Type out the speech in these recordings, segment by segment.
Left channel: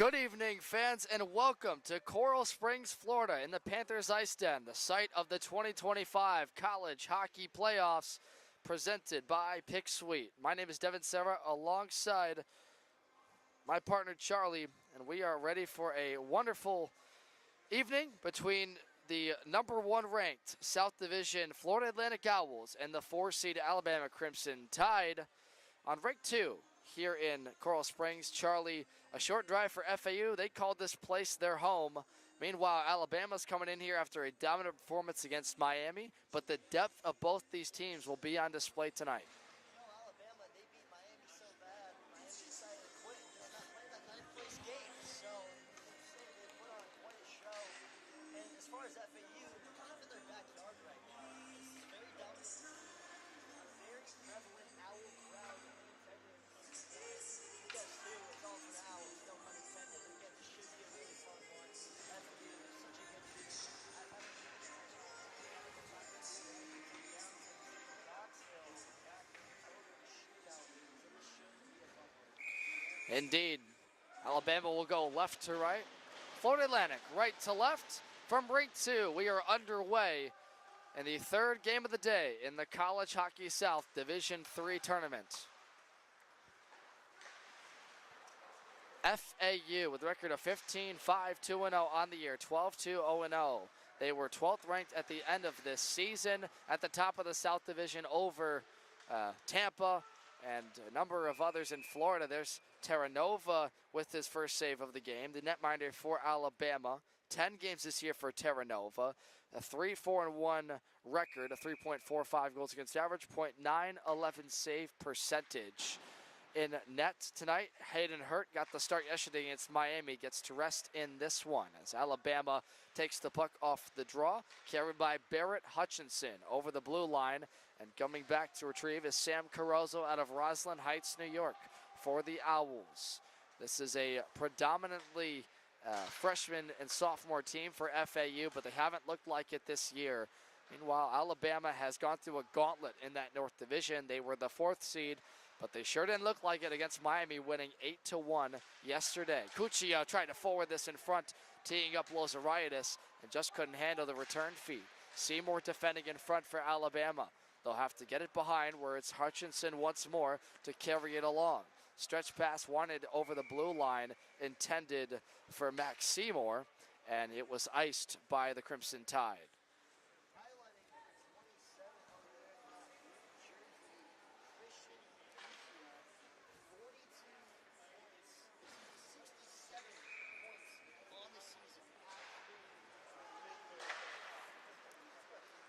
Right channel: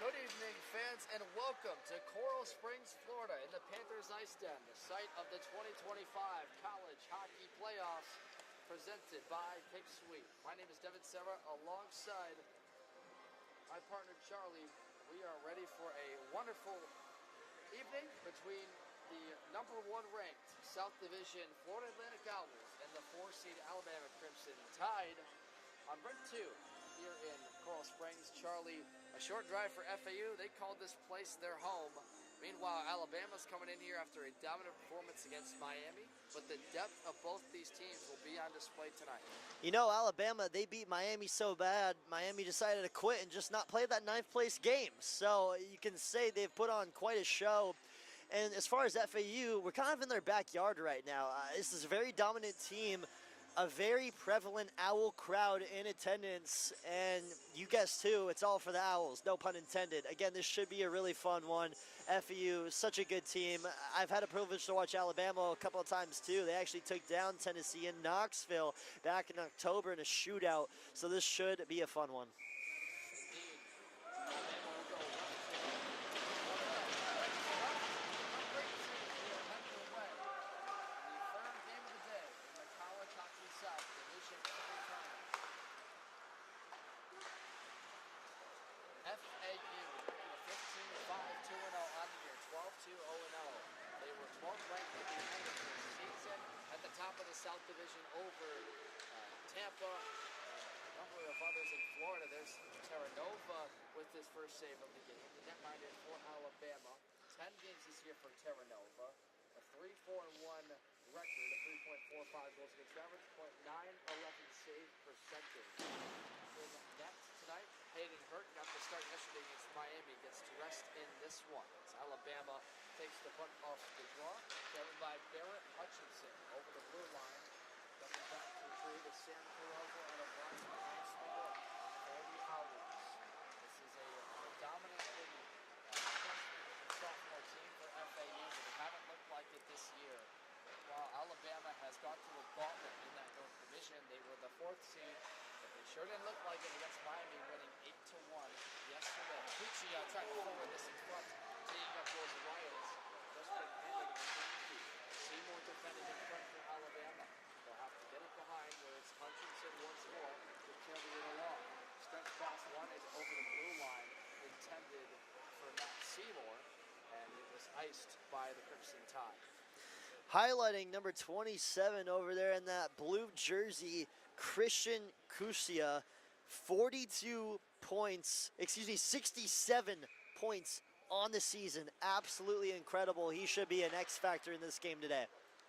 Good evening, fans, and welcome to Coral Springs, Florida, in the Panthers IceDen, the site of the 2025 College Hockey Playoffs, presented by Pick Suite. My name is Devin Serra, alongside my partner Charlie, and we are ready for a wonderful evening between the #1 ranked South Division Florida Atlantic Owls and the 4-seed Alabama Crimson Tide on rank 2 here in Coral Springs. Charlie, a short drive for FAU. They called this place their home. Meanwhile, Alabama's coming in here after a dominant performance against Miami, but the depth of both these teams will be on display tonight. You know, Alabama, they beat Miami so bad, Miami decided to quit and just not play that 9th place game. So you can say they've put on quite a show. And as far as FAU, we're kind of in their backyard right now. This is a very dominant team, a very prevalent Owl crowd in attendance, and you guessed too, it's all for the Owls, no pun intended. Again, this should be a really fun one. FAU is such a good team. I've had a privilege to watch Alabama a couple of times too. They actually took down Tennessee in Knoxville back in October in a shootout, so this should be a fun one. Indeed. Alabama will go left to right. Florida Atlantic, right to left. From rank 2, we are underway in the third game of the day in the College Hockey South Division III tournament. FAU with a record of 15-5-2-0 on the year, 12-2-0-0. They were 12th ranked at the end of this season, at the top of the South Division over Tampa and a number of others in Florida. There's Terra Nova with his first save of the game, the netminder for Alabama. 10 games this year for Terra Nova. A 3-4-1 record, a 3.45 goals against average, .911 save percentage. In net tonight, Hayden Hurt got the start yesterday against Miami, gets to rest in this one as Alabama takes the puck off the draw, carried by Barrett Hutchinson over the blue line, and coming back to retrieve is Sam Carozzo out of Roslyn Heights, New York for the Owls. This is a predominantly freshman and sophomore team for FAU, but they haven't looked like it this year. Meanwhile, Alabama has gone through a gauntlet in that North Division. They were the 4th seed, but they sure didn't look like it against Miami, winning 8-1 yesterday. Cuccio trying to forward this in front, teeing up Lozariadis, and just couldn't handle the return feed. Seymour defending in front for Alabama. They'll have to get it behind, where it's Hutchinson once more to carry it along. Stretch pass wanted over the blue line, intended for Max Seymour, and it was iced by the Crimson Tide. Highlighting number 27 over there in that blue jersey, Christian Cuccio, 67 points on the season. Absolutely incredible. He should be an X factor in this game today.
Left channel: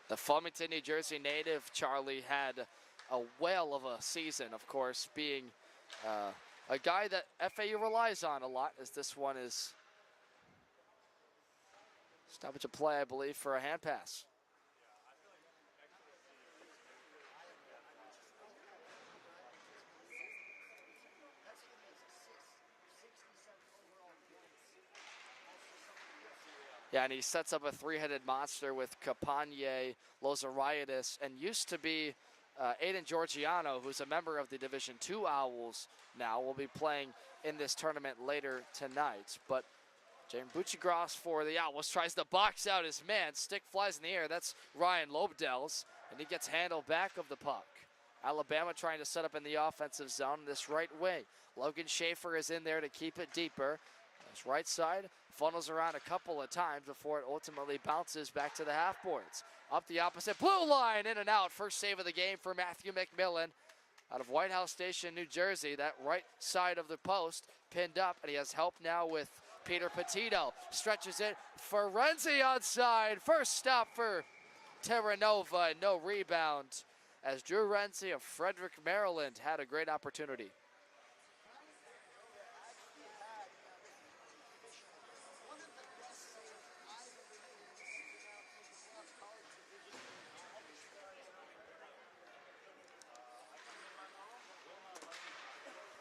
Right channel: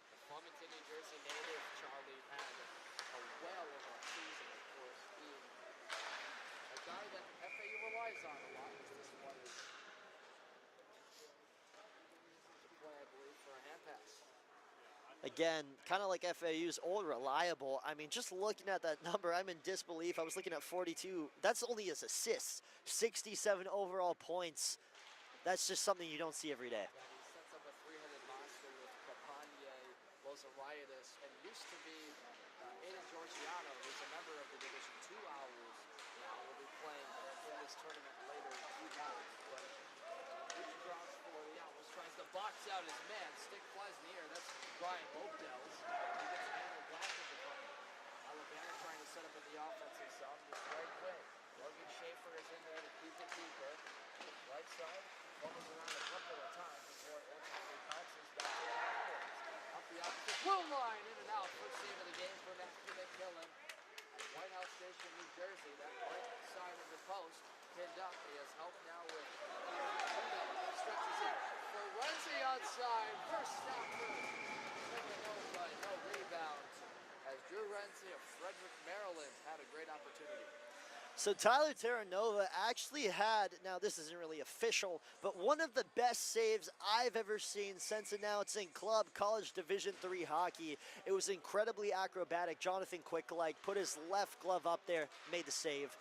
The Flemington, New Jersey native, Charlie, had a whale of a season, of course, being a guy that FAU relies on a lot, as this one is stoppage of play, I believe, for a hand pass. Again, kind of like FAU's old reliable. I mean, just looking at that number, I'm in disbelief. I was looking at 42. That's only his assists. 67 overall points. That's just something you don't see every day. Yeah, and he sets up a three-headed monster with Campagne, Lozariadis, and used to be Aiden Georgiano, who's a member of the Division II Owls now, will be playing in this tournament later tonight. But Jane Buccigross for the Owls tries to box out his man. Stick flies in the air. That's Ryan Lobdell's, and he gets handled back of the puck. Alabama trying to set up in the offensive zone this right wing. Logan Schaefer is in there to keep it deeper. This right side funnels around a couple of times before it ultimately bounces back to the half boards. Up the opposite blue line, in and out. First save of the game for Matthew McMillan out of White House Station, New Jersey. That right side of the post pinned up, and he has help now with Peter Petito. Stretches it for Renzi onside. First stop for Terra Nova, and no rebound, as Drew Renzi of Frederick, Maryland had a great opportunity. So Tyler Terra Nova actually had, now this isn't really official, but one of the best saves I've ever seen since announcing club college Division III hockey. It was incredibly acrobatic. Jonathan Quickleg put his left glove up there, made the save.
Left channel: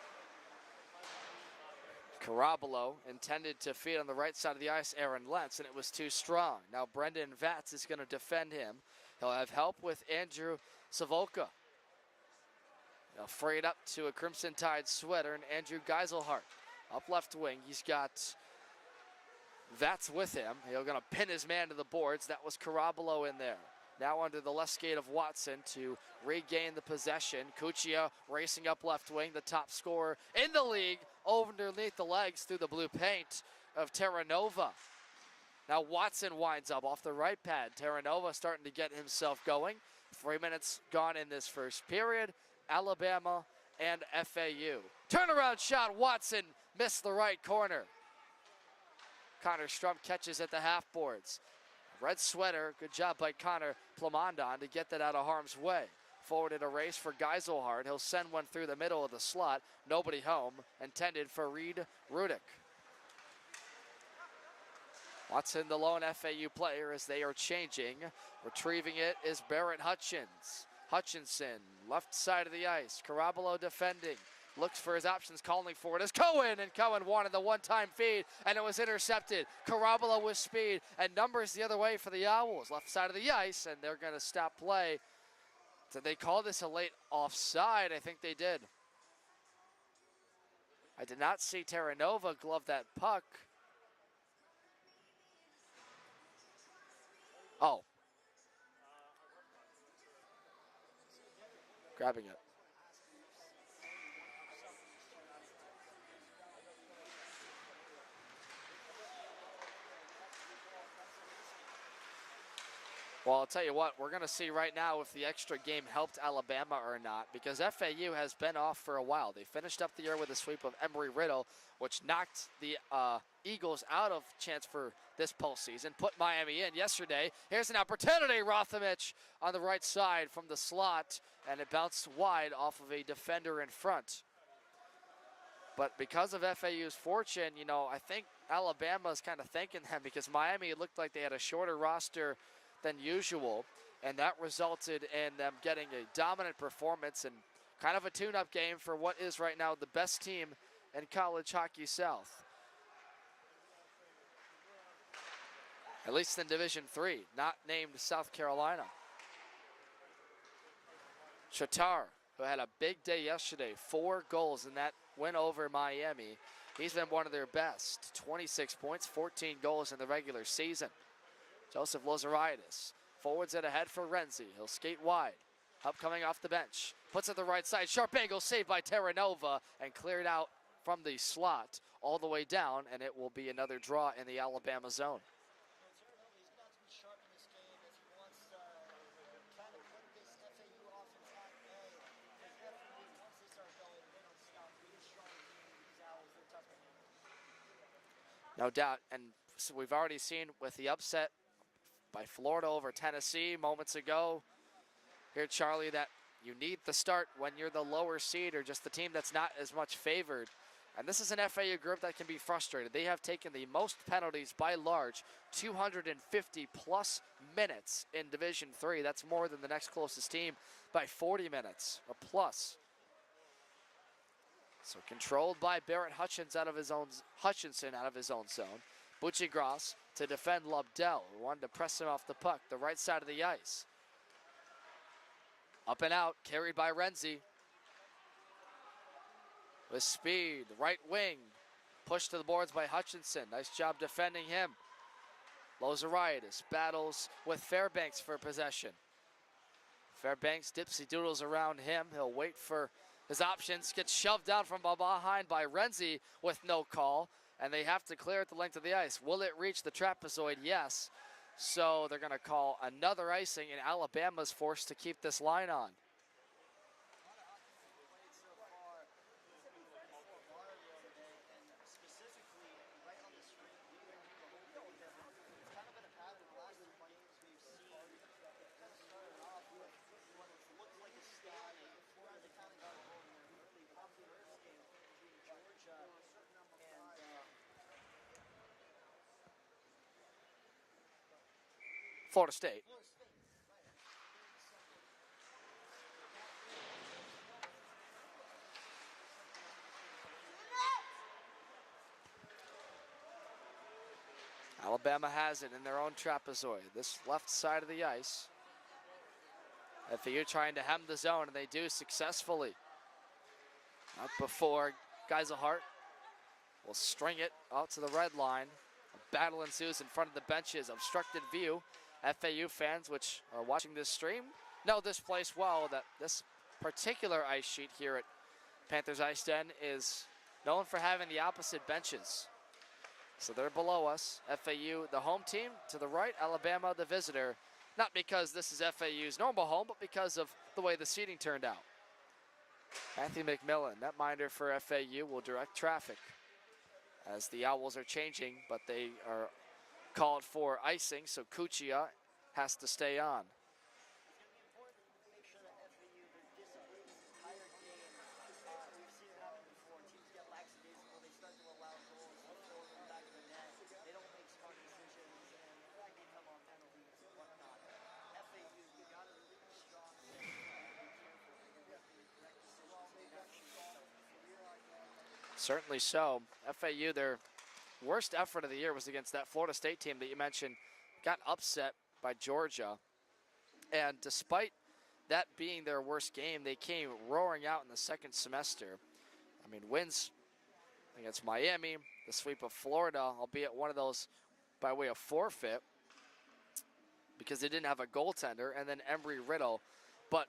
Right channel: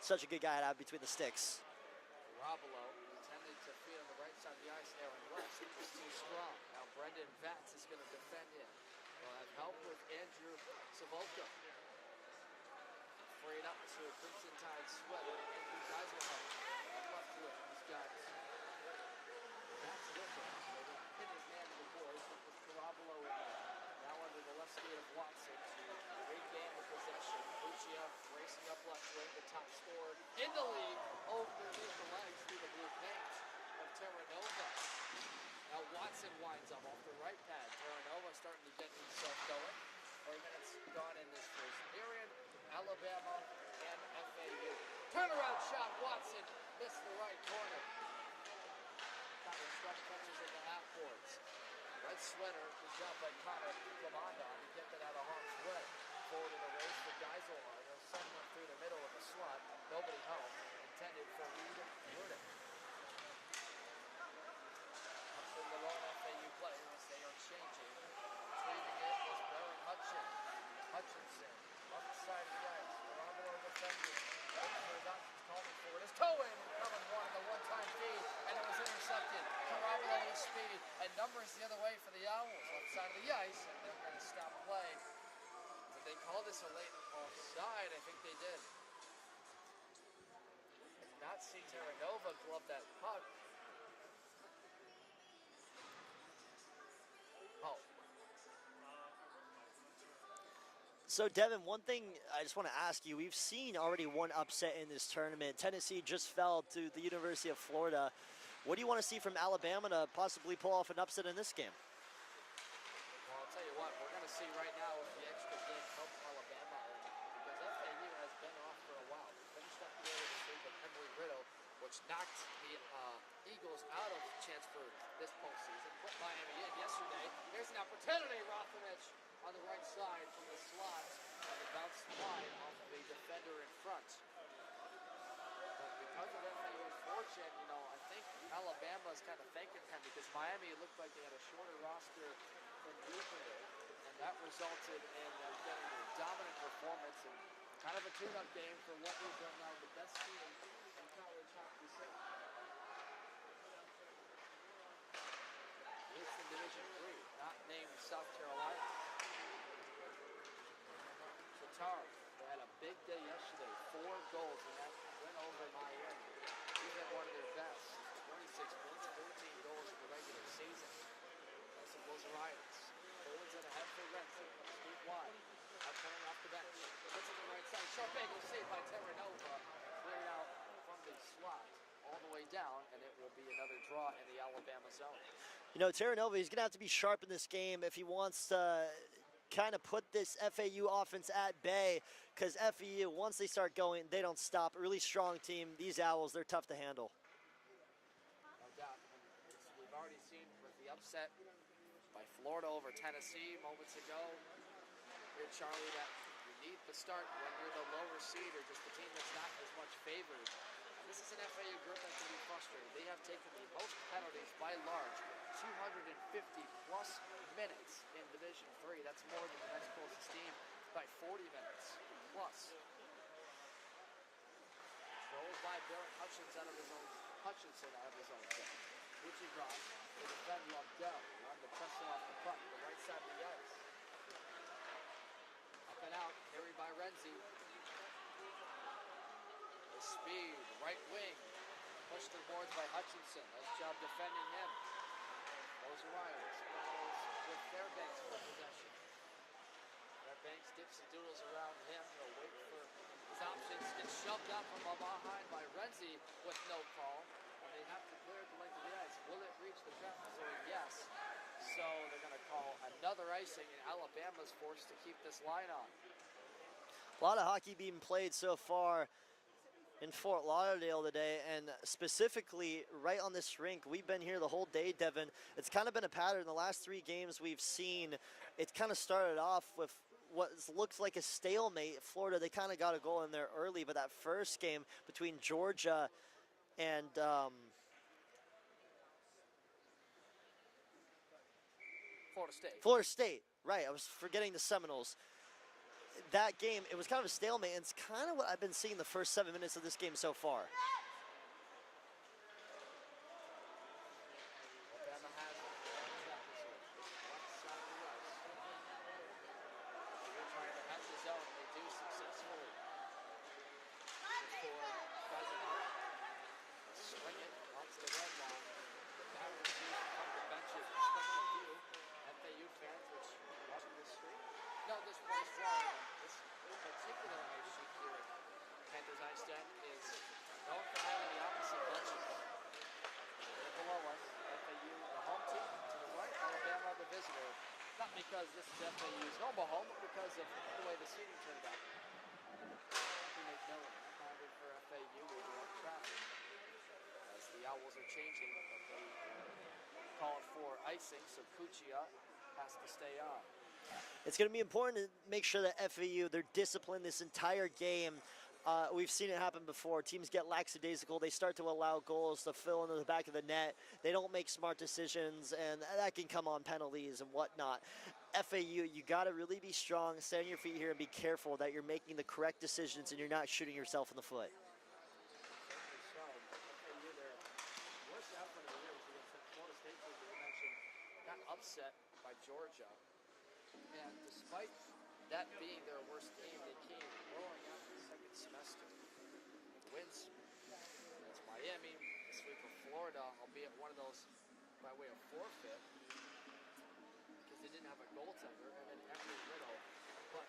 Such a good guy to have between the sticks. Carabalo intended to feed on the right side of the ice Aaron Lentz, and it was too strong. Now Brendan Vatz is going to defend him. He'll have help with Andrew Savoka. They'll fray it up to a Crimson Tide sweater and Andrew Geiselhart. Up left wing, he's got Vats with him. He's going to pin his man to the boards. That was Carabello in there. Now under the left skate of Watson to regain the possession. Cuccia racing up left wing, the top scorer in the league, underneath the legs through the blue paint of Terranova. Now Watson winds up off the right pad. Terranova starting to get himself going. 3 minutes gone in this first period. Alabama and FAU. Turnaround shot, Watson missed the right corner. Connor Strump catches at the half boards. Red sweater, good job by Connor Plamondon to get that out of harm's way. Forward in a race for Geiselhardt. He'll send one through the middle of the slot. Nobody home, intended for Reed Rudick. Watson, the lone FAU player as they are changing. Retrieving it is Barrett Hutchinson, left side of the ice. Carabello defending. Looks for his options, calling for it is Cohen, and Cohen wanted the one-time feed, and it was intercepted. Carabello with speed, and numbers the other way for the Owls. Left side of the ice, and they're going to stop play. Did they call this a late offside? I think they did. I did not see Terranova glove that puck. Oh. So, Devin, one thing Grabbing I just want to ask you, we've seen already one upset in this tournament. Tennessee just fell to the University of Florida. What do you want to see from Alabama to possibly pull off an upset in this game? Well, I'll tell you what, we're going to see right now if the extra game helped Alabama or not, because FAU has been off for a while. They finished up the year with a sweep of Embry-Riddle, which knocked the Eagles out of chance for this postseason, put Miami in yesterday. Here's an opportunity, Rothamich on the right side from the slot, and it bounced wide off of a defender in front. But because of FAU's fortune, you know, I think Alabama's kind of thanking them because Miami, it looked like they had a shorter roster than usual, and that resulted in them getting a dominant performance and kind of a tune-up game for what is right now the best team in college hockey south. At least in Division III, not named South Carolina. Chatar, who had a big day yesterday, 4 goals in that win over Miami. He's been one of their best. 26 points, 14 goals in the regular season. Joseph Lozeritis, forwards it ahead for Renzi. He'll skate wide, up coming off the bench. Puts it the right side, sharp angle saved by Terranova and cleared out from the slot all the way down, and it will be another draw in the Alabama zone. You know, Terranova, he's going to have to be sharp in this game if he wants to kind of put this FAU offense at bay, because FAU, once they start going, they don't stop. A really strong team. These Owls, they're tough to handle. No doubt, and so we've already seen with the upset by Florida over Tennessee moments ago. Here, Charlie, that you need the start when you're the lower seed or just the team that's not as much favored. And this is an FAU group that can be frustrated. They have taken the most penalties by large, 250 plus minutes in Division III. That's more than the next closest team by 40 minutes or plus. So controlled by Barrett Hutchinson out of his own zone. Bucci-Gross to defend Lobdell, who wanted to press him off the puck, the right side of the ice. Up and out, carried by Renzi. With speed, right wing, pushed to the boards by Hutchinson. Nice job defending him. Lozeritis battles with Fairbanks for possession. Fairbanks dipsy doodles around him. He'll wait for his options, gets shoved down from behind by Renzi with no call, and they have to clear it the length of the ice. Will it reach the trapezoid? Yes. So they're going to call another icing, and Alabama's forced to keep this line on. A lot of hockey being played so far in Fort Lauderdale today, and specifically right on this rink. We've been here the whole day, Devin. It's kind of been a pattern. The last 3 games we've seen, it kind of started off with what looks like a stalemate. Florida, they kind of got a goal in there early, but that first game between Georgia and Florida State, right. I was forgetting the Seminoles. That game, it was kind of a stalemate, and it's kind of what I've been seeing the first 7 minutes of this game so far. Alabama has it in their own trapezoid, this left side of the ice. FAU trying to hem the zone, and they do successful. Not before Geiselhardt will string it out to the red line. Battle ensues in front of the benches, obstructed view. FAU fans, which are watching this stream, know this place well, that this particular ice sheet here at Panthers IceDen is known for having the opposite benches. So they're below us. FAU, the home team, to the right, Alabama, the visitor. Not because this is FAU's normal home, but because of the way the seating turned out. Anthony McMillan, netminder for FAU, will direct traffic as the Owls are changing, but they are called for icing, so Cuccia has to stay on. It's going to be important to make sure that FAU, they're disciplined this entire game. We've seen it happen before. Teams get lackadaisical. They start to allow goals to fill into the back of the net. They don't make smart decisions, and that can come on penalties and whatnot. FAU, you got to really be strong, stay on your feet here, and be careful that you're making the correct decisions and you're not shooting yourself in the foot. Certainly so. FAU, their worst effort of the year was against that Florida State team that you mentioned, got upset by Georgia. And despite that being their worst game, they came roaring out in the second semester. I mean, wins against Miami, the sweep of Florida, albeit one of those by way of forfeit because they didn't have a goaltender, and then Embry-Riddle. But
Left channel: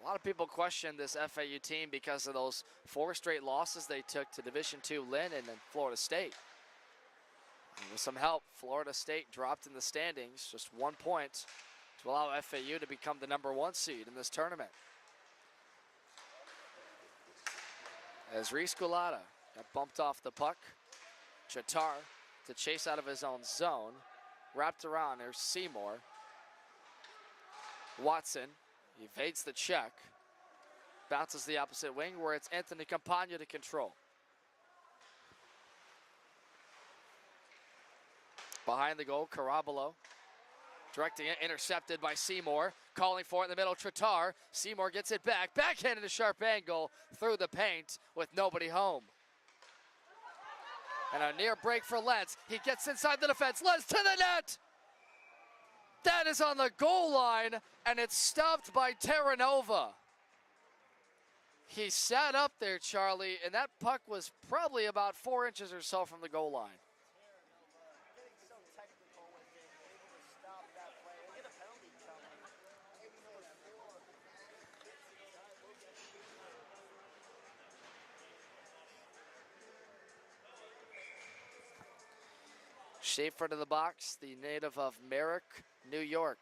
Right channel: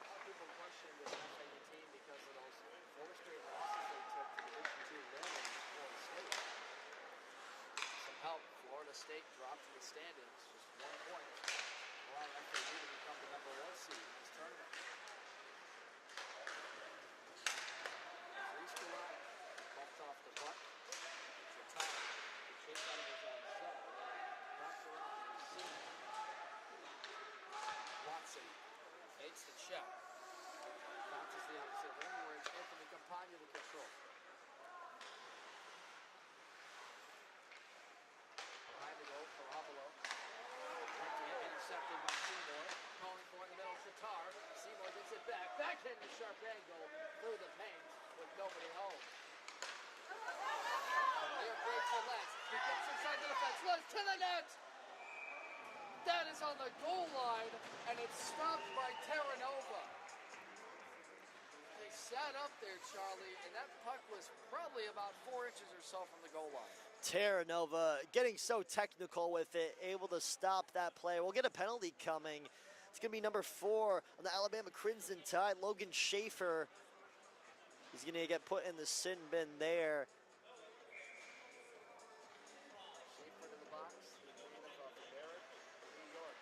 a lot of people question this FAU team because of those 4 straight losses they took to Division II Lynn and then Florida State. And with some help, Florida State dropped in the standings, just 1 point, to allow FAU to become the #1 seed in this tournament. As Reese Gulata got bumped off the puck, Chatar to chase out of his own zone, wrapped around, there's Seymour. Watson evades the check, bounces the opposite wing where it's Anthony Campagna to control. Behind the goal, Carabalo. Directing it, intercepted by Seymour. Calling for it in the middle, Tratar. Seymour gets it back. Backhanded a sharp angle through the paint with nobody home. And a near break for Lentz. He gets inside the defense. Lentz to the net! That is on the goal line, and it's stopped by Terranova. He sat up there, Charlie, and that puck was probably about 4 inches or so from the goal line. Terranova getting so technical with it, able to stop that play. We'll get a penalty coming. It's going to be number 4 on the Alabama Crimson Tide. Logan Schaefer is going to get put in the sin bin there. Schaefer to the box, the native of Merrick, New York.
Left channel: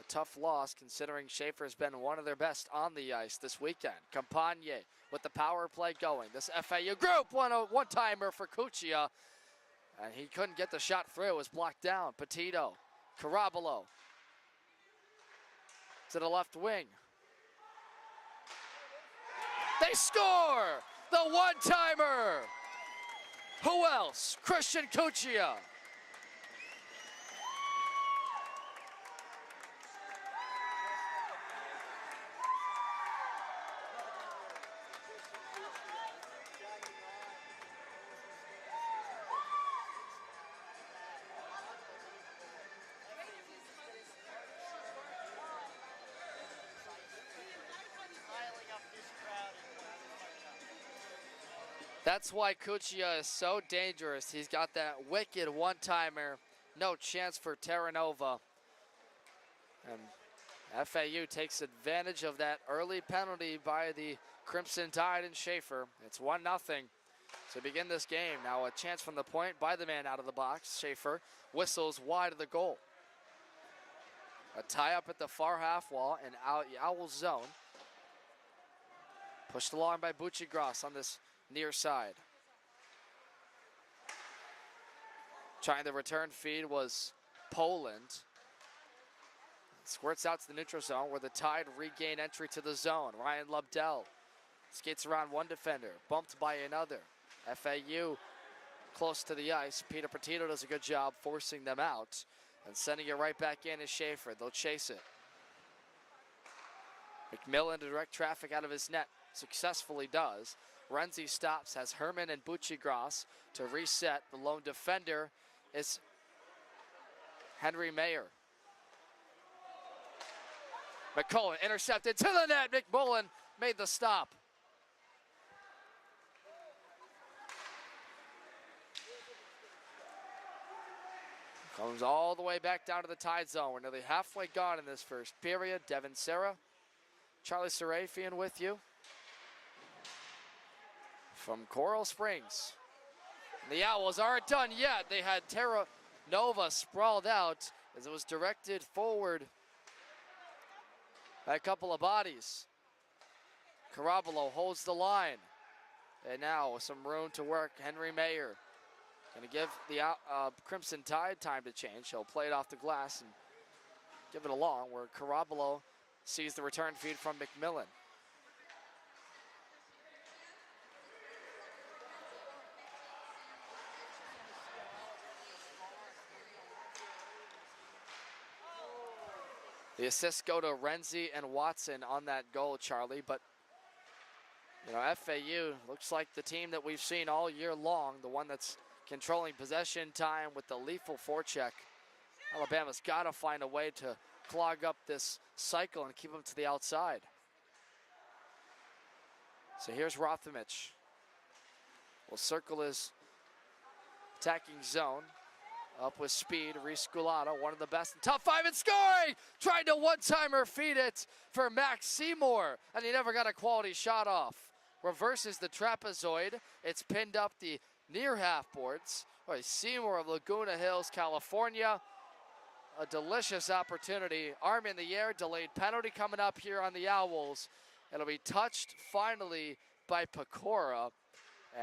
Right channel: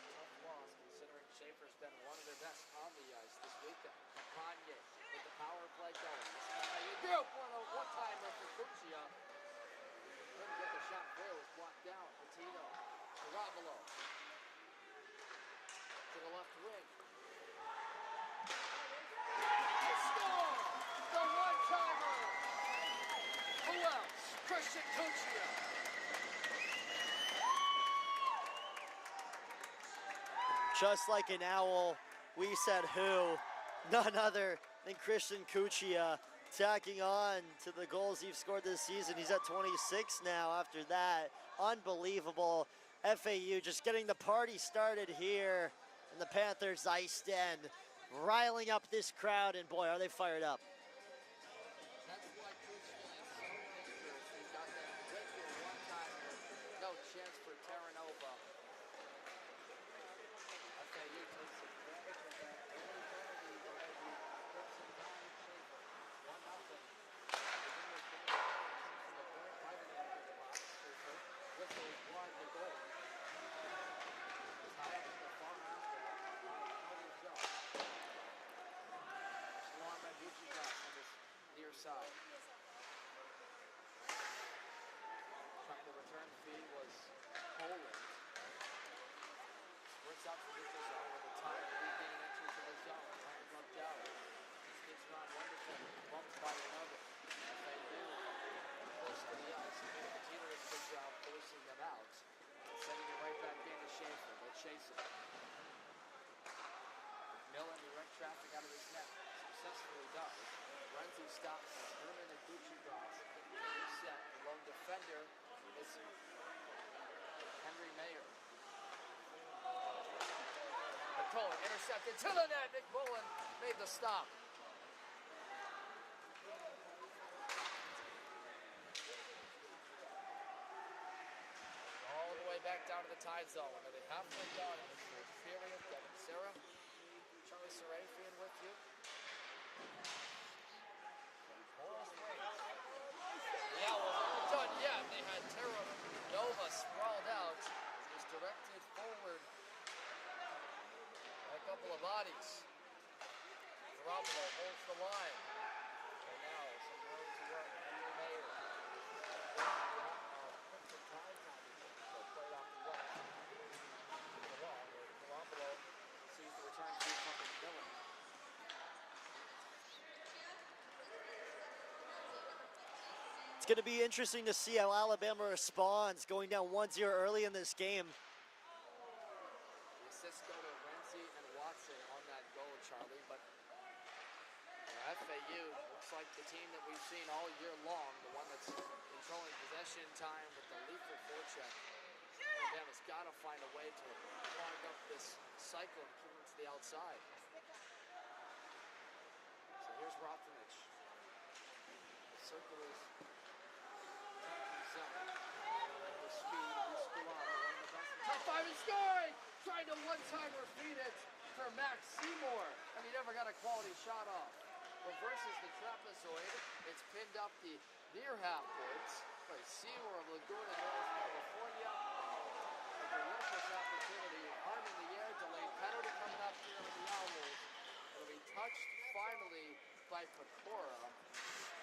A tough loss considering Schaefer has been one of their best on the ice this weekend. Campagne with the power play going. This FAU group one-timer for Cuccia. And he couldn't get the shot through. It was blocked down. Petito, Carabalo to the left wing. They score! The one-timer! Who else? Christian Cuccia. Just like an owl, we said who? None other than Christian Cuccia. Tacking on to the goals he's scored this season. He's at 26 now after that. Unbelievable. FAU just getting the party started here in the Panthers IceDen, riling up this crowd, and boy, are they fired up. That's why Cuccia is so dangerous. He's got that wicked one-timer. No chance for Terranova. And FAU takes advantage of that early penalty by the Crimson Tide and Schaefer. It's 1-0 to begin this game. Now a chance from the point by the man out of the box. Schaefer whistles wide of the goal. A tie-up at the far half wall and Owl zone. Pushed along by Bucci-Gross on this near side. Trying the return feed was Poland. Squirts out to the neutral zone where the Tide regain entry to the zone. Ryan Lubdell skates around one defender, bumped by another. FAU close to the ice. Peter Petito does a good job forcing them out and sending it right back in is Schaefer. They'll chase it. McMillan to direct traffic out of his net. Successfully does. Renzi stops, has Herman and Bucci-Gross to reset. The lone defender is Henry Mayer. McCullen intercepted to the net. McMullen made the stop. Comes all the way back down to the Tide zone. We're nearly halfway gone in this first period. Devin Serra, Charlie Serafian with you from Coral Springs. The Owls aren't done yet. They had Terra Nova sprawled out as it was directed forward by a couple of bodies. Carabolo holds the line. And now with some room to work, Henry Mayer going to give the Crimson Tide time to change. He'll play it off the glass and give it along where Carabolo sees the return feed from McMillan. It's going to be interesting to see how Alabama responds going down 1-0 early in this game. The assists go to Renzi and Watson on that goal, Charlie, but you know, FAU looks like the team that we've seen all year long, the one that's controlling possession time with the lethal forecheck. Alabama's got to find a way to clog up this cycle and keep them to the outside. So here's Rothamich. Will circle his attacking zone. Up with speed, Reese Sculado, one of the best in top 5 and scoring! Trying to one-timer feed it for Max Seymour, and he never got a quality shot off. Reverses the trapezoid. It's pinned up the near half boards. Boy, Seymour of Laguna Hills, California. A delicious opportunity. Arm in the air, delayed penalty coming up here on the Owls. It'll be touched finally by Pecora.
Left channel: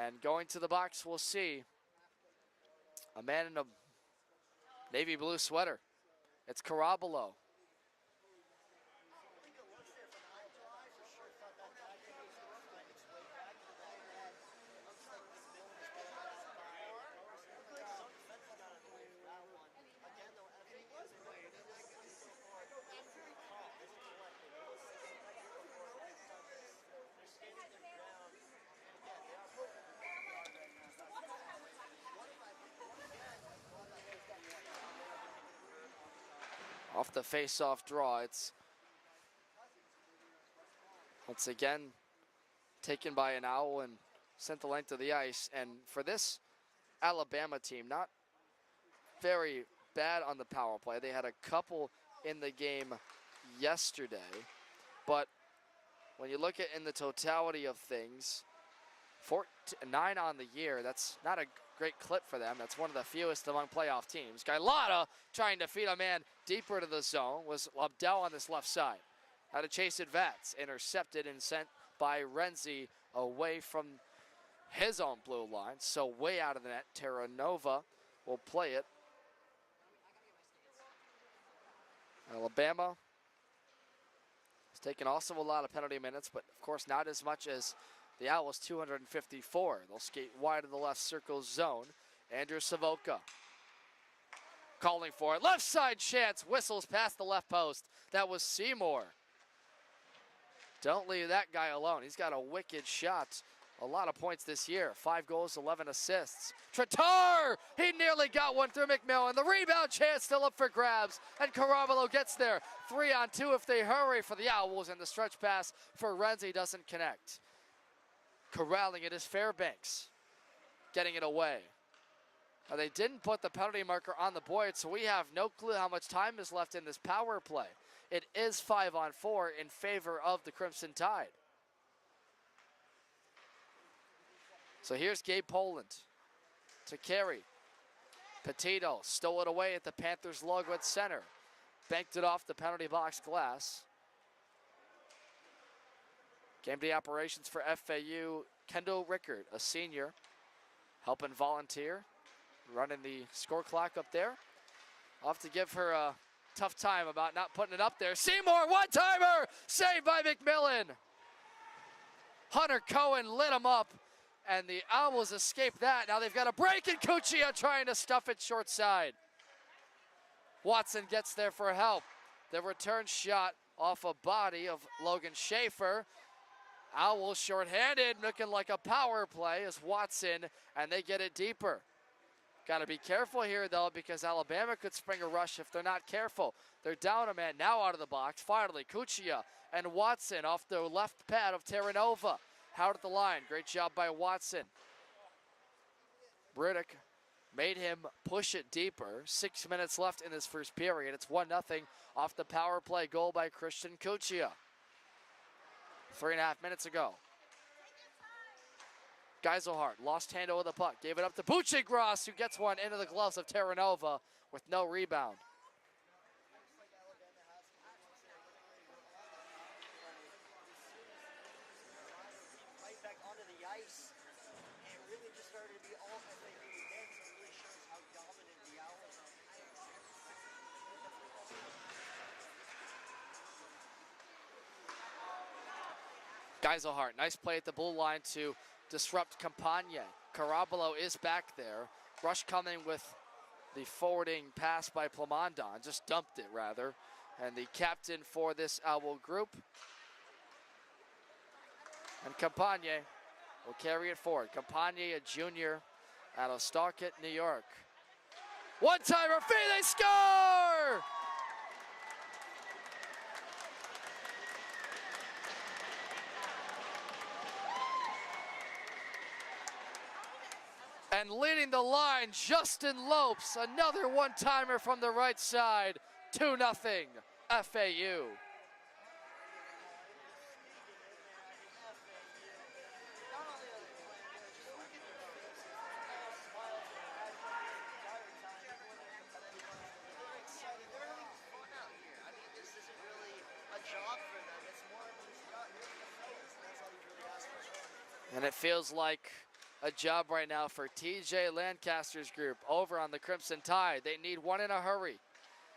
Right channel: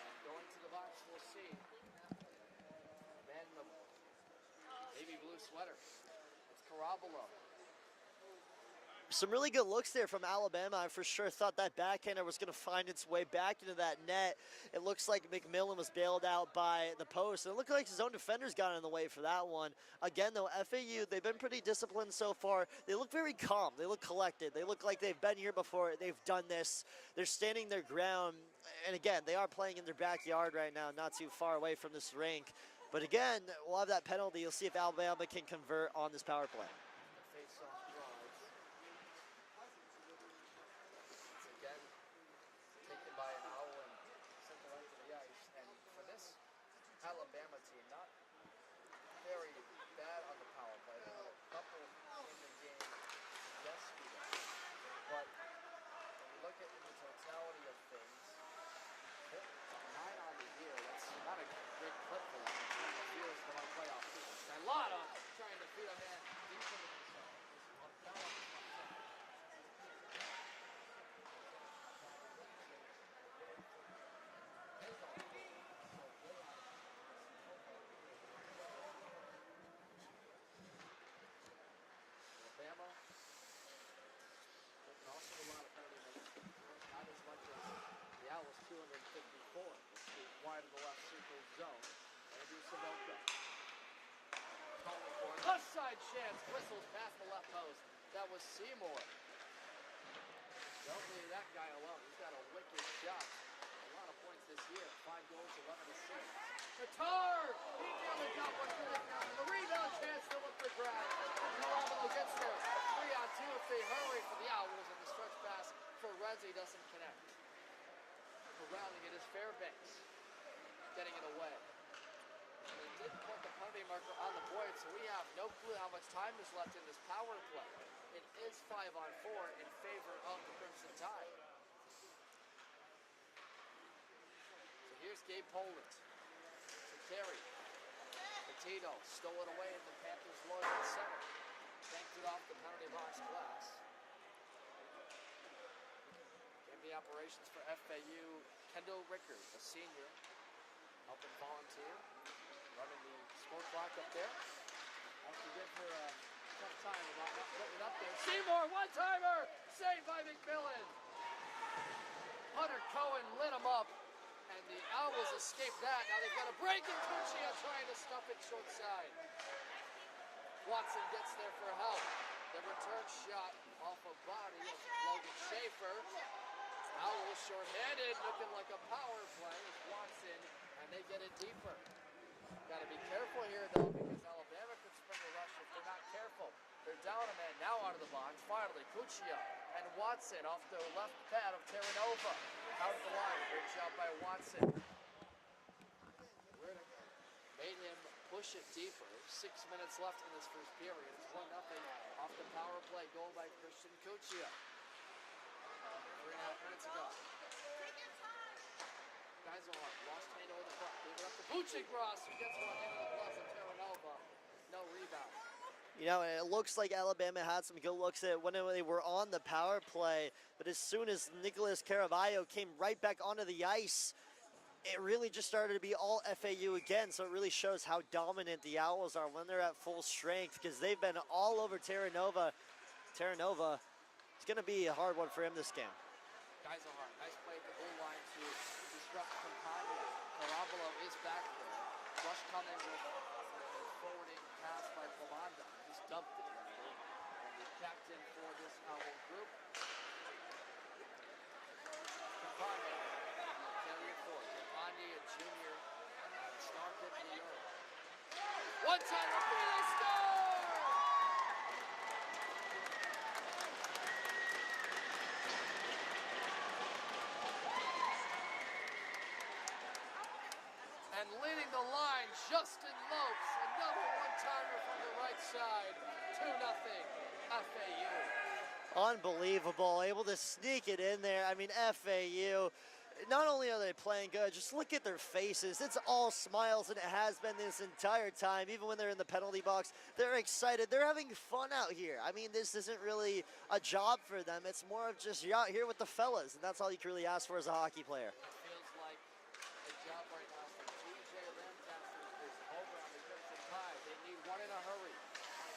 And going to the box, we'll see a man in a navy blue sweater. It's Carabolo. Some really good looks there from Alabama. I for sure thought that backhander was going to find its way back into that net. It looks like McMillan was bailed out by the post. And it looked like his own defenders got in the way for that one. Again, though, FAU, they've been pretty disciplined so far. They look very calm. They look collected. They look like they've been here before. They've done this. They're standing their ground. And again, they are playing in their backyard right now, not too far away from this rink. But again, we'll have that penalty. You'll see if Alabama can convert on this power play. Off the face-off draw, it's once again taken by an Owl and sent the length of the ice. And for this Alabama team, not very bad on the power play. They had a couple in the game yesterday. But when you look at in the totality of things, 9 on the year, that's not a great clip for them. That's one of the fewest among playoff teams. Gailata trying to feed a man deeper to the zone was Abdel on this left side. Had to chase it Vats, intercepted and sent by Renzi away from his own blue line. So way out of the net, Terra Nova will play it. Alabama has taken also a lot of penalty minutes, but of course not as much as the Owls, 254. They'll skate wide of the left circle zone. Andrew Savoca calling for it. Left side chance, whistles past the left post. That was Seymour. Don't leave that guy alone. He's got a wicked shot. A lot of points this year. 5 goals, 11 assists. Tratar! He nearly got one through McMillan. The rebound chance still up for grabs. And Carabolo gets there. 3-on-2 if they hurry for the Owls. And the stretch pass for Renzi doesn't connect. Corralling it is Fairbanks. Getting it away. Now they didn't put the penalty marker on the board, so we have no clue how much time is left in this power play. It is 5-on-4 in favor of the Crimson Tide. So here's Gabe Poland to carry. Petito stole it away at the Panthers logo at center. Banked it off the penalty box glass. Game day operations for FAU. Kendall Rickard, a senior, helping volunteer. Running the score clock up there. I'll have to give her a tough time about not putting it up there. Seymour, one-timer! Saved by McMillan. Hunter Cohen lit him up, and the Owls escaped that. Now they've got a break, and Cuccia trying to stuff it short side. Watson gets there for help. The return shot off a body of Logan Schaefer. Owls shorthanded, looking like a power play as Watson, and they get it deeper. Got to be careful here, though, because Alabama could spring a rush if they're not careful. They're down a man now out of the box. Finally, Cuccia and Watson off the left pad of Terranova. Out at the line. Great job by Watson. Riddick made him push it deeper. 6 minutes left in this first period. It's 1-0 off the power play goal by Christian Cuccia. 3.5 minutes ago. Geiselhardt lost handle of the puck, gave it up to Bucci-Gross, who gets one into the gloves of Terranova with no rebound. You know, it looks like Alabama had some good looks at when they were on the power play, but as soon as Nicholas Caraballo came right back onto the ice, it really just started to be all FAU again, so it really shows how dominant the Owls are when they're at full strength, because they've been all over Terranova. Terranova, it's going to be a hard one for him this game. Geiselhardt, nice play at the blue line to disrupt Campagne. Caraballo is back there. Rush coming with the forwarding pass by Plamondon, just dumped it rather. And the captain for this Owl group. And Campagne will carry it forward. Campagne, a junior out of Starkett, New York. One-timer, they score! And leading the line, Justin Lopes, another one-timer from the right side. 2-0 FAU. Unbelievable, able to sneak it in there. I mean, FAU, not only are they playing good, just look at their faces. It's all smiles, and it has been this entire time. Even when they're in the penalty box, they're excited. They're having fun out here. I mean, this isn't really a job for them. It's more of just you're out here with the fellas, and that's all you can really ask for as a hockey player. And it feels like a job right now for TJ Lancaster's group over on the Crimson Tide. They need one in a hurry.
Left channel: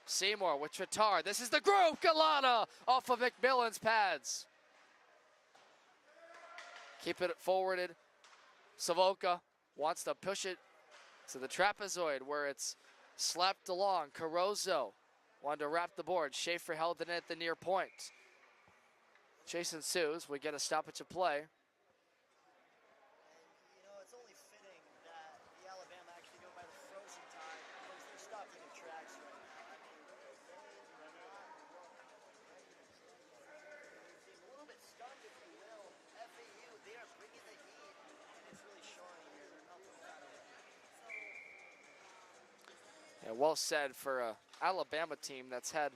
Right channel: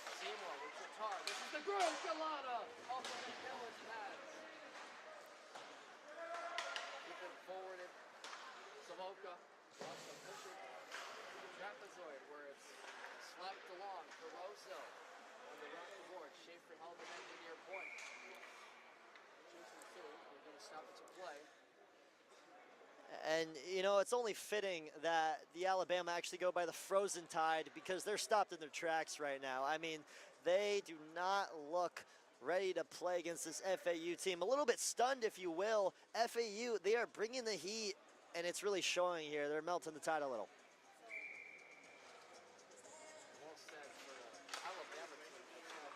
Seymour with Tritar. This is the group. Galana off of McMillan's pads. Keep it forwarded. Savoca wants to push it to the trapezoid where it's slapped along. Carozo wanted to wrap the board. Schaefer held it at the near point. Chase ensues. We get a stoppage of play. And, you know, it's only fitting that the Alabama actually go by the Frozen Tide because they're stopped in their tracks right now. I mean, they do not look ready to play against this FAU team. A little bit stunned, if you will. FAU, they are bringing the heat, and it's really showing here. They're melting the tide a little. And well said for an Alabama team that's had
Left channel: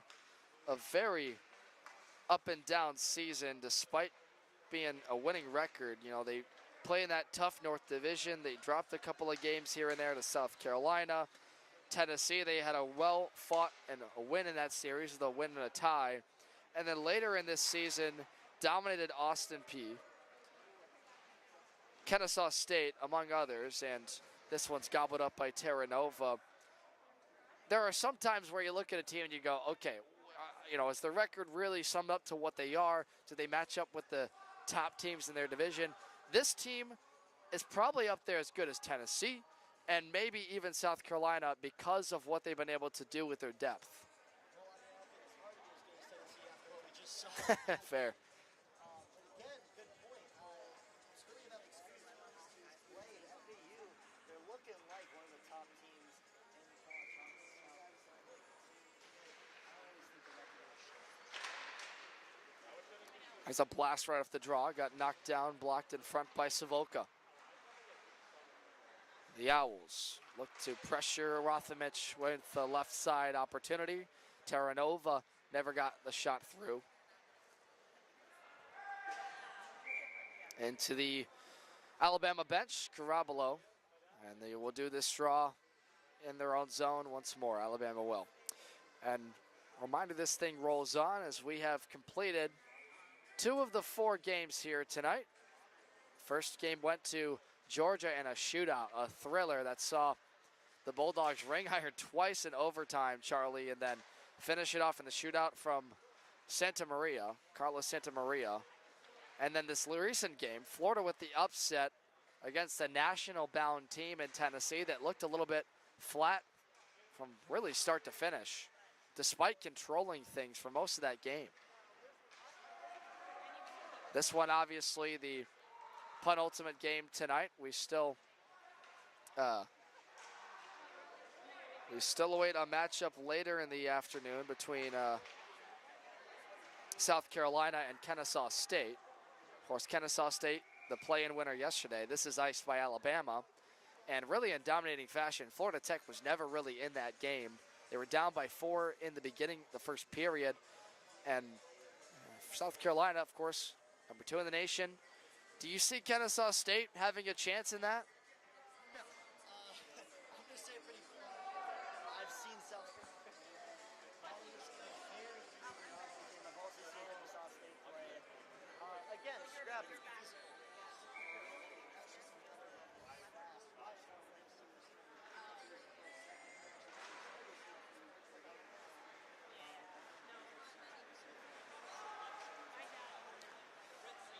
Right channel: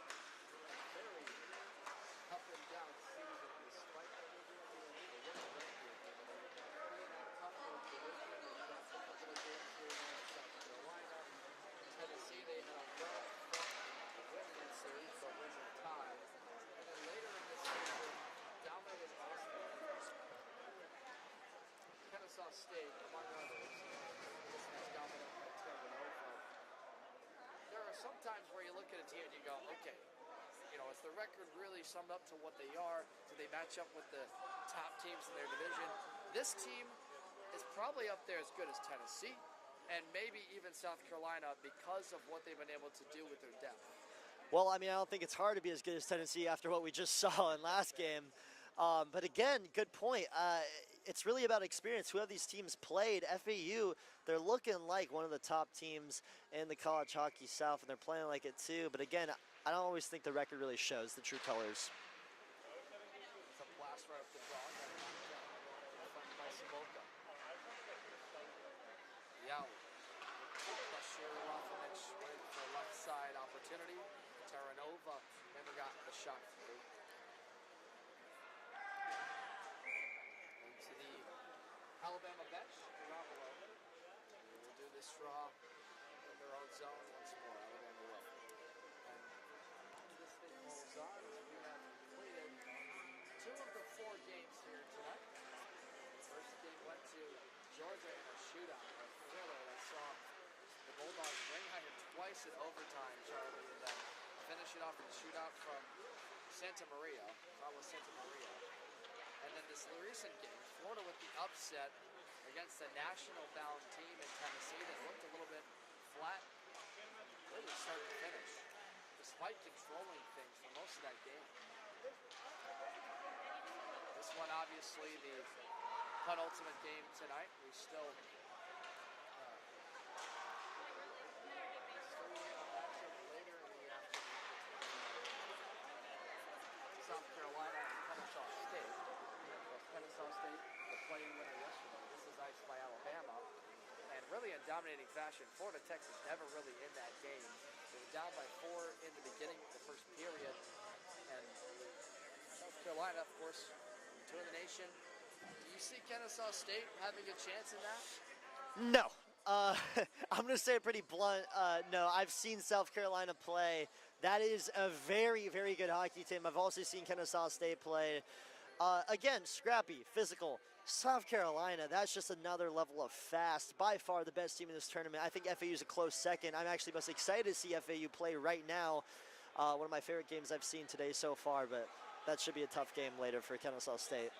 a very up and down season despite being a winning record. You know, they play in that tough North Division. They dropped a couple of games here and there to South Carolina. Tennessee, they had a well-fought and a win in that series, the win and a tie. And then later in this season, dominated Austin Peay, Kennesaw State, among others, and this one's gobbled up by Terranova. There are some times where you look at a team and you go, okay, you know, is the record really summed up to what they are? Do they match up with the top teams in their division? This team is probably up there as good as Tennessee and maybe even South Carolina because of what they've been able to do with their depth. Well, I mean, I don't think it's hard to be as good as Tennessee after what we just saw in last game. But again, good point. It's really about experience. Who have these teams played? FAU, they're looking like one of the top teams in the college hockey South, and they're playing like it too. But again, I don't always think the record really shows the true colors. There's a blast right off the draw. Got knocked down, blocked in front by Savoca. The Owls look to pressure Rothamich with the left side opportunity. Terranova never got the shot through. Into the Alabama bench, Caraballo. And they will do this draw in their own zone once more. Alabama will. And a reminder, this thing rolls on as we have completed 2 of the 4 games here tonight. First game went to Georgia in a shootout, a thriller that saw the Bulldogs ring iron twice in overtime, Charlie, and then finish it off in the shootout from Santa Maria, Carlos Santa Maria. And then this recent game, Florida with the upset against a national-bound team in Tennessee that looked a little bit flat from really start to finish, despite controlling things for most of that game. This one, obviously, the penultimate game tonight. We still await a matchup later in the afternoon between South Carolina and Kennesaw State. Of course, Kennesaw State, the play-in winner yesterday. This is iced by Alabama. and really in dominating fashion. Florida Tech was never really in that game. They were down by 4 in the beginning, the first period, and South Carolina, of course, number 2 in the nation. Do you see Kennesaw State having a chance in that? No. I'm going to say it pretty blunt. No, I've seen South Carolina play. That is a very, very good hockey team. I've also seen Kennesaw State play. Again, scrappy, physical. South Carolina, that's just another level of fast. By far the best team in this tournament. I think FAU is a close second. I'm actually most excited to see FAU play right now. One of my favorite games I've seen today so far, but that should be a tough game later for Kennesaw State.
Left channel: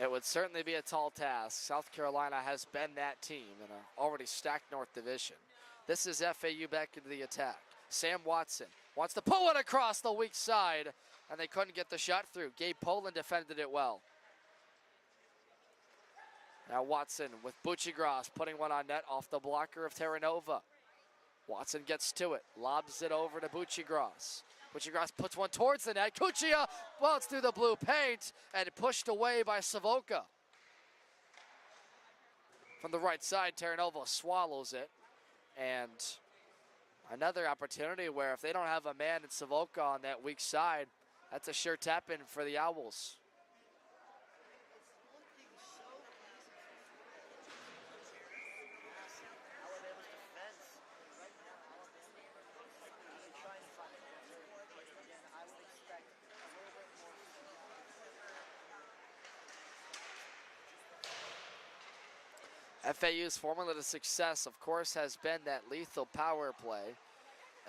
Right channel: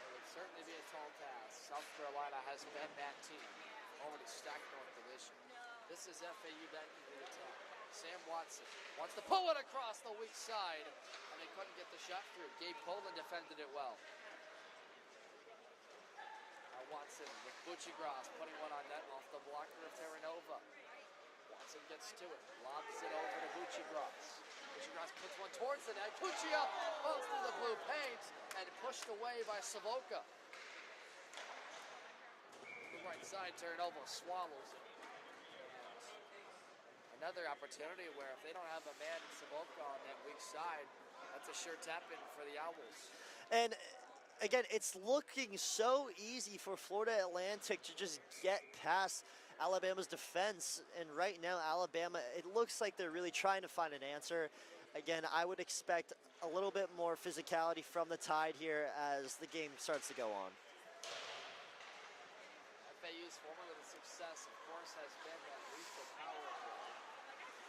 It would certainly be a tall task. South Carolina has been that team in an already stacked North Division. This is FAU back into the attack. Sam Watson wants to pull it across the weak side, and they couldn't get the shot through. Gabe Poland defended it well. Now Watson with Buccigross putting one on net off the blocker of Terranova. Watson gets to it, lobs it over to Buccigross. Buccigross puts one towards the net. Cuccia bounces through the blue paint and pushed away by Savoca. From the right side, Terranova swallows it. And another opportunity where if they don't have a man in Savoca on that weak side, that's a sure tap-in for the Owls. And again, it's looking so easy for Florida Atlantic to just get past Alabama's defense, and right now Alabama, it looks like they're really trying to find an answer. Again, I would expect a little bit more physicality from the Tide here as the game starts to go on. FAU's formula to success, of course, has been that lethal power play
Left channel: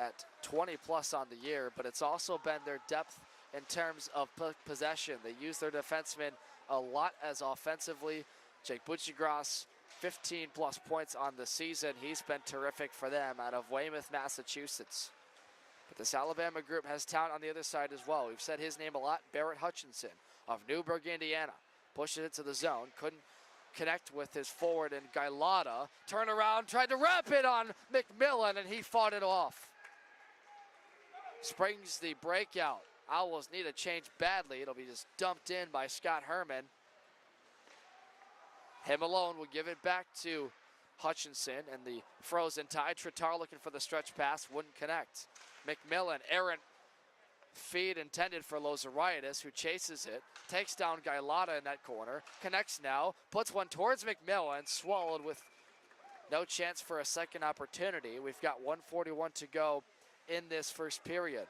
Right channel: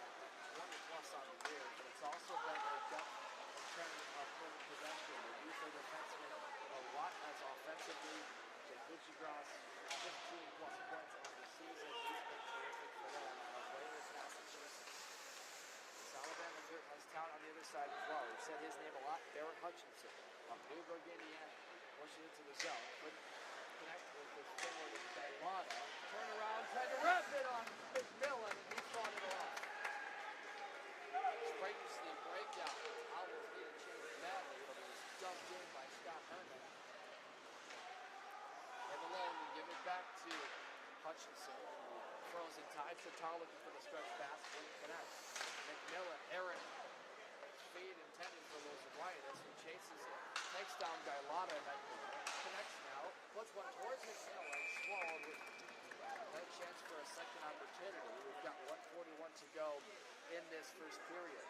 at 20 plus on the year, but it's also been their depth in terms of possession. They use their defensemen a lot as offensively. Jake Buccigross, 15 plus points on the season. He's been terrific for them out of Weymouth, Massachusetts. But this Alabama group has talent on the other side as well. We've said his name a lot. Barrett Hutchinson of Newburgh, Indiana. Pushes it to the zone. Couldn't connect with his forward in Gailata. Turn around, tried to wrap it on McMillan, and he fought it off. Springs the breakout. Owls need a change badly. It'll be just dumped in by Scott Herman. Him alone will give it back to Hutchinson in the frozen Tide. Tritar looking for the stretch pass, wouldn't connect. McMillan, errant feed intended for Lozaritis, who chases it, takes down Gailata in that corner, connects now, puts one towards McMillan, swallowed with no chance for a second opportunity. We've got 1:41 to go in this first period.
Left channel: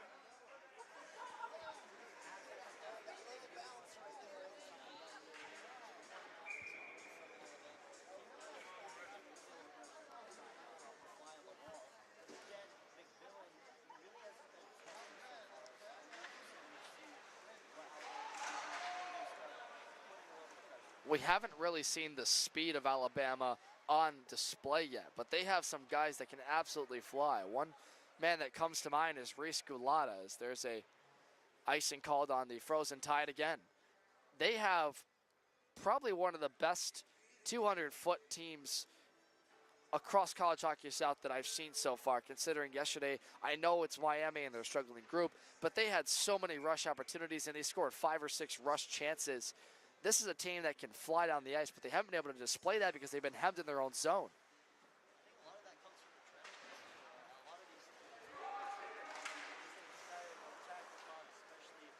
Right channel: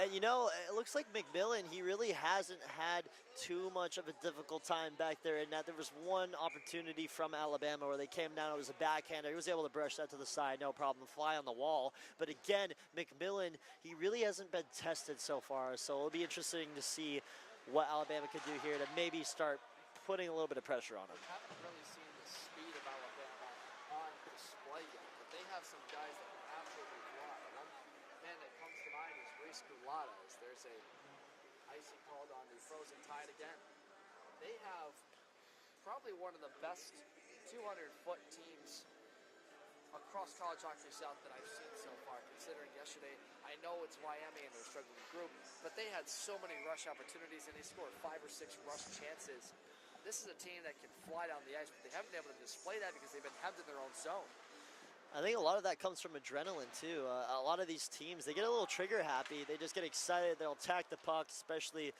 And you know, it looks like McMillan, he really hasn't had too much of a difficult time back there in that. There was one opportunity from Alabama where they came down, it was a backhander. He was able to brush that to the side, no problem, fly on the wall. But again, McMillan, he really hasn't been tested so far. So it'll be interesting to see what Alabama could do here to maybe start putting a little bit of pressure on. We haven't really seen the speed of Alabama on display yet, but they have some guys that can absolutely fly. One man that comes to mind is Reese Gulata. There's a icing called on the frozen Tide again. They have probably one of the best 200-foot teams across college hockey south that I've seen so far, considering yesterday, I know it's Miami and their struggling group, but they had so many rush opportunities and they scored 5 or 6 rush chances. This is a team that can fly down the ice, but they haven't been able to display that because they've been hemmed in their own zone. I think a lot of that comes from adrenaline too. A lot of these teams, they get a little trigger happy. They just get excited. They'll attack the puck, especially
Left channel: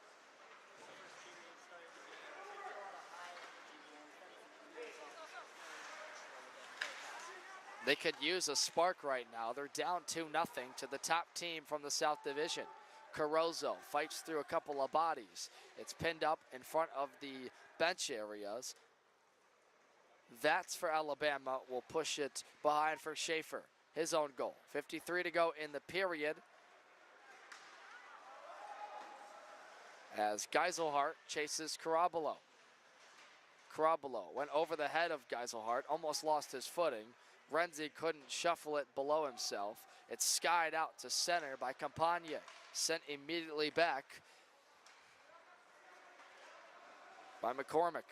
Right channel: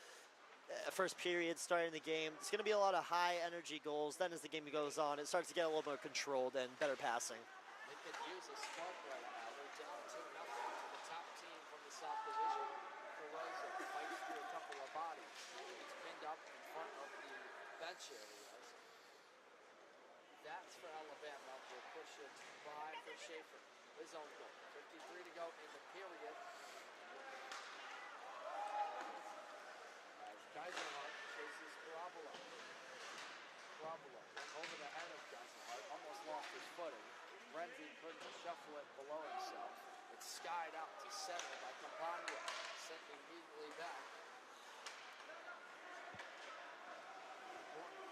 first period starting the game. It's going to be a lot of high energy goals. Then as the game goes on, it starts to get a little more controlled and better passing. They could use a spark right now. They're down 2-0 to the top team from the South Division. Carozzo fights through a couple of bodies. It's pinned up in front of the bench areas. That's for Alabama. Will push it behind for Schaefer. His own goal. 53 to go in the period. As Geiselhart chases Carabolo. Carabolo went over the head of Geiselhart, almost lost his footing. Renzi couldn't shuffle it below himself. It's skied out to center by Campagna. Sent immediately back by McCormick.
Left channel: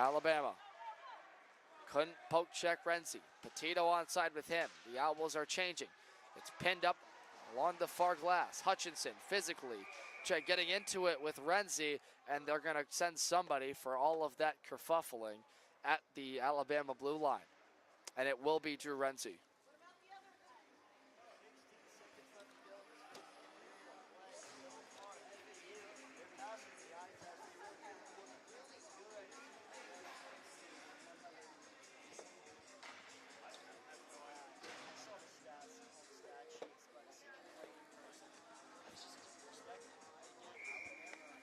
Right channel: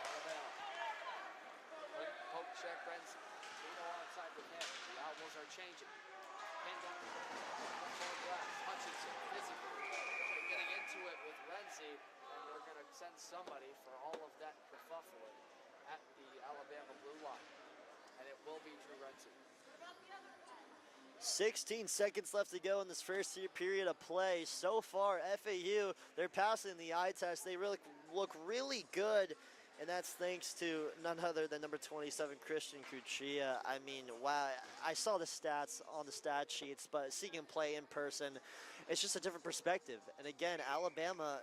Alabama couldn't poke check Renzi. Petito onside with him. The Owls are changing. It's pinned up along the far glass. Hutchinson physically getting into it with Renzi, and they're going to send somebody for all of that kerfuffling at the Alabama blue line. And it will be Drew Renzi. 16 seconds left to go in this first period of play. So far, FAU, they're passing the eye test. They really look really good, and that's thanks to none other than number 27, Christian Cuccia. I mean, wow, I saw the stats on the stat sheets, but seeing him play in person, it's just a different perspective. And again, Alabama,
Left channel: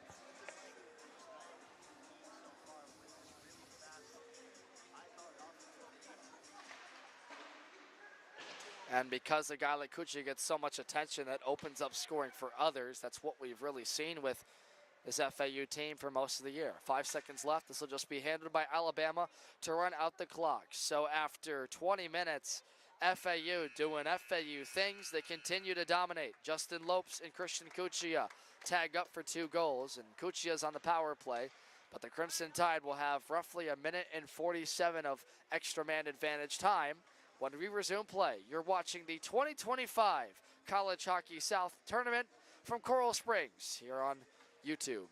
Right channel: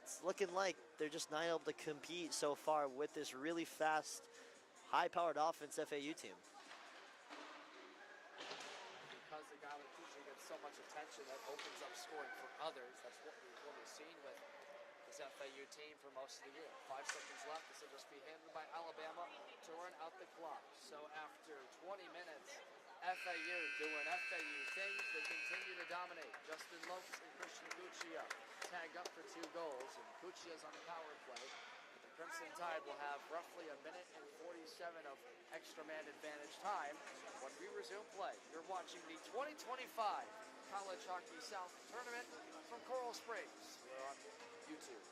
it's looking like they're just not able to compete so far with this really fast, high-powered offense FAU team. And because a guy like Cuccia gets so much attention, that opens up scoring for others. That's what we've really seen with this FAU team for most of the year. 5 seconds left. This will just be handled by Alabama to run out the clock. So after 20 minutes, FAU doing FAU things. They continue to dominate. Justin Lopes and Christian Cuccia tag up for 2 goals, and Cuccia's on the power play. But the Crimson Tide will have roughly 1:47 of extra man advantage time when we resume play. You're watching the 2025 College Hockey South Tournament from Coral Springs here on YouTube.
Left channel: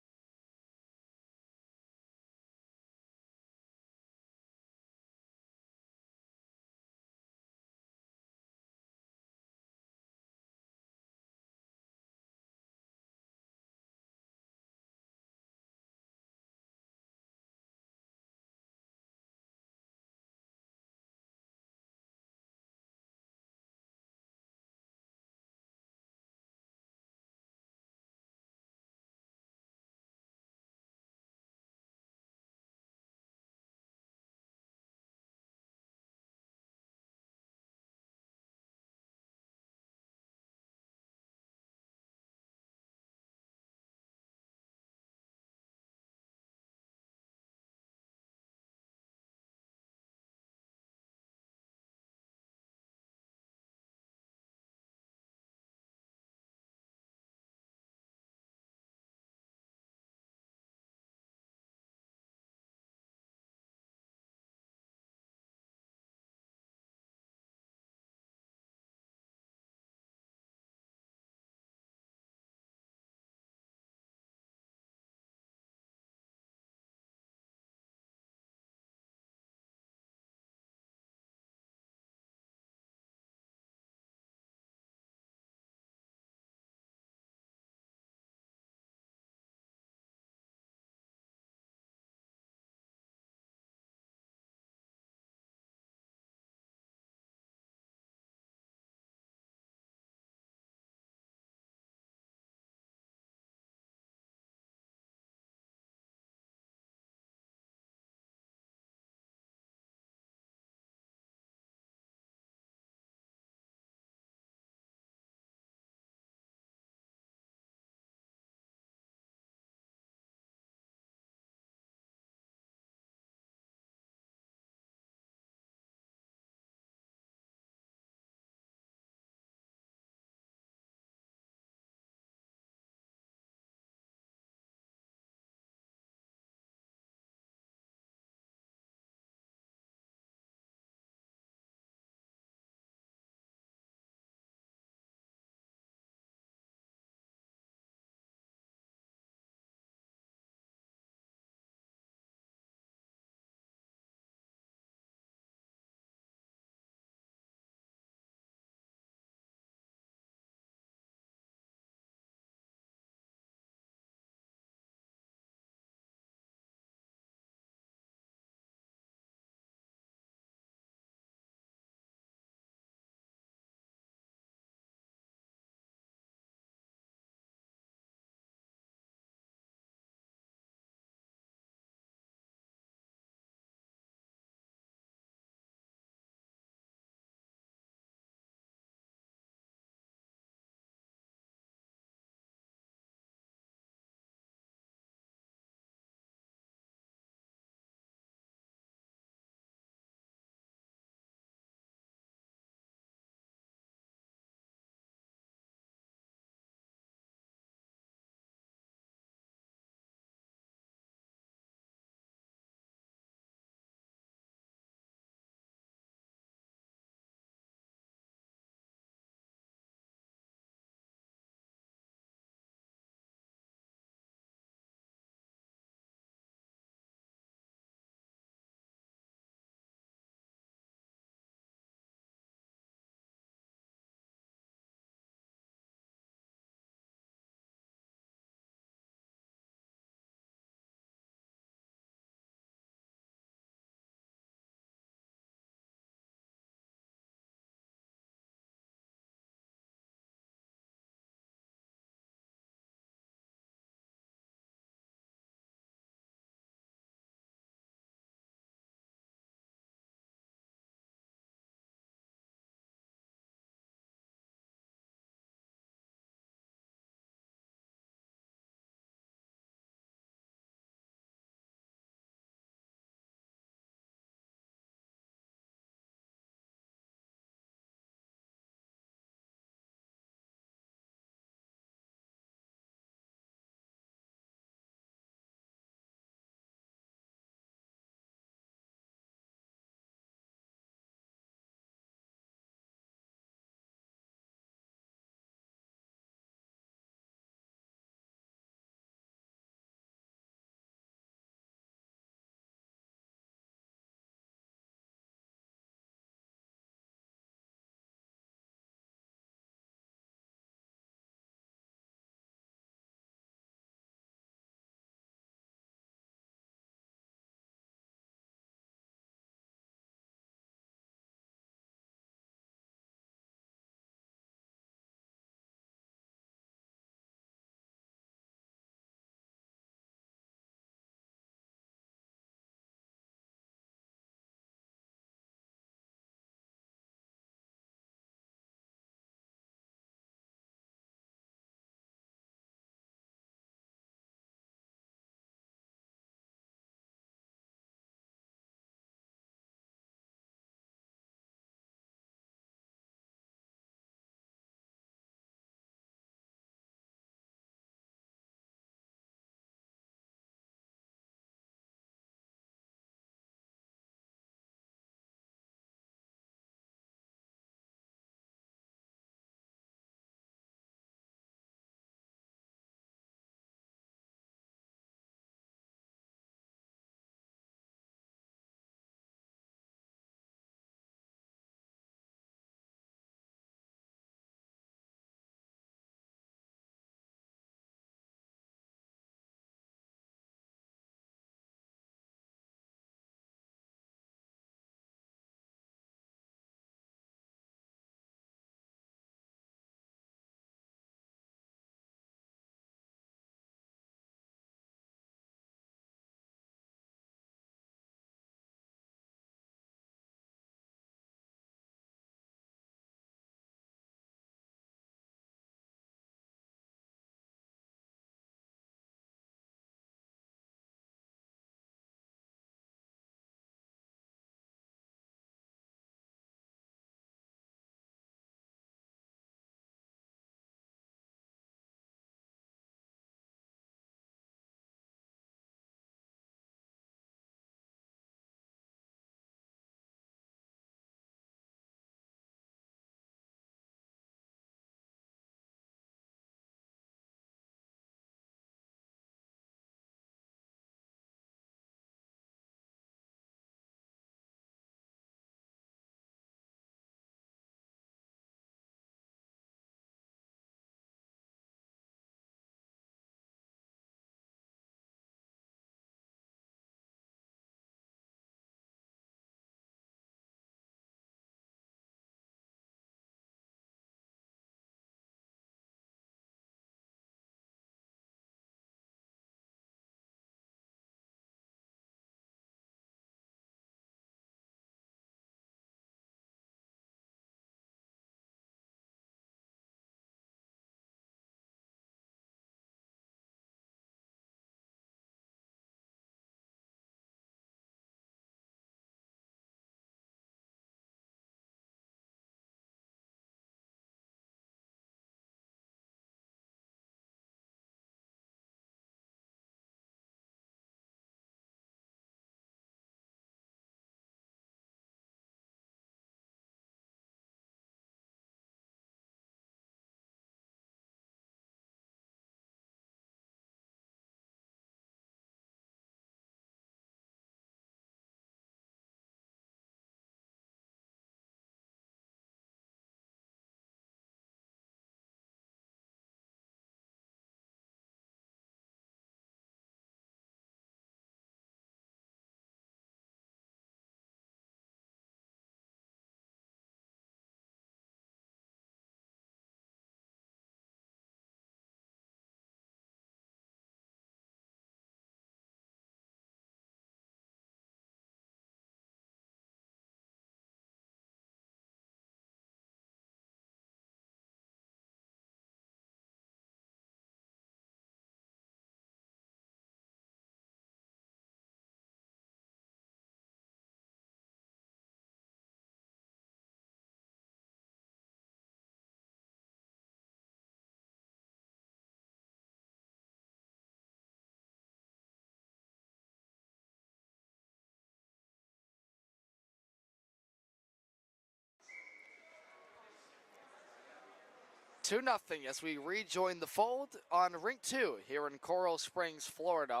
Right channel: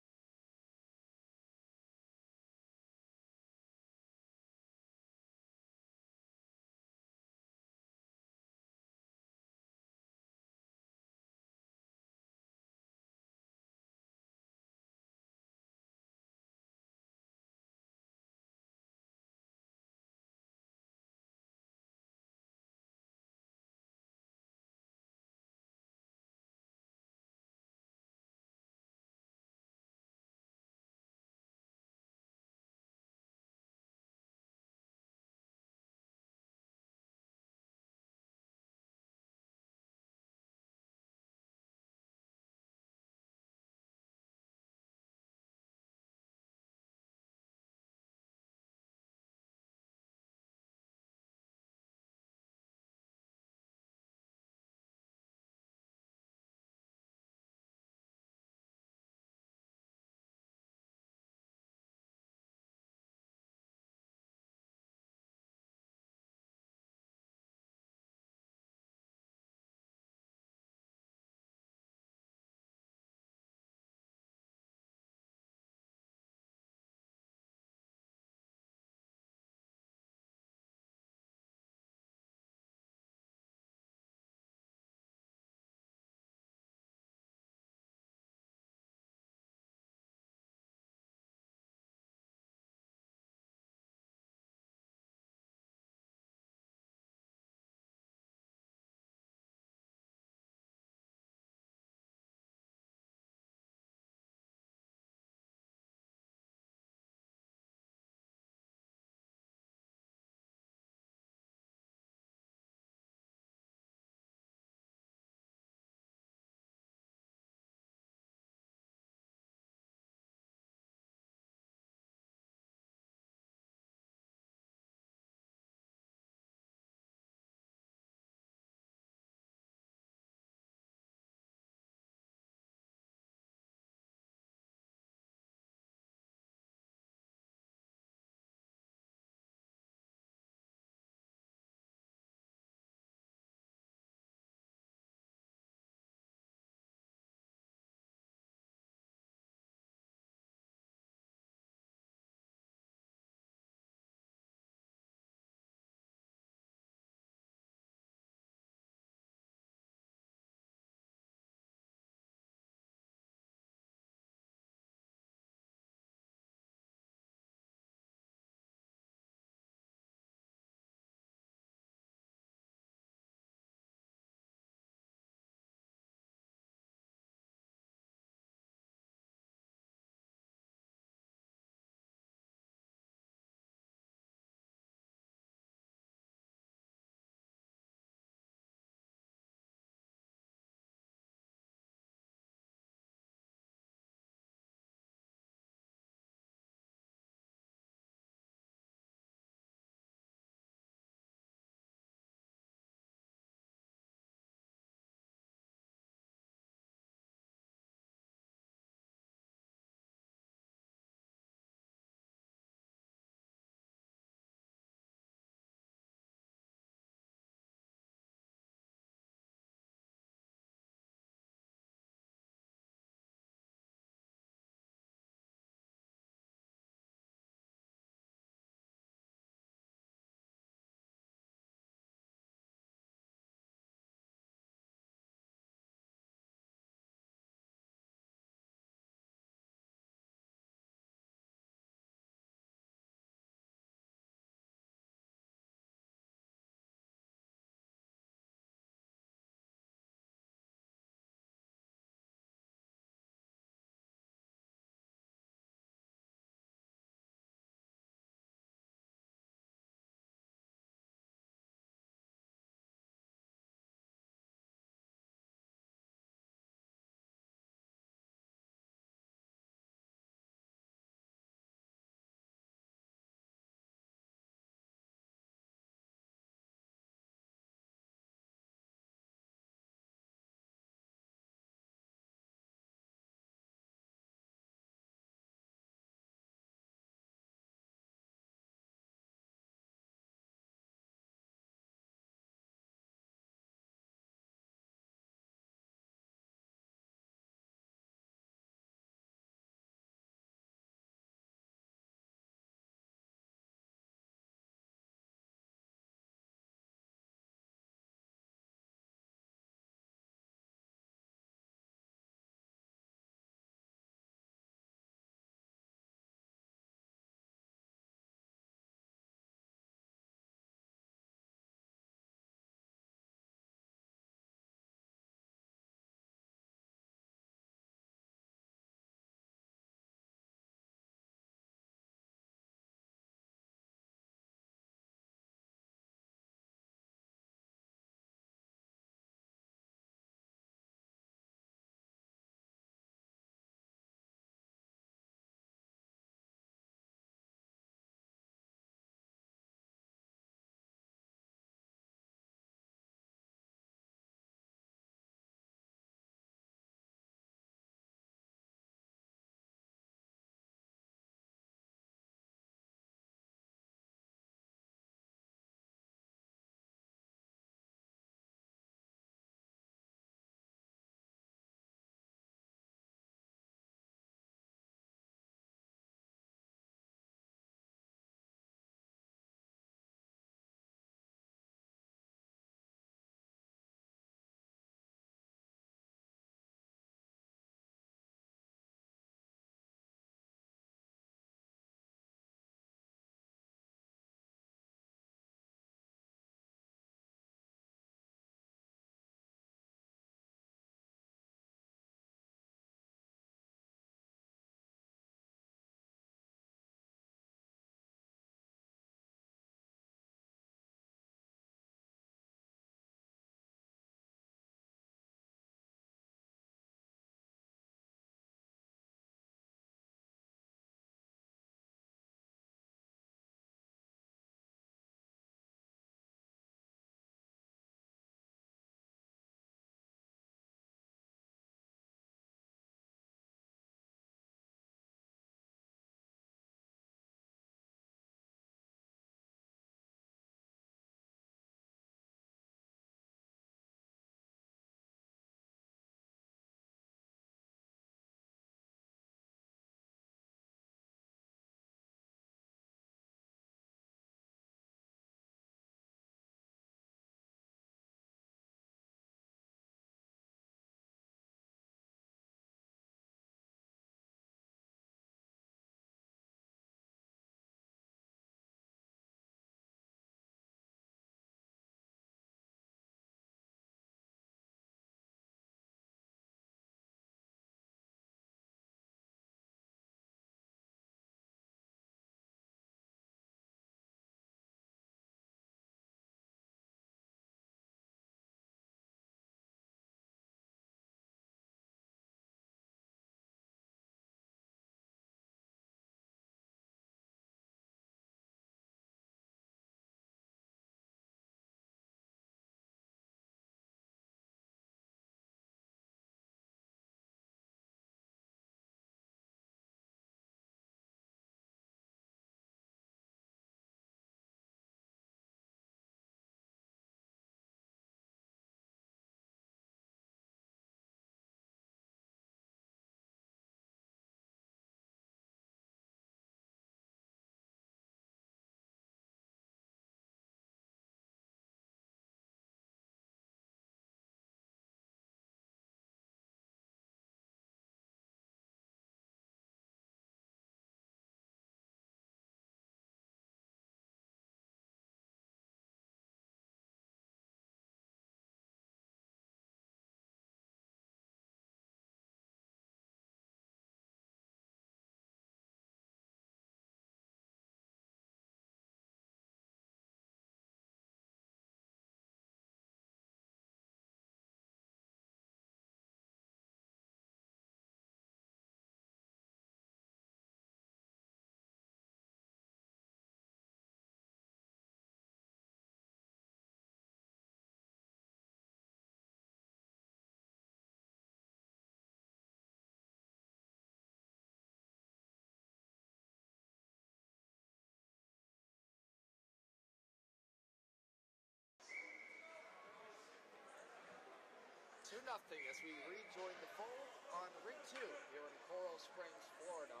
2-0 as we rejoin the fold on Rink 2 here in Coral Springs, Florida.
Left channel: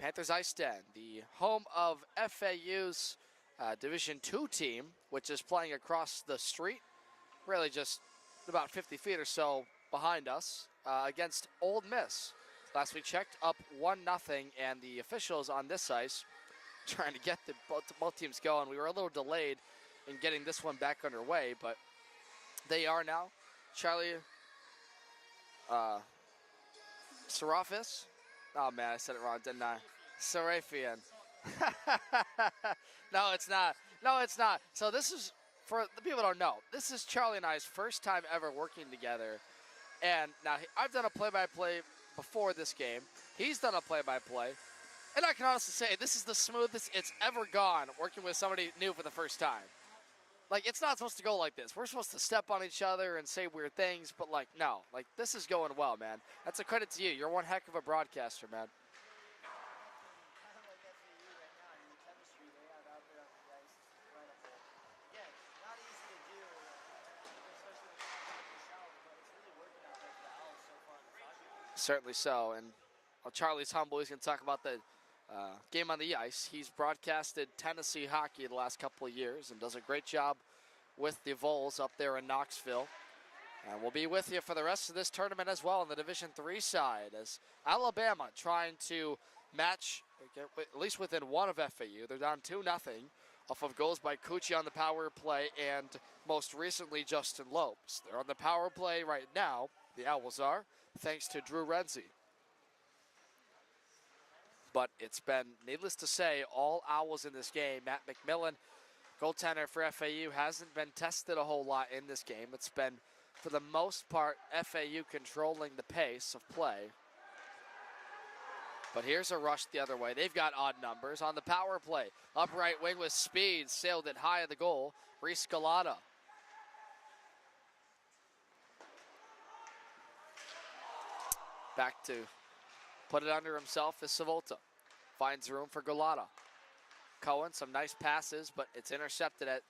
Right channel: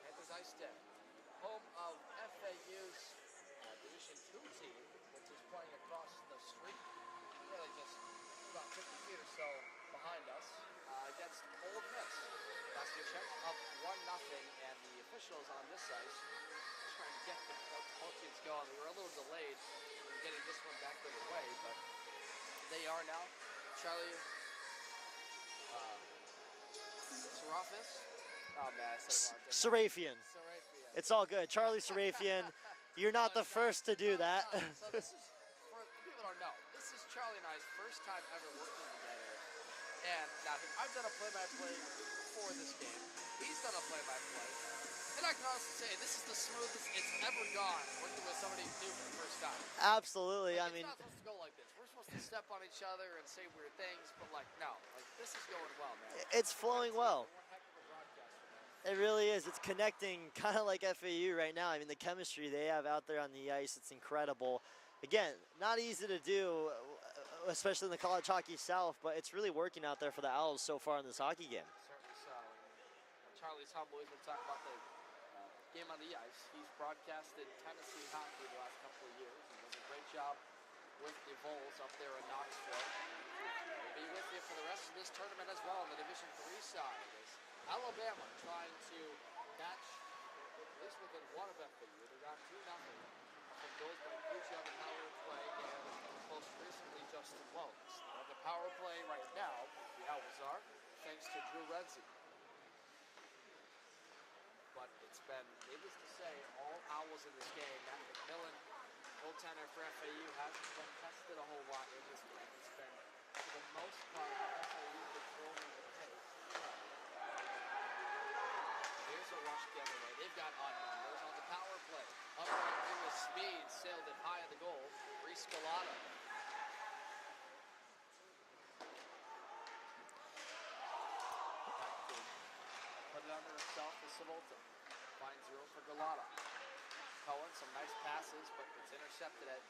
Panthers IceDen, the home of FAU's Division II team, which is playing across the street, really just about 50 feet or so behind us, against Ole Miss. Last we checked, up 1-0, and the officials on this ice trying to get both teams going. We were a little delayed in getting this one back underway, but they are now. Charlie Serafis. Oh man, I said it wrong, didn't Serafian. I? Serafian. It's all good. Charlie Serafian, you're not the first to do that. No, it's not. So this is, for the people who don't know, this is Charlie and I's first time ever working together. And now I've done a play-by-play before this game. He's done a play-by-play. And I can honestly say, this is the smoothest it's ever gone working with somebody new for the first time. Absolutely. Like, it's not supposed to go like this. We're supposed to step on each other and say weird things, but like, no. Like, this is going well, man. That's a credit to you. well. You're one heck of a broadcaster, man. It really is. It's connecting kind of like FAU right now. I mean, the chemistry they have out there on the ice, it's incredible. Again, not easy to do, especially in the College Hockey South, but it's really working out there for the Owls so far in this hockey game. Certainly so. And while Charlie's humble, he's going to talk about the game on the ice. He's broadcasted Tennessee hockey the last couple of years and does a great job with the Vols up there in Knoxville. And we'll be with you for the rest of this tournament as well on the Division III side, as Alabama trying to match, at least within one of FAU. They're down 2-0 off of goals by Cucci on the power play and most recently Justin Lopes. They're on the power play right now, the Owls are, thanks to Drew Renzi. But it's been, needless to say, all Owls in this game. Matt McMillan, goaltender for FAU, hasn't been tested a whole lot in this game. It's been, for the most part, FAU controlling the pace of play. But here's a rush the other way. They've got odd numbers on the power play. Upright wing with speed, sailed it high of the goal. Reese Galata. Back to put it under himself is Savolta. Finds room for Galata. Cohen, some nice passes, but it's intercepted at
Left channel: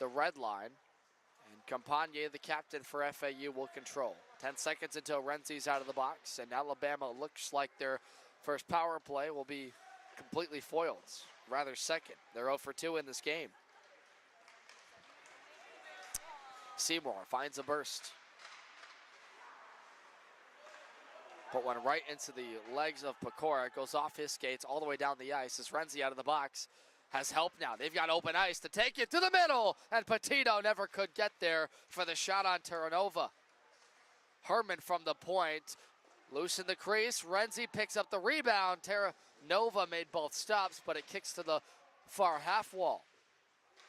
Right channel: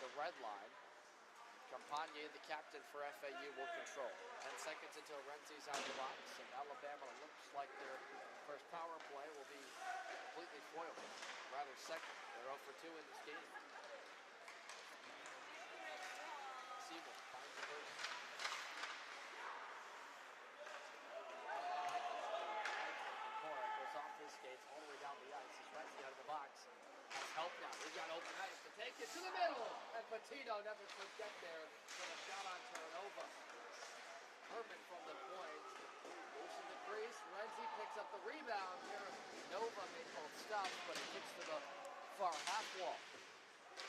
the red line. And Campagne, the captain for FAU, will control. 10 seconds until Renzi's out of the box, and Alabama looks like their first power play will be completely foiled. Rather second. They're 0 for 2 in this game. Seymour finds a burst. Put one right into the legs of Pecora. It goes off his skates all the way down the ice as Renzi out of the box has help now. They've got open ice to take it to the middle, and Petito never could get there for the shot on Terranova. Herman from the point, loose in the crease. Renzi picks up the rebound. Terranova made both stops, but it kicks to the far half wall.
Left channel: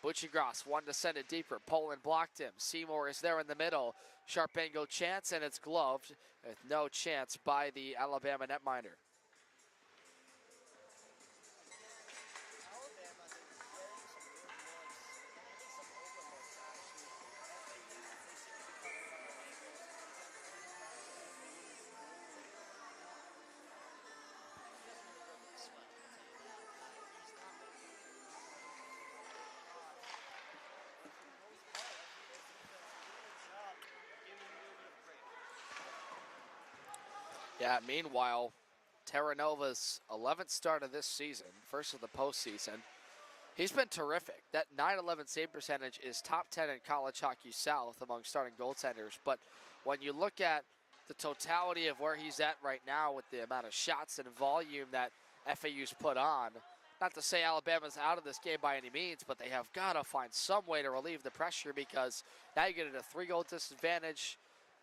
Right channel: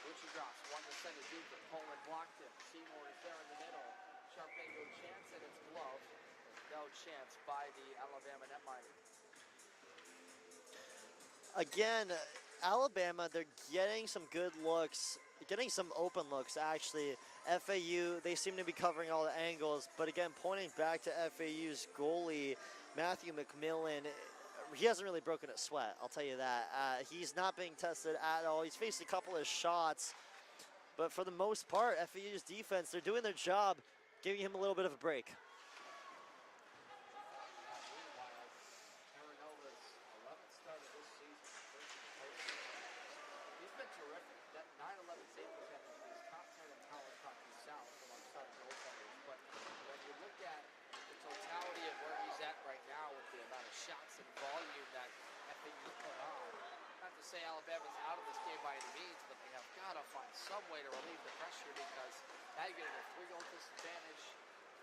Buccigross wanted to send it deeper. Poland blocked him. Seymour is there in the middle. Sharp angle chance, and it's gloved with no chance by the Alabama netminder. Again, Alabama, they're getting some good looks, getting some open looks, actually. FAU, they seem to be covering all the angles, but again, pointing back to FAU's goalie, Matthew McMillan, he hasn't really broken a sweat, I'll tell you that. He's not being tested at all. He's faced a couple of shots, but for the most part, FAU's defense, they're doing their job, giving him a little bit of a break. Yeah, meanwhile, Terranova's 11th start of this season, first of the postseason, he's been terrific. That .911 save percentage is top 10 in College Hockey South among starting goaltenders. But when you look at the totality of where he's at right now with the amount of shots and volume that FAU's put on, not to say Alabama's out of this game by any means, but they have got to find some way to relieve the pressure, because now you get at a 3-goal disadvantage,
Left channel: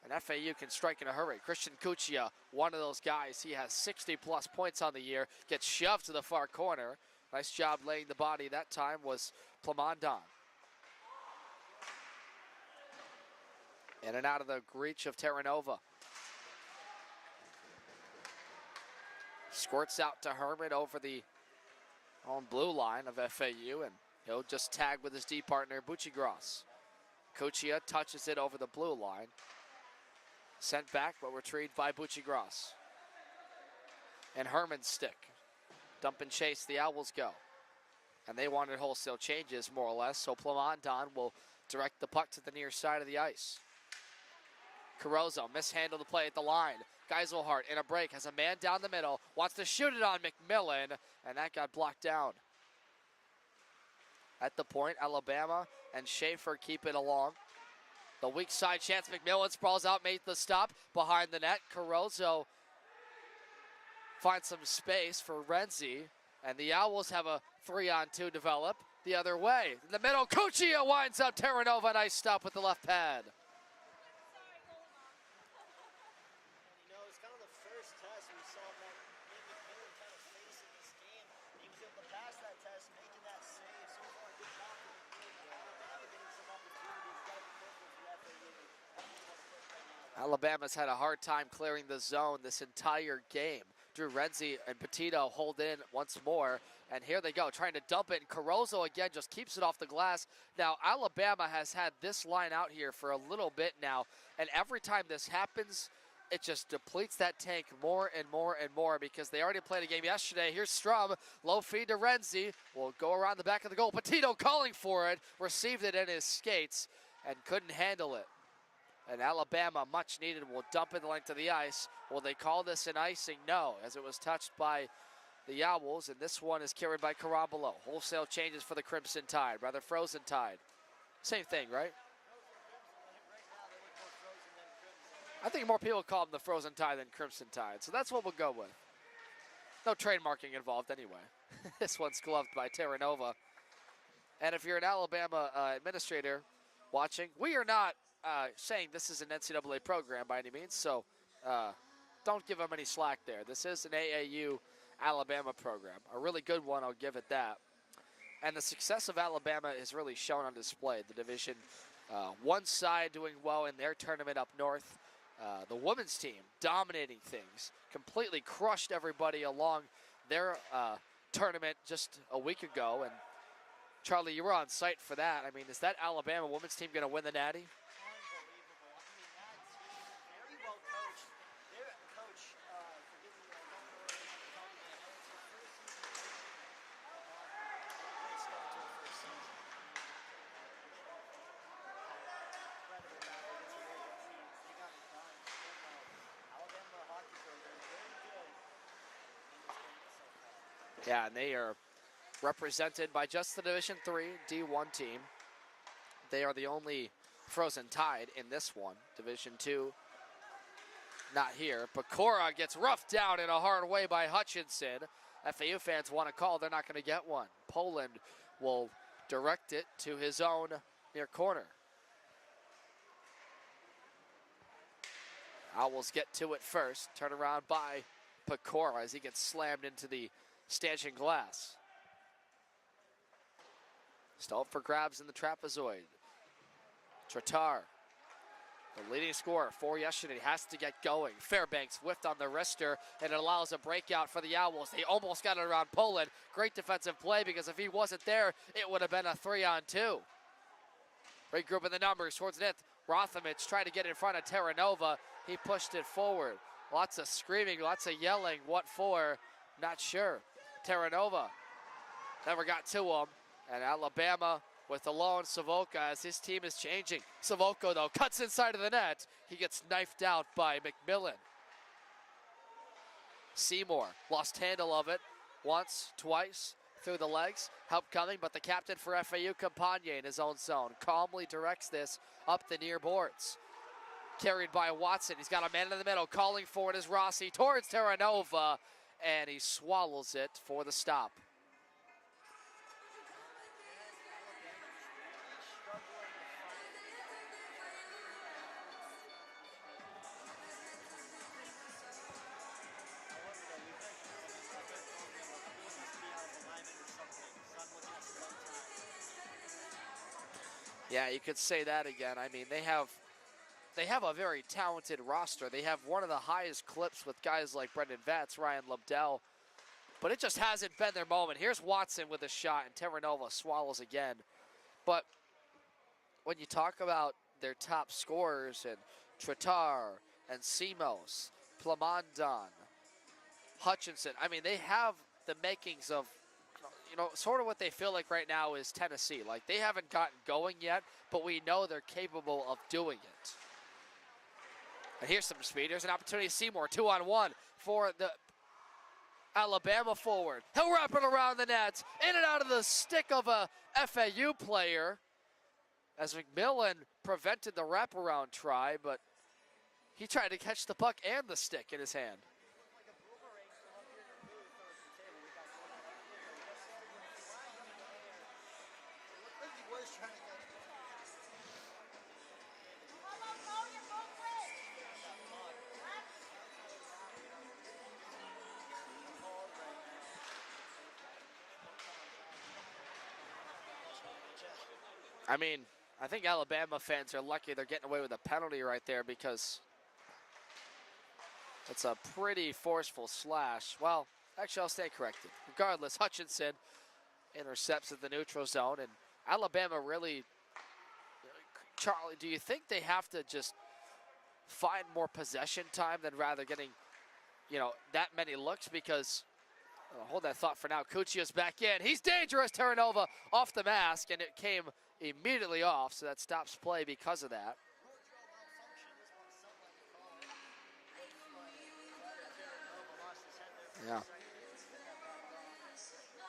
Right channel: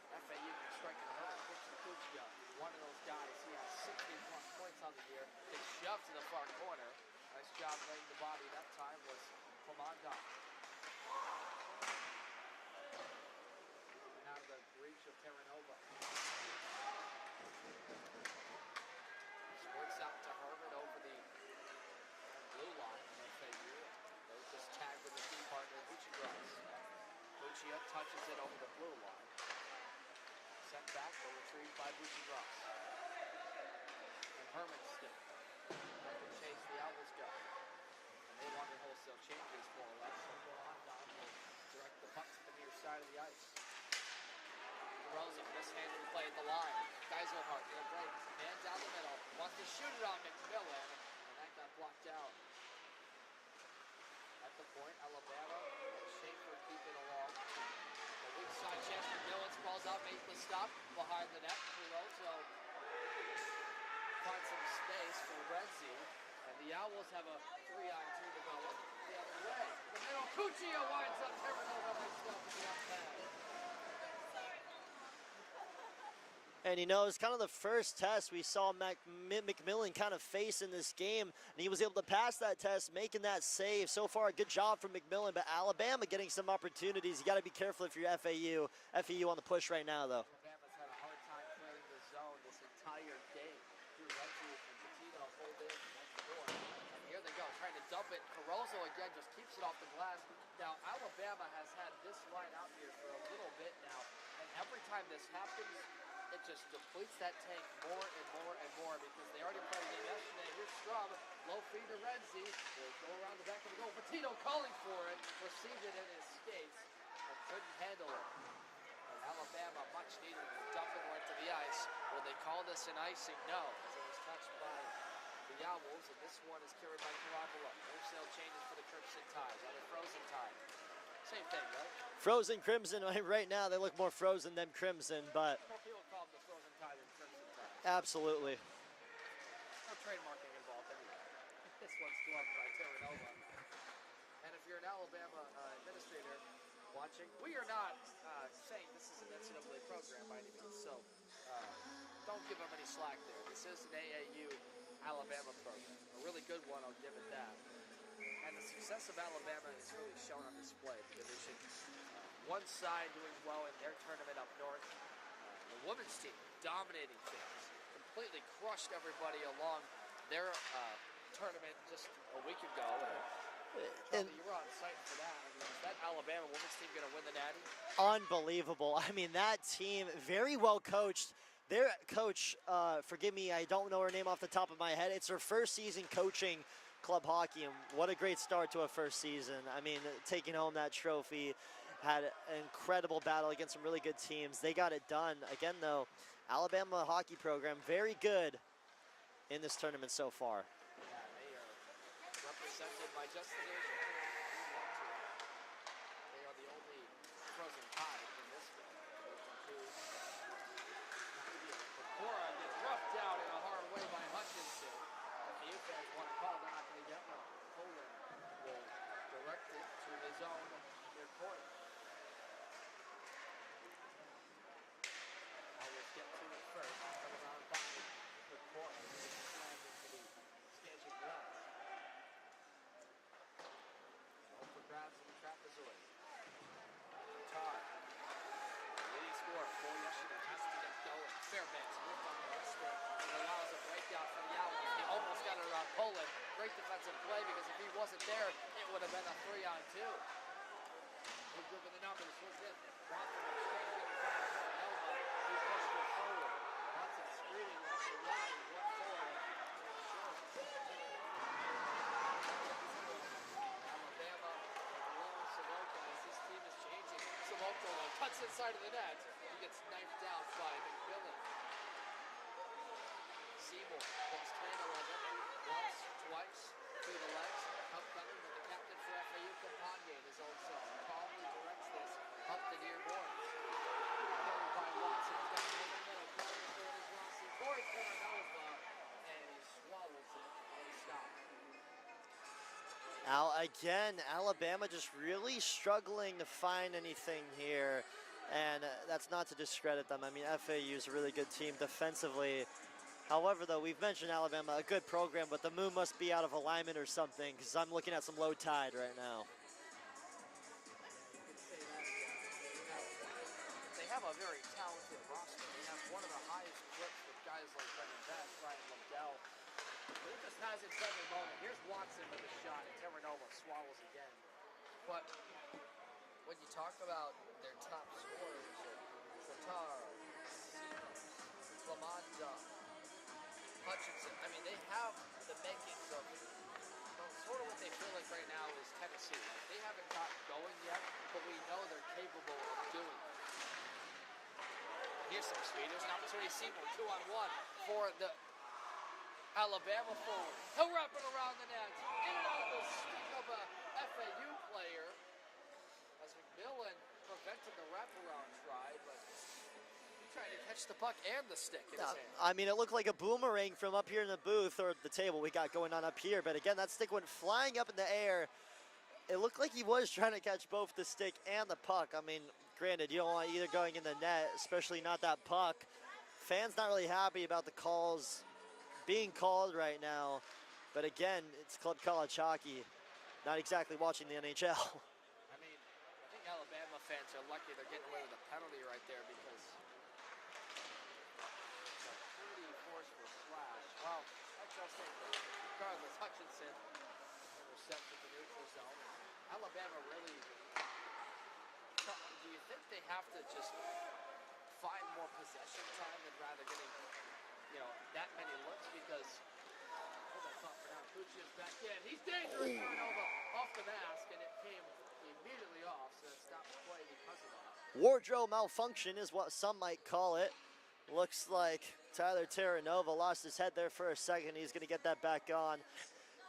and FAU can strike in a hurry. Christian Cuccia, one of those guys. He has 60-plus points on the year, gets shoved to the far corner. Nice job laying the body that time was Plamondon. In and out of the reach of Terranova. Squirts out to Herman over the own blue line of FAU, and he'll just tag with his D partner, Buccigross. Cuccia touches it over the blue line. Sent back, but retrieved by Buccigross. And Herman's stick. Dump and chase, the Owls go. And they wanted wholesale changes, more or less, so Plamondon will direct the puck to the near side of the ice. Carozzo mishandled the play at the line. Geiselhart in a break has a man down the middle, wants to shoot it on McMillan, and that got blocked down. At the point, Alabama and Schaefer keep it along. The weak side chance, McMillan sprawls out, made the stop behind the net. Carozzo finds some space for Renzi, and the Owls have a 3-on-2 develop the other way. In the middle, Cuccia winds up Terranova, nice stop with the left pad. And you know, it's kind of the first test we saw McMillan kind of face in this game, and he was able to pass that test, making that save. So far, a good job from McMillan, but Alabama getting some opportunities. You got to be careful if you're FAU. FAU on the push right now, though. Alabama's had a hard time clearing the zone this entire game. Drew Renzi and Petito hold in once more, and here they go, trying to dump it, and Carozzo again just keeps it off the glass. Now, Alabama has had this line out here for a little bit now, and every time this happens, it just depletes that tank more and more and more because they already played a game yesterday. Here's Strum, low feed to Renzi, will go around the back of the goal. Petito calling for it, received it in his skates and couldn't handle it. And Alabama, much needed, will dump it the length of the ice. Will they call this an icing? No, as it was touched by the Owls, and this one is carried by Carambolo. Wholesale changes for the Crimson Tide, rather Frozen Tide. Same thing, right? Frozen Crimson, right now they look more frozen than crimson, but I think more people call them the Frozen Tide than Crimson Tide, so that's what we'll go with. No trademarking involved anyway. This one's gloved by Terranova. And if you're an Alabama administrator watching, we are not saying this is an NCAA program by any means, so don't give them any slack there. This is an AAU Alabama program, a really good one, I'll give it that. And the success of Alabama is really shown on display. The Division one side doing well in their tournament up north. The women's team dominating things, completely crushed everybody along their tournament just a week ago. And Charlie, you were on site for that. I mean, is that Alabama women's team going to win the Natty? Unbelievable. I mean, that team, very well coached. Their coach, forgive me, I don't know her name off the top of my head. It's her first season coaching club hockey, and what a great start to a first season. I mean, taking home that trophy, had an incredible battle against some really good teams. They got it done. Again, though, Alabama hockey program, very good in this tournament so far. Yeah, and they are represented by just the Division III D1 team. They are the only Frozen Tide in this one. Division II, not here. But Cora gets roughed down in a hard way by Hutchinson. FAU fans want a call, they're not going to get one. Poland will direct it to his own near corner. Owls get to it first. Turn around by Pecora as he gets slammed into the stanchion glass. Still up for grabs in the trapezoid. Tratar, the leading scorer for yesterday, has to get going. Fairbanks whiffed on the wrister, and it allows a breakout for the Owls. They almost got it around Poland. Great defensive play, because if he wasn't there, it would have been a 3-on-2. Regrouping the numbers towards net. Rothamich tried to get in front of Terranova. He pushed it forward. Lots of screaming, lots of yelling. What for? Not sure. Terranova never got to him. And Alabama with the lone Savoca as his team is changing. Savoca, though, cuts inside of the net. He gets knifed out by McMillan. Seymour lost handle of it once, twice, through the legs. Help coming, but the captain for FAU, Campagne, in his own zone, calmly directs this up the near boards. Carried by Watson. He's got a man in the middle. Calling for it is Rossi towards Terranova, and he swallows it for the stop. Again, Alabama just really struggling to find anything here, and that's not to discredit them. I mean, FAU is a really good team defensively. However, though, we've mentioned Alabama, a good program, but the moon must be out of alignment or something, because I'm looking at some low tide right now. Yeah, you could say that again. I mean, they have a very talented roster. They have one of the highest clips with guys like Brendan Vetz, Ryan Lobdell, but it just hasn't been their moment. Here's Watson with a shot, and Terranova swallows again. But when you talk about their top scorers, and Tratar, and Simos, Plamondon, Hutchinson, I mean, they have the makings of, you know, sort of what they feel like right now is Tennessee. Like, they haven't gotten going yet, but we know they're capable of doing it. And here's some speed. There's an opportunity. Seymour, 2-on-1 for the Alabama forward. He'll wrap it around the net, in and out of the stick of a FAU player, as McMillan prevented the wraparound try, but he tried to catch the puck and the stick in his hand. I mean, it looked like a boomerang from up here in the booth, or the table we got going on up here, but again, that stick went flying up in the air. It looked like he was trying to catch both the stick and the puck. I mean, granted, you don't want either going in the net, especially not that puck. Fans not really happy about the calls being called right now, but again, it's Club College hockey, not exactly watching the NHL. I mean, I think Alabama fans are lucky they're getting away with a penalty right there, because it's a pretty forceful slash. Well, actually, I'll stay corrected. Regardless, Hutchinson intercepts at the neutral zone, and Alabama really, Charlie, do you think they have to just find more possession time than rather getting, that many looks? Because, hold that thought for now. Cuccia's back in. He's dangerous. Terranova off the mask, and it came immediately off, so that stops play because of that. Wardrobe malfunction is what some might call it. Looks like Tyler Terranova lost his head there for a second. He's going to get that back on.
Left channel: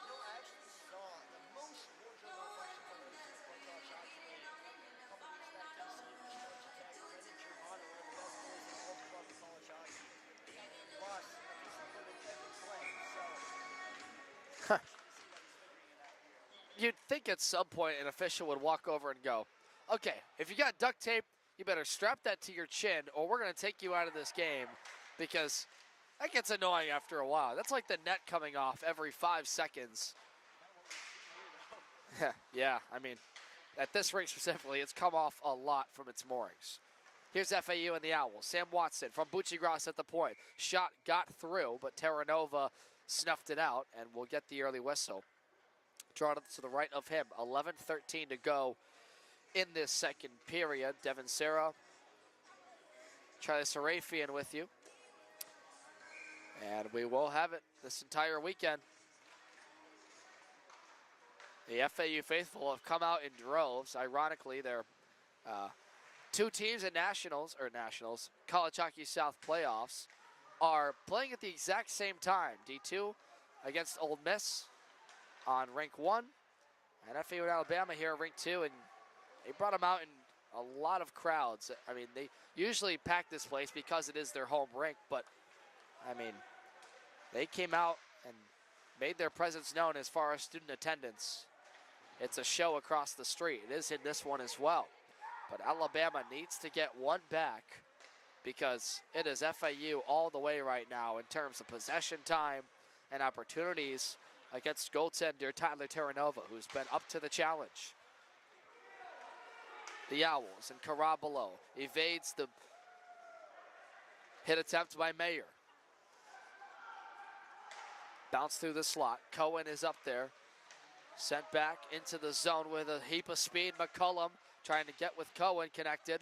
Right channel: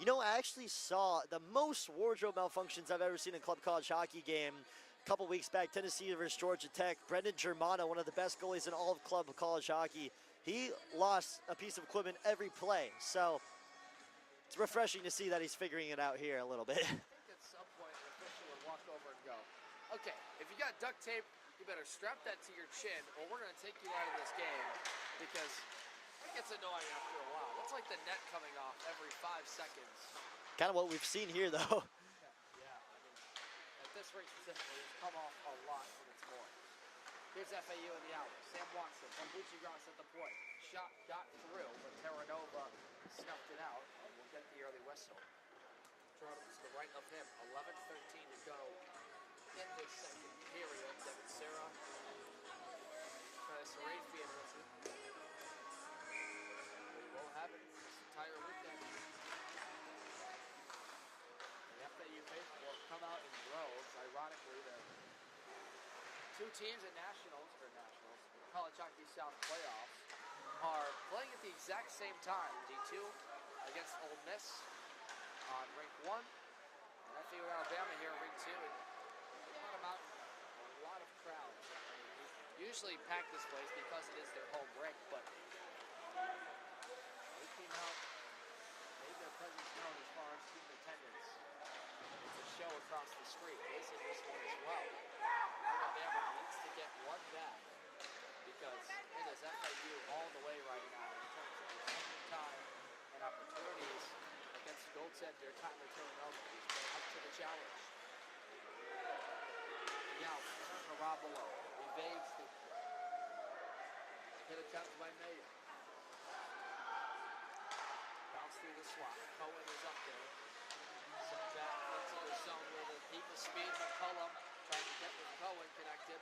I actually saw the most wardrobe malfunctions I've ever seen in Club College hockey game a couple weeks back. Tennessee versus Georgia Tech. Brendan Germano, one of the best goalies in all of Club College hockey, he lost a piece of equipment every play. So it's refreshing to see that he's figuring it out here a little bit. You'd think at some point an official would walk over and go, okay, if you got duct tape, you better strap that to your chin, or we're going to take you out of this game, because that gets annoying after a while. That's like the net coming off every 5 seconds. Kind of what we've seen here, though. Yeah, I mean, at this rink specifically, it's come off a lot from its moorings. Here's FAU and the Owls. Sam Watson from Buccigross at the point. Shot got through, but Terranova snuffed it out, and we'll get the early whistle. Drawn to the right of him. 11:13 to go in this second period. Devin Serra, Charlie Sarafian with you. And we will have it this entire weekend. The FAU faithful have come out in droves. Ironically, they're two teams at Nationals, College Hockey South playoffs, are playing at the exact same time. D2 against Ole Miss on rink 1, and FAU and Alabama here at rink 2, and they brought them out in a lot of crowds. I mean, they usually pack this place because it is their home rink, but I mean, they came out and made their presence known as far as student attendance. It's a show across the street. It is in this one as well. But Alabama needs to get one back, because it is FAU all the way right now in terms of possession time and opportunities against goaltender Tyler Terranova, who's been up to the challenge. The Owls and Carabalo evades the hit attempt by Mayer. Bounce through the slot. Cohen is up there. Sent back into the zone with a heap of speed. McCullum trying to get with Cohen connected.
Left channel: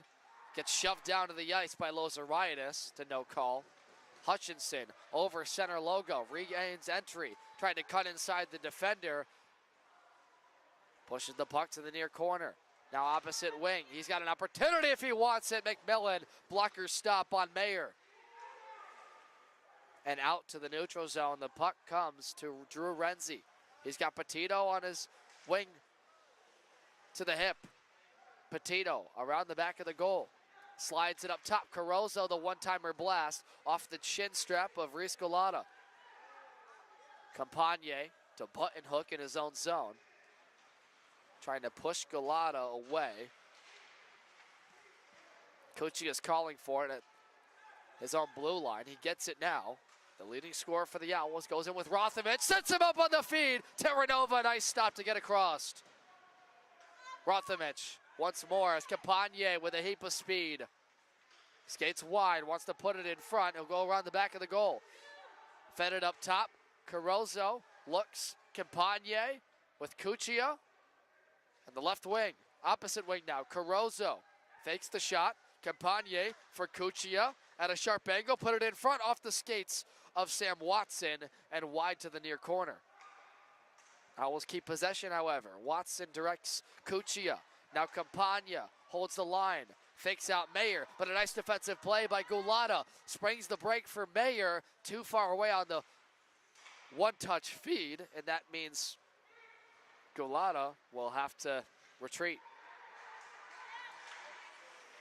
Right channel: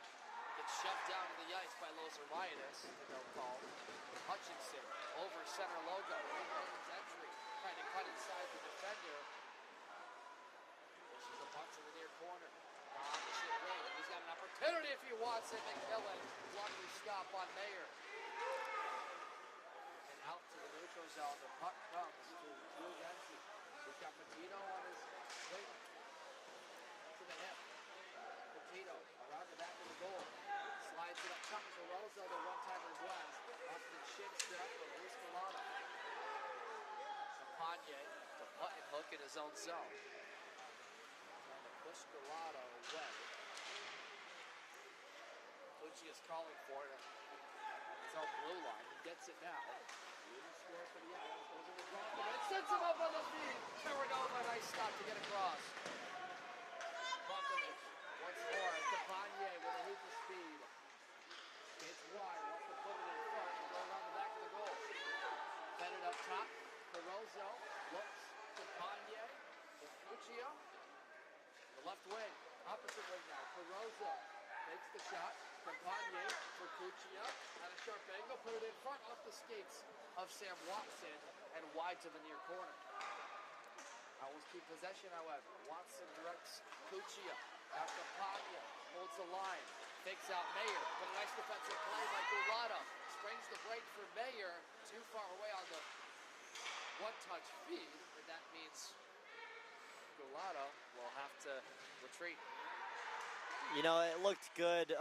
Gets shoved down to the ice by Lozariadis to no call. Hutchinson over center logo. Regains entry. Trying to cut inside the defender. Pushes the puck to the near corner. Now opposite wing. He's got an opportunity if he wants it. McMillan. Blocker stop on Mayer. And out to the neutral zone. The puck comes to Drew Renzi. He's got Petito on his wing to the hip. Petito around the back of the goal. Slides it up top. Carozzo, the one-timer blast off the chin strap of Reese Galata. Campagne to button hook in his own zone. Trying to push Galata away. Cucci is calling for it at his own blue line. He gets it now. The leading scorer for the Owls goes in with Rothamich. Sets him up on the feed. Terranova, nice stop to get across. Rothamich once more as Campagne with a heap of speed. Skates wide, wants to put it in front. He'll go around the back of the goal. Fed it up top. Carozzo looks. Campagne with Cuccia. And the left wing, opposite wing now. Carozzo fakes the shot. Campagne for Cuccia at a sharp angle. Put it in front off the skates of Sam Watson and wide to the near corner. Owls keep possession, however. Watson directs Cuccia. Now Campagna holds the line. fakes out Mayer, but a nice defensive play by Gulata. Springs the break for Mayer, too far away on the one-touch feed, and that means Gulata will have to retreat. You know, it looked good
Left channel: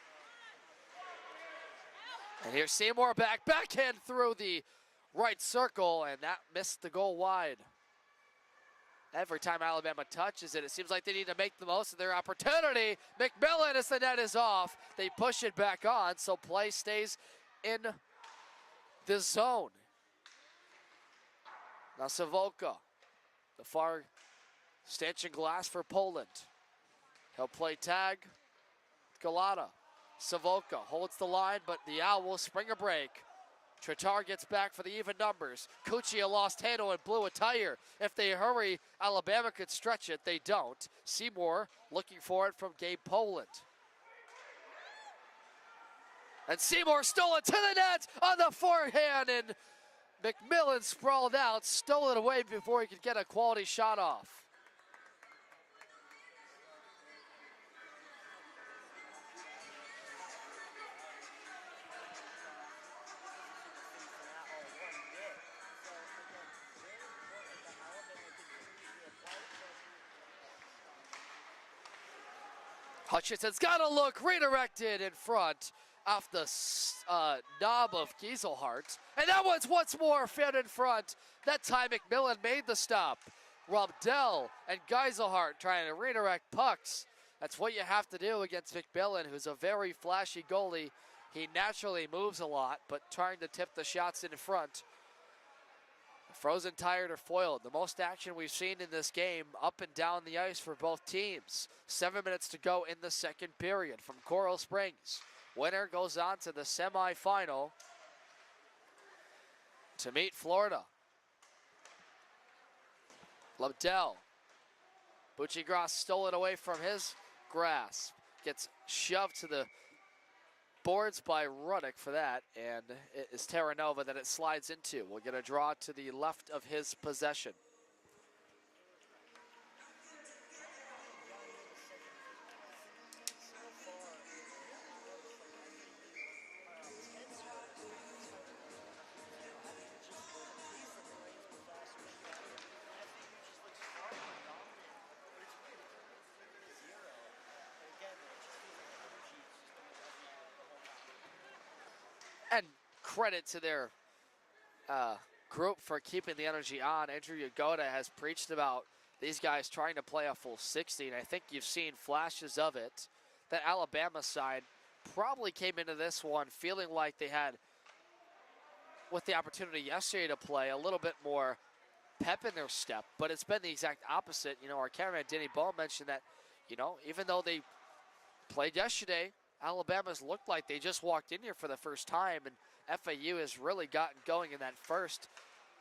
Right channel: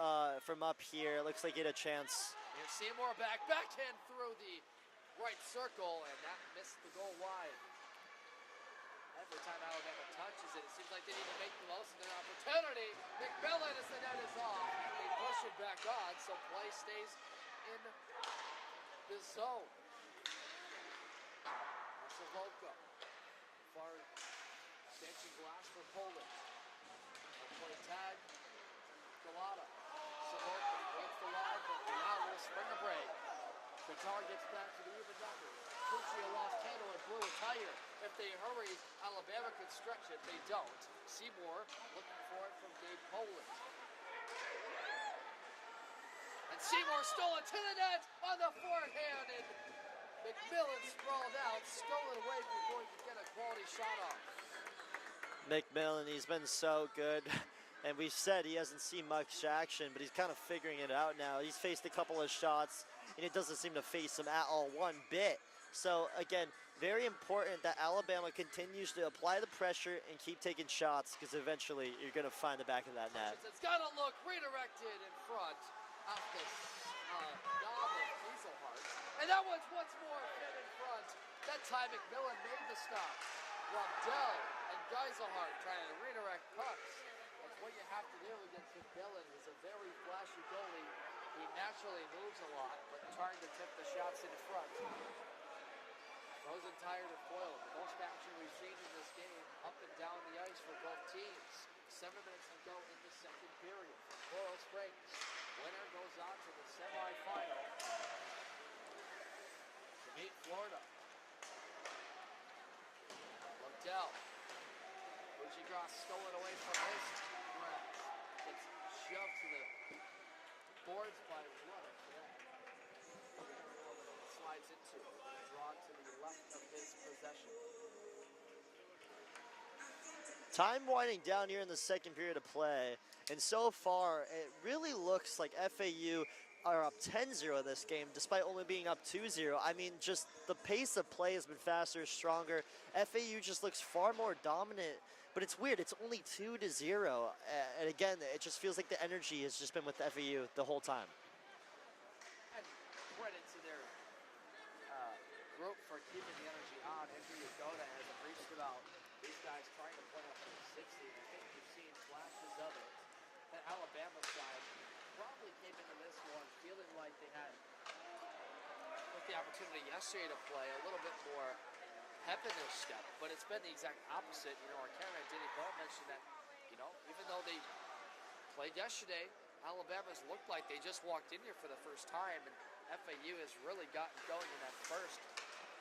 from up here. It looks like he had a chance. And here's Seymour backhand through the right circle, and that missed the goal wide. Every time Alabama touches it, it seems like they need to make the most of their opportunity. McMillan, as the net is off, they push it back on, so play stays in the zone. Now Savoca, the far stanchion glass for Poland. They'll play tag. Galata, Savoca holds the line, but the Owls spring a break. Tritar gets back for the even numbers. Cuccia lost handle and blew a tire. If they hurry, Alabama could stretch it. They don't. Seymour looking for it from Gabe Poland. And Seymour stole it to the net on the forehand, and McMillan sprawled out, stole it away before he could get a quality shot off. McMillan, he's been so good. And we've said he hasn't seen much action, but he's kind of figuring it out now. He's faced a couple of shots, and it doesn't seem to face him at all one bit. So, again, very important that Alabama continues to apply the pressure and keep taking shots, because eventually you're going to find the back of that net. Hutchinson's got a look, redirected in front off the knob of Gieselhart. And that one's once more fed in front. That time McMillan made the stop. Robdell and Geiselhart trying to redirect pucks. That's what you have to do against McMillan, who's a very flashy goalie. He naturally moves a lot, but trying to tip the shots in front. Frozen tired or foiled. The most action we've seen in this game up and down the ice for both teams. 7 minutes to go in the second period from Coral Springs. Winner goes on to the semifinal to meet Florida. Lobdell. Buccigross stole it away from his grasp. Gets shoved to the boards by Ruddick for that, and it is Terranova that it slides into. We'll get a draw to the left of his possession. Time winding down here in the second period of play, and so far it really looks like FAU are up 10-0 this game, despite only being up 2-0. I mean, just the pace of play has been faster, stronger. FAU just looks far more dominant, but it's weird. It's only 2-0, and again, it just feels like the energy has just been with FAU the whole time. And credit to their group for keeping the energy on. Andrew Yagoda has preached about these guys trying to play a full 60, and I think you've seen flashes of it. That Alabama side probably came into this one feeling like they had, with the opportunity yesterday to play, a little bit more pep in their step, but it's been the exact opposite. You know, our cameraman Denny Ball mentioned that, you know, even though they played yesterday, Alabama's looked like they just walked in here for the first time, and FAU has really gotten going in that first,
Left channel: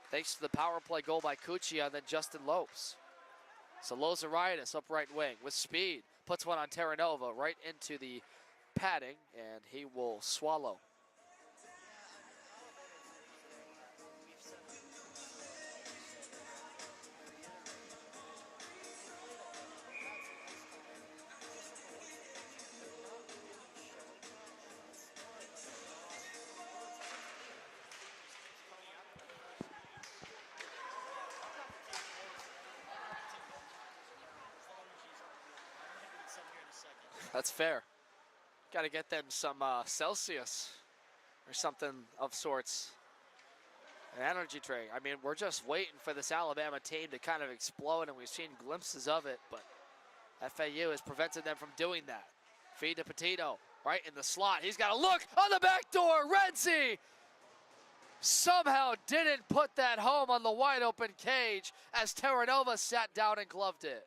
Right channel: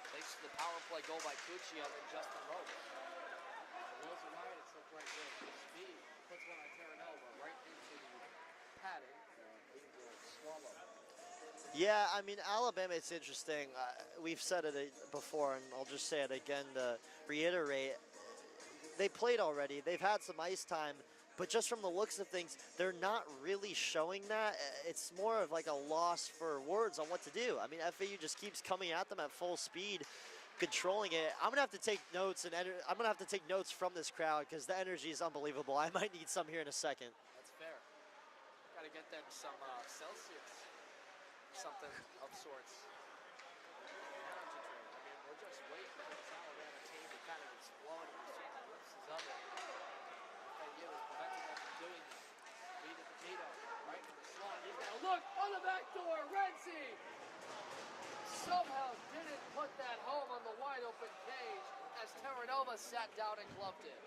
thanks to the power play goal by Cuccia and then Justin Lopes. So Lozaritis up right wing with speed, puts one on Terranova right into the padding, and he will swallow. Yeah, I mean, Alabama, it's interesting. We've said it before, and I'll just say it again to reiterate. They played already. They've had some ice time, but just from the looks of things, they're not really showing that. It's more of like a loss for words on what to do. I mean, FAU just keeps coming at them at full speed, controlling it. I'm gonna have to take notes, and I'm gonna have to take notes from this crowd because the energy is unbelievable. I might need some here in a second. That's fair. Got to get them some Celsius or something of sorts. An energy drink. I mean, we're just waiting for this Alabama team to kind of explode, and we've seen glimpses of it, but FAU has prevented them from doing that. Feed to Petito, right in the slot. He's got a look on the back door. Renzi somehow didn't put that home on the wide open cage as Terranova sat down and gloved it.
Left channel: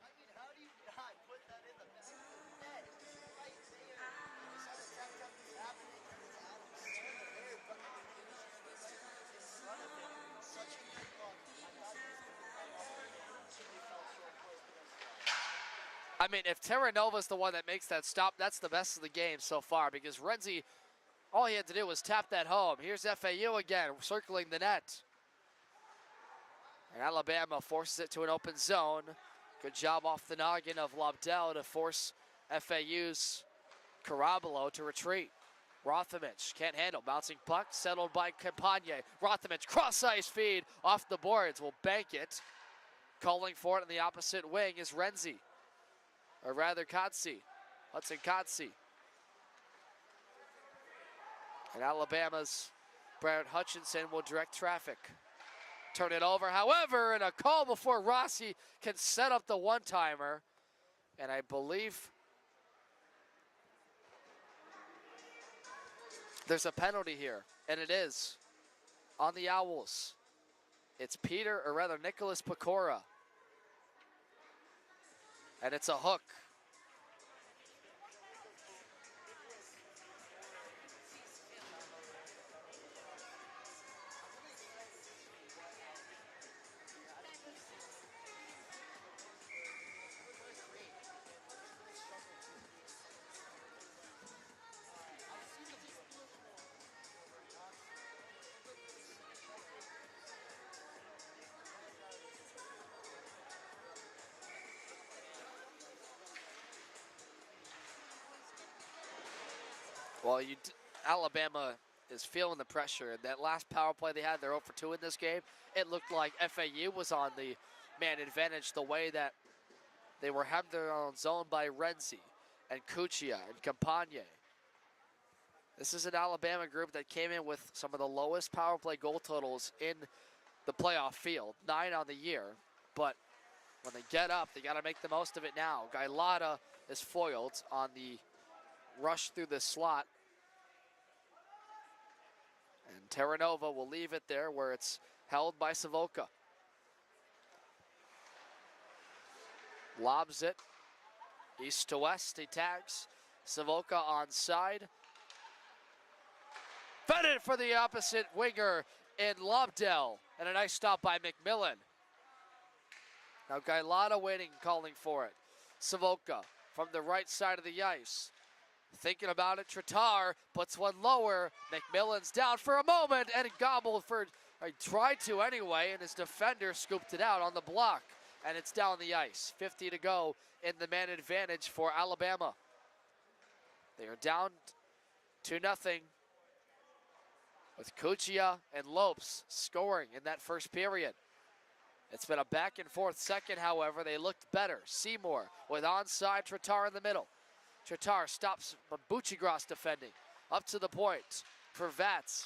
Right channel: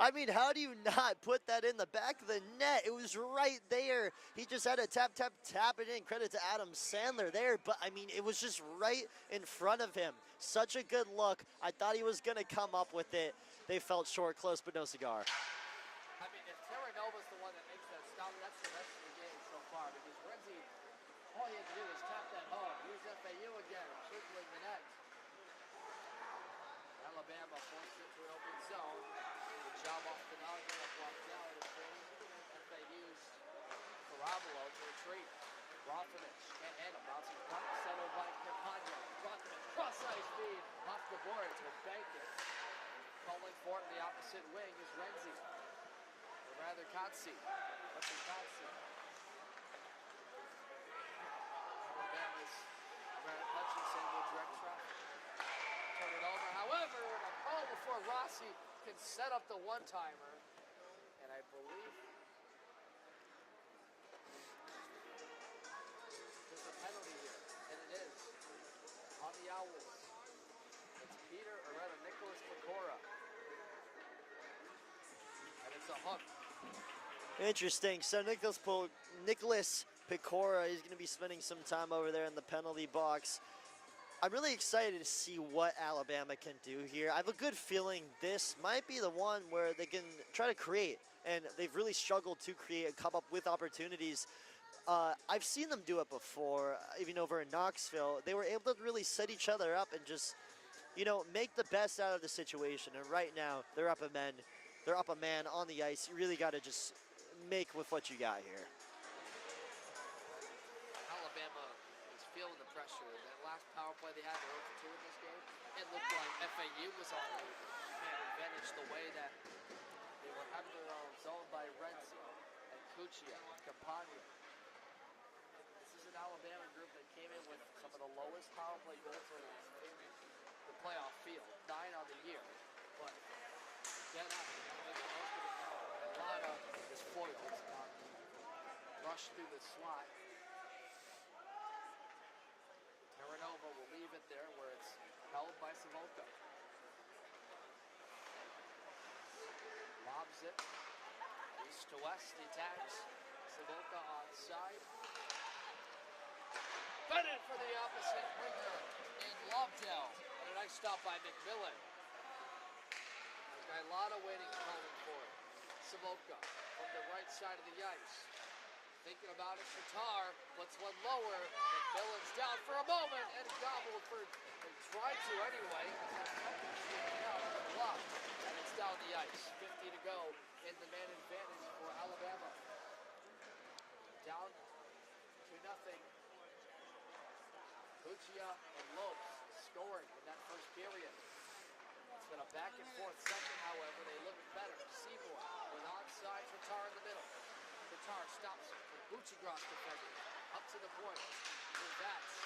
I mean, how do you not put that in the back of the net? It was right there. He just had to tap it in. Credit to Adam Sandler there. But, I mean, it was just right in front of him. Such a good look. I thought he was going to come up with it. They felt short, close, but no cigar. I mean, if Terranova's the one that makes that stop, that's the best of the game so far, because Renzi, all he had to do was tap that home. Here's FAU again, circling the net. And Alabama forces it to an open zone. Good job off the noggin of Lobdell to force FAU's Carabalo to retreat. Rothamich can't handle. Bouncing puck settled by Campagne. Rothamich cross ice feed off the boards. Will bank it. Calling for it in the opposite wing is Renzi. Or rather Kotze. Hudson Kotze. And Alabama's Brad Hutchinson will direct traffic. Turn it over, however, and a call before Rossi can set up the one-timer. And I believe there's a penalty here, and it is on the Owls. It's Nicholas Pecora. And it's a hook. Interesting. So Nicholas Pecora is going to be spending some time over there in the penalty box. I'm really excited to see what Alabama can do here. I have a good feeling this might be the one where they can try to create, and they've really struggled to create and come up with opportunities. I've seen them do it before, even over in Knoxville. They were able to really set each other up and just, make the best out of the situation. And right now, they're up a man on the ice. You really got to just make with what you got here. Well, Alabama is feeling the pressure. That last power play they had, they're 0 for 2 in this game. It looked like FAU was on the man advantage the way that they were having their own zone by Renzi and Cuccia and Campagne. This is an Alabama group that came in with some of the lowest power play goal totals in the playoff field, 9 on the year. But when they get up, they got to make the most of it now. Gailata is foiled on the rush through the slot. Terranova will leave it there where it's held by Savoca. Lobs it east to west. He tags Savoca onside. Fed it for the opposite winger in Lobdell. And a nice stop by McMillan. Now Gailata waiting, calling for it. Savoca from the right side of the ice. Thinking about it, Tritar puts one lower. McMillan's down for a moment and gobbled for, tried to anyway, and his defender scooped it out on the block. And it's down the ice. 50 to go in the man advantage for Alabama. They are down 2-0 with Cuccia and Lopes scoring in that first period. It's been a back and forth second, however. They looked better. Seymour with onside, Tritar in the middle. Tritar stops Buccigross defending. Up to the point for Vats.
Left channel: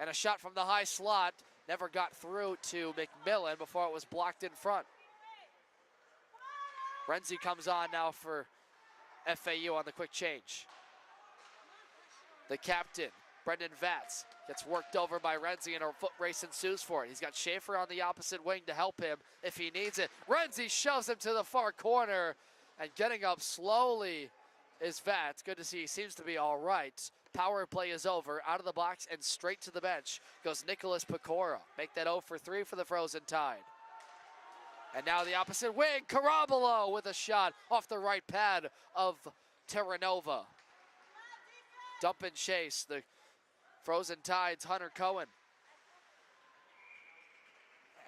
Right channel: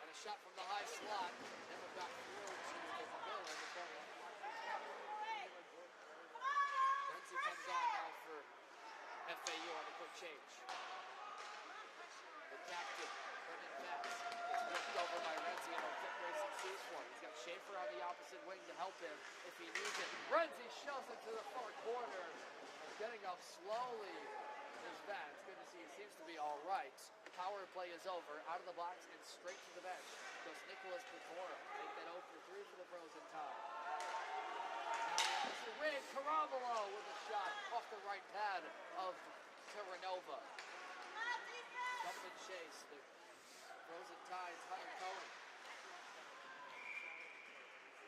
And a shot from the high slot. Never got through to McMillan before it was blocked in front. Renzi comes on now for FAU on the quick change. The captain, Brendan Vats, gets worked over by Renzi and a foot race ensues for it. He's got Schaefer on the opposite wing to help him if he needs it. Renzi shoves him to the far corner, and getting up slowly is Vats. Good to see he seems to be all right. Power play is over. Out of the box and straight to the bench goes Nicholas Pecora. Make that 0 for 3 for the Frozen Tide. And now the opposite wing, Carabalo with a shot off the right pad of Terranova. Dump and chase, the Frozen Tide's Hunter Cohen.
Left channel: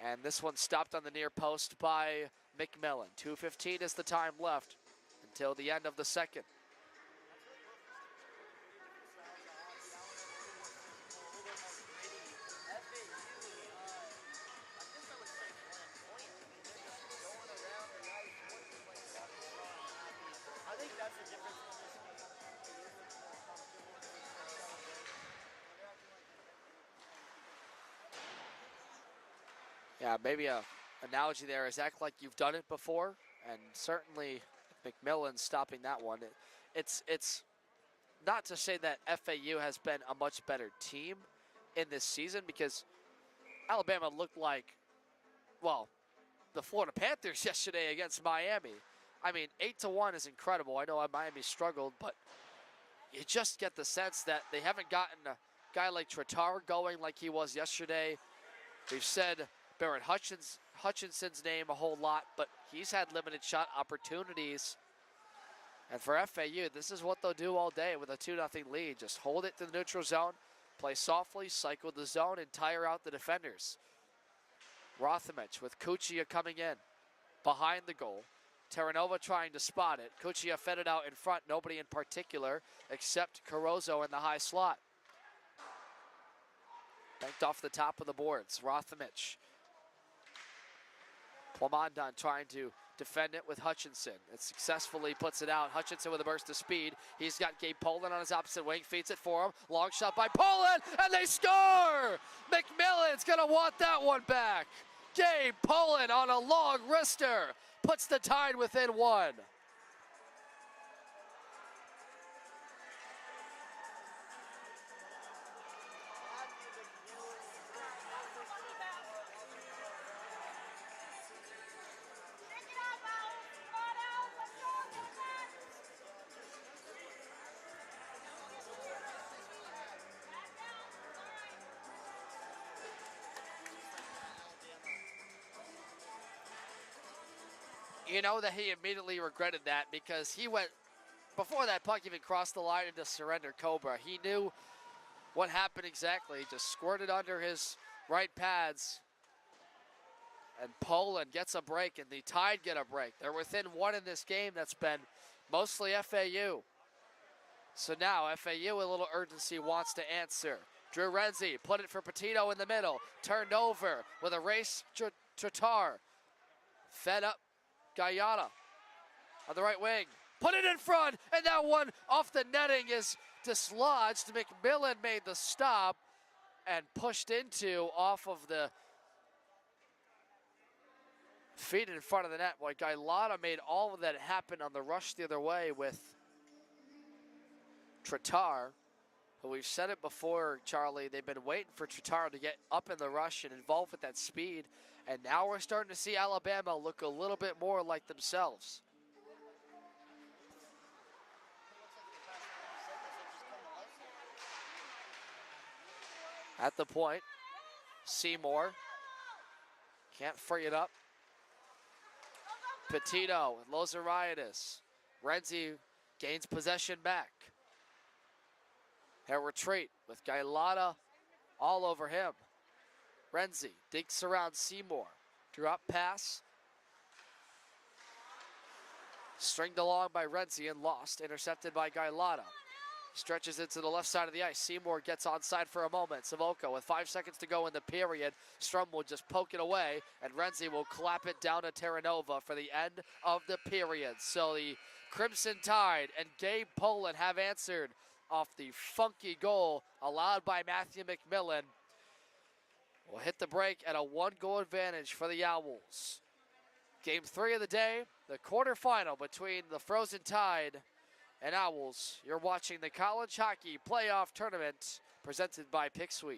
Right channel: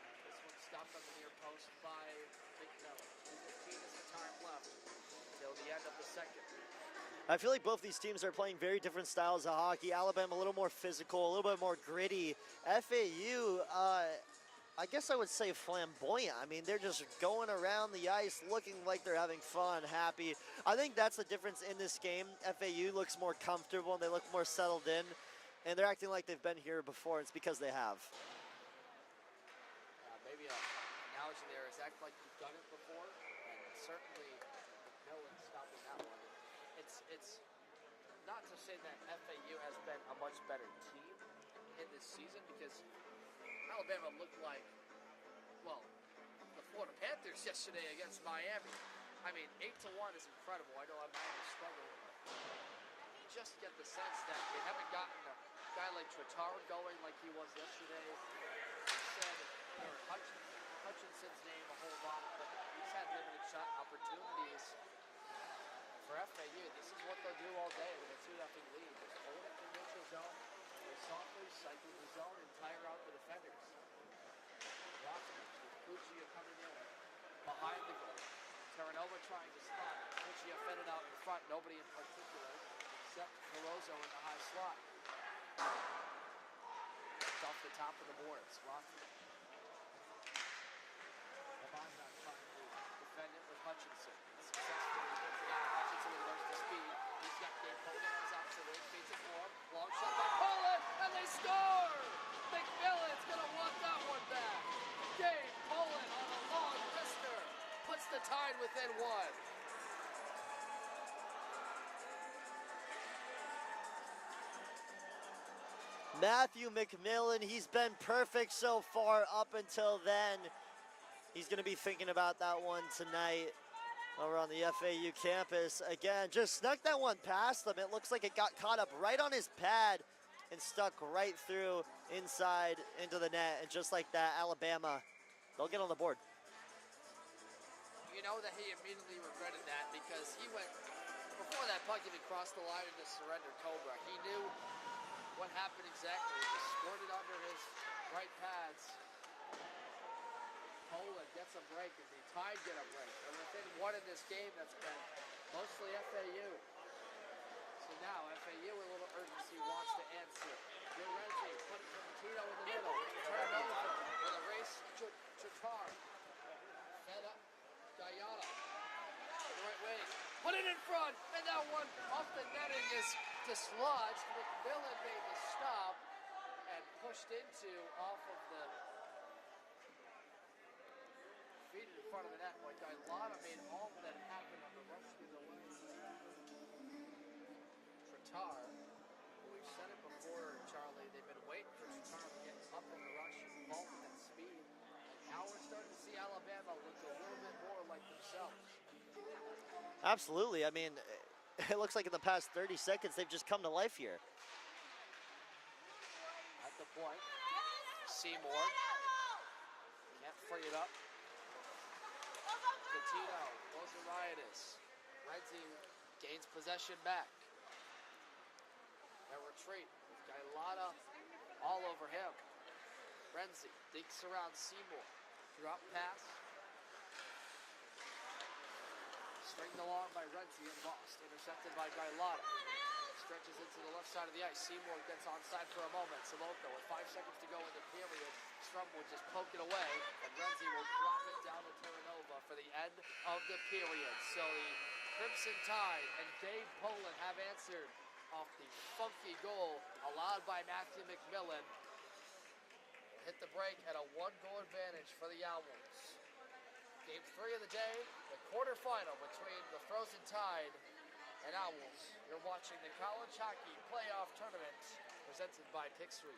And this one stopped on the near post by McMillan. 2:15 is the time left until the end of the second. I feel like both these teams are playing very different styles of hockey. Alabama a little more physical, a little bit more gritty. FAU, I guess I would say flamboyant. I mean, they're just going around the ice looking like they're having fun, happy. I think that's the difference in this game. FAU looks more comfortable and they look more settled in. And they're acting like they've been here before. It's because they have. Yeah, maybe a analogy there is act like you've done it before. And certainly McMillan stopping that one. It's not to say that FAU has been a much better team in this season, because Alabama looked like, well, the Florida Panthers yesterday against Miami. I mean, 8-1 is incredible. I know Miami struggled, but you just get the sense that they haven't gotten a guy like Tritar going like he was yesterday. We've said Barrett Hutchinson's name a whole lot, but he's had limited shot opportunities. And for FAU, this is what they'll do all day with a 2-0 lead. Just hold it to the neutral zone, play softly, cycle the zone, and tire out the defenders. Rothamich with Cuccia coming in behind the goal. Terranova trying to spot it. Cuccia fed it out in front, nobody in particular except Carozzo in the high slot. Banked off the top of the boards, Rothamich. Plamondon trying to defend it with Hutchinson. It successfully puts it out. Hutchinson with a burst of speed. He's got Gabe Poland on his opposite wing, feeds it for him. Long shot by Poland, and they score! McMillan's gonna want that one back. Gabe Poland on a long wrister puts the Tide within one. Matthew McMillan, he's been perfect so far up until then. He's going to be thinking about that one tonight over on the FAU campus. Again, just snuck that one past him. It looks like it got caught up right on his pad and stuck right through inside into the net. And just like that, Alabama, they'll get on the board. You know that he immediately regretted that because he went, before that puck even crossed the line into surrender Cobra, he knew what happened exactly. Just squirted under his right pads. And Poland gets a break, and the Tide get a break. They're within one in this game that's been mostly FAU. So now FAU, a little urgency, wants to answer. Drew Renzi put it for Petito in the middle. Turned over with a race, Tatar. Fed up, Guyana on the right wing. Put it in front, and that one off the netting is dislodged. McMillan made the stop and pushed into off of the feet in front of the net. Boy, Gailata made all of that happen on the rush the other way with Tatar. But we've said it before, Charlie, they've been waiting for Tatar to get up in the rush and involved with that speed. And now we're starting to see Alabama look a little bit more like themselves. Absolutely. I mean, it looks like in the past 30 seconds, they've just come to life here. At the point, Seymour can't free it up. Petito, Lozariadis. Renzi gains possession back. A retreat with Gailata all over him. Renzi digs around Seymour. Drop pass. Stringed along by Renzi and lost. Intercepted by Gailata. Stretches it to the left side of the ice. Seymour gets onside for a moment. Savoca with 5 seconds to go in the period. Strum will just poke it away, and Renzi will clap it down to Terranova for the end of the period. So the Crimson Tide and Gabe Poland have answered off the funky goal allowed by Matthew McMillan. Will hit the break at a 1-goal advantage for the Owls. Game 3 of the day, the quarterfinal between the Frozen Tide and Owls. You're watching the College Hockey Playoff Tournament presented by Pick Sweet.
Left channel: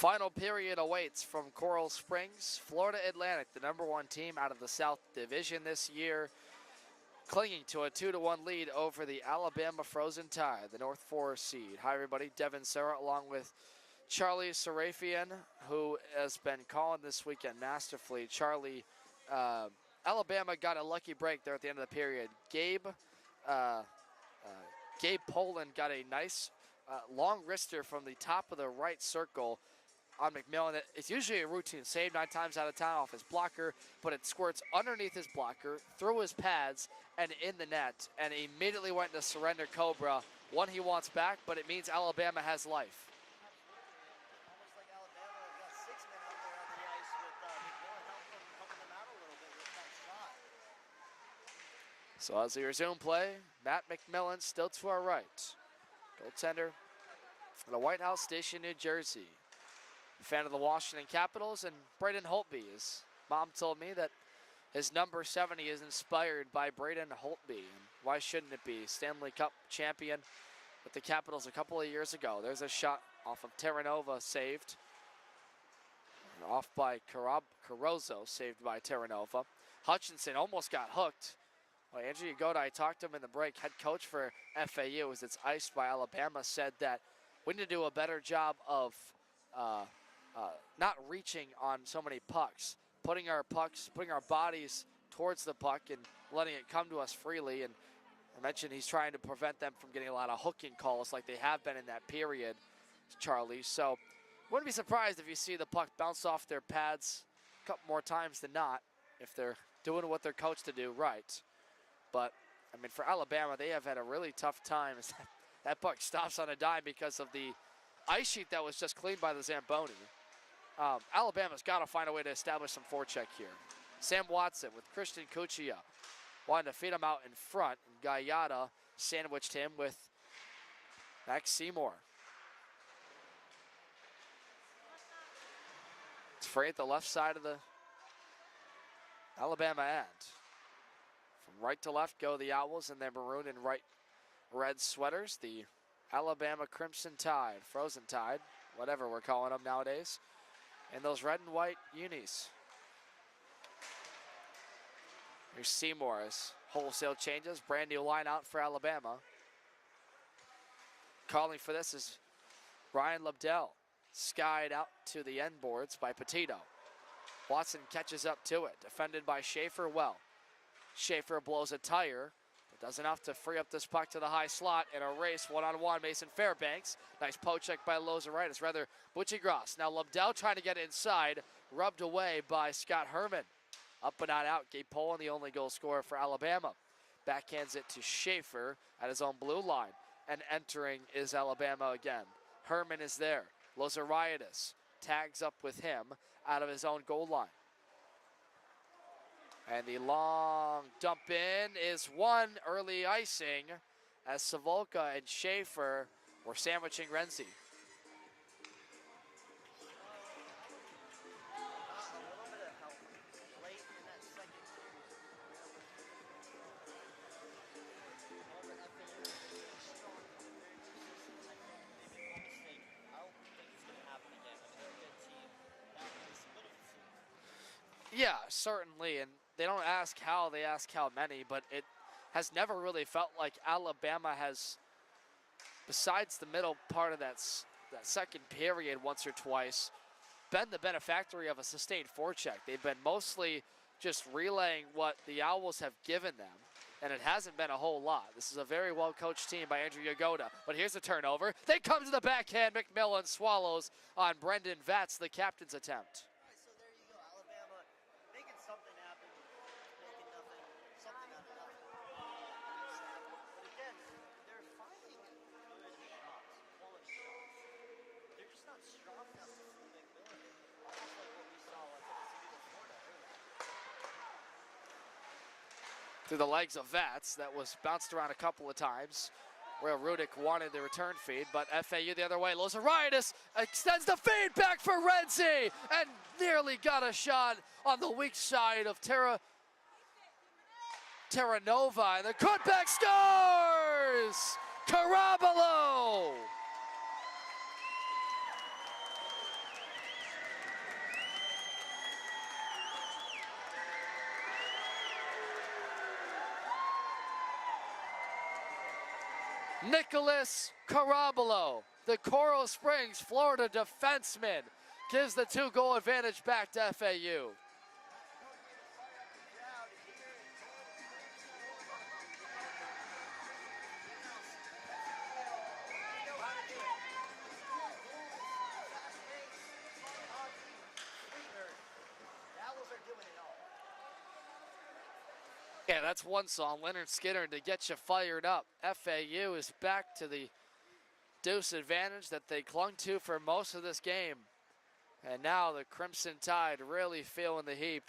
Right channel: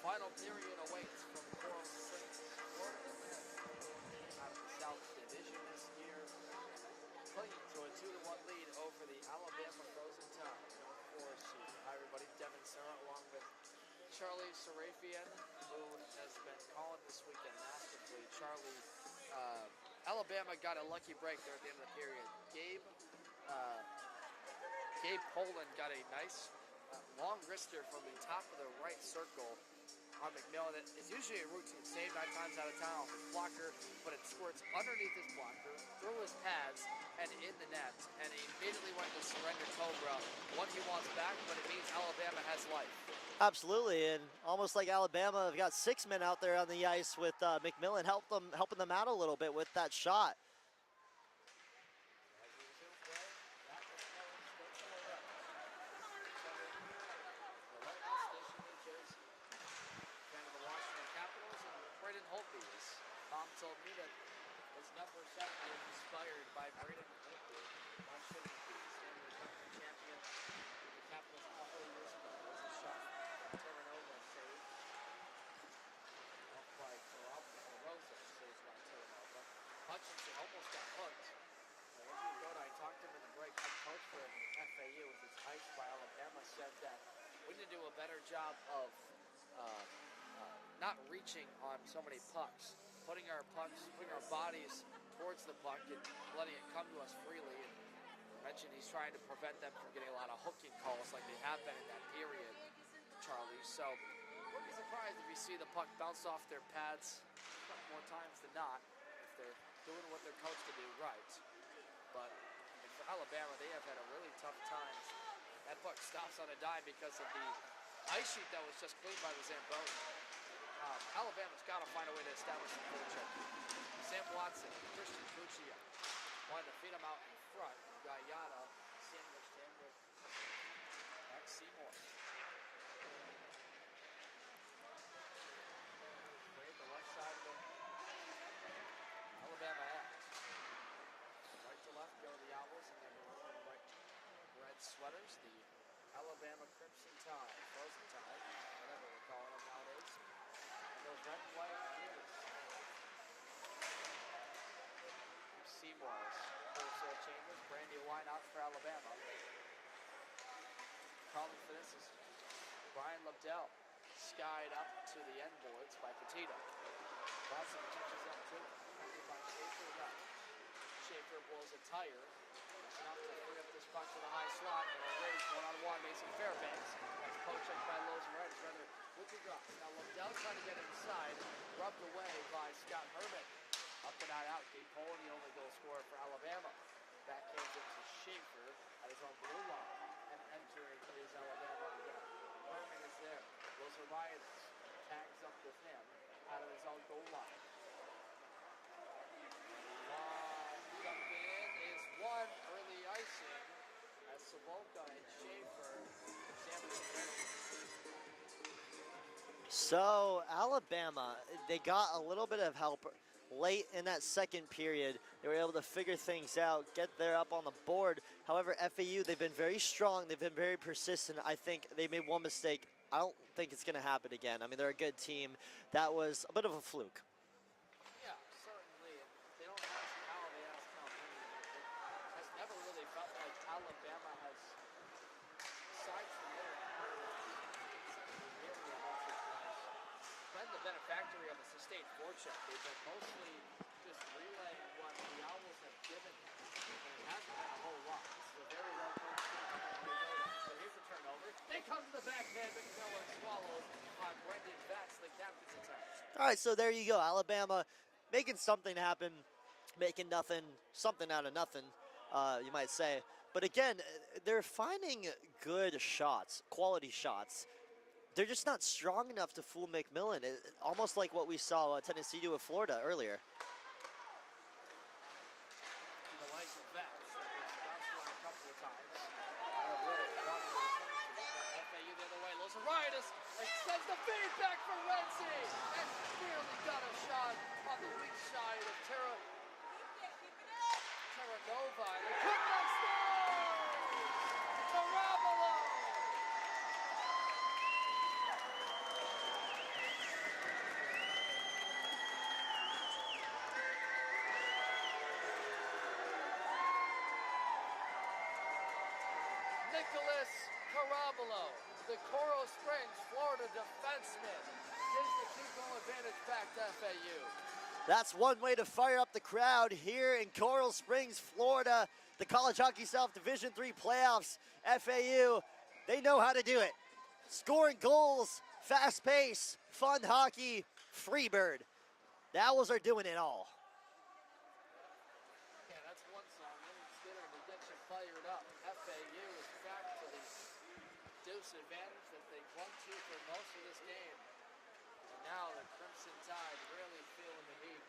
Final period awaits from Coral Springs. Florida Atlantic, the #1 team out of the South Division this year, clinging to a 2-1 lead over the Alabama Frozen Tide, the North 4 seed. Hi everybody, Devin Serra along with Charlie Sarafian, who has been calling this weekend masterfully. Charlie, Alabama got a lucky break there at the end of the period. Gabe Poland got a nice long wrister from the top of the right circle on McMillan. It's usually a routine save 9 times out of 10 off his blocker, but it squirts underneath his blocker, through his pads, and in the net, and immediately went to surrender Cobra. One he wants back, but it means Alabama has life. Absolutely, and almost like Alabama have got 6 men out there on the ice with McMillan helping them out a little bit with that shot. So as we resume play, Matt McMillan still to our right. Goaltender from the White House Station, New Jersey. Fan of the Washington Capitals, and Braden Holtby. His mom told me that his number 70 is inspired by Braden Holtby. And why shouldn't it be? Stanley Cup champion with the Capitals a couple of years ago. There's a shot off of Terranova, saved. And off by Carozzo, saved by Terranova. Hutchinson almost got hooked. Well, Andrew Yagoda, I talked to him in the break, head coach for FAU, as it's iced by Alabama, said that we need to do a better job of not reaching on so many pucks, putting our bodies towards the puck and letting it come to us freely. And I mentioned he's trying to prevent them from getting a lot of hooking calls like they have been in that period, Charlie. So wouldn't be surprised if you see the puck bounce off their pads a couple more times than not, if they're doing what they're coached to do right. But, I mean, for Alabama, they have had a really tough time. That puck stops on a dime because of the ice sheet that was just cleaned by the Zamboni. Alabama's got to find a way to establish some forecheck here. Sam Watson with Christian Cuccia wanted to feed him out in front. And Gallardo sandwiched him with Max Seymour. It's free at the left side of the Alabama end. From right to left go the Owls in their maroon and right red sweaters. The Alabama Crimson Tide, Frozen Tide, whatever we're calling them nowadays. And those red and white unis. Here's Seymour's wholesale changes. Brand new line out for Alabama. Calling for this is Ryan Lobdell. Skied out to the end boards by Petito. Watson catches up to it. Defended by Schaefer well. Schaefer blows a tire. Does enough to free up this puck to the high slot in a race one-on-one. Mason Fairbanks. Nice poke check by Lozeritis. Rather, Butchie-Gross. Now Lobdell trying to get inside. Rubbed away by Scott Herman. Up and not out. Gabe Poland, the only goal scorer for Alabama. Backhands it to Schaefer at his own blue line. And entering is Alabama again. Herman is there. Lozeritis tags up with him out of his own goal line. And the long dump in is one. Early icing as Savolka and Schaefer were sandwiching Renzi. So Alabama, they got a little bit of help late in that second period. They were able to figure things out, get there up on the board. However, FAU, they've been very strong. They've been very persistent. I think they made one mistake. I don't think it's going to happen again. I mean, they're a good team. That was a bit of a fluke. Yeah, certainly. And they don't ask how, they ask how many, but it has never really felt like Alabama has, besides the middle part of that second period once or twice, been the benefactor of a sustained forecheck. They've been mostly just relaying what the Owls have given them, and it hasn't been a whole lot. This is a very well-coached team by Andrew Yagoda, but here's a turnover. They come to the backhand. McMillan swallows on Brendan Vatz, the captain's attempt. All right, so there you go. Alabama making something happen, making something out of nothing, you might say. But again, they're finding good shots, quality shots. They're just not strong enough to fool McMillan. Almost like what we saw Tennessee do with Florida earlier. Through the legs of Vatz, that was bounced around a couple of times where Rudick wanted the return feed, but FAU the other way. Lozeritis extends the feed back for Renzi and nearly got a shot on the weak side of Terranova. The cutback scores! Carabalo! Nicholas Carabolo, the Coral Springs, Florida defenseman, gives the 2-goal advantage back to FAU. That's one way to fire up the crowd here in Coral Springs, Florida. The College Hockey South Division III playoffs. FAU, they know how to do it. Scoring goals, fast pace, fun hockey, Freebird. The Owls are doing it all. Yeah, that's one song, Leonard Skinner, to get you fired up. FAU is back to the deuce advantage that they clung to for most of this game. And now the Crimson Tide really feeling the heat.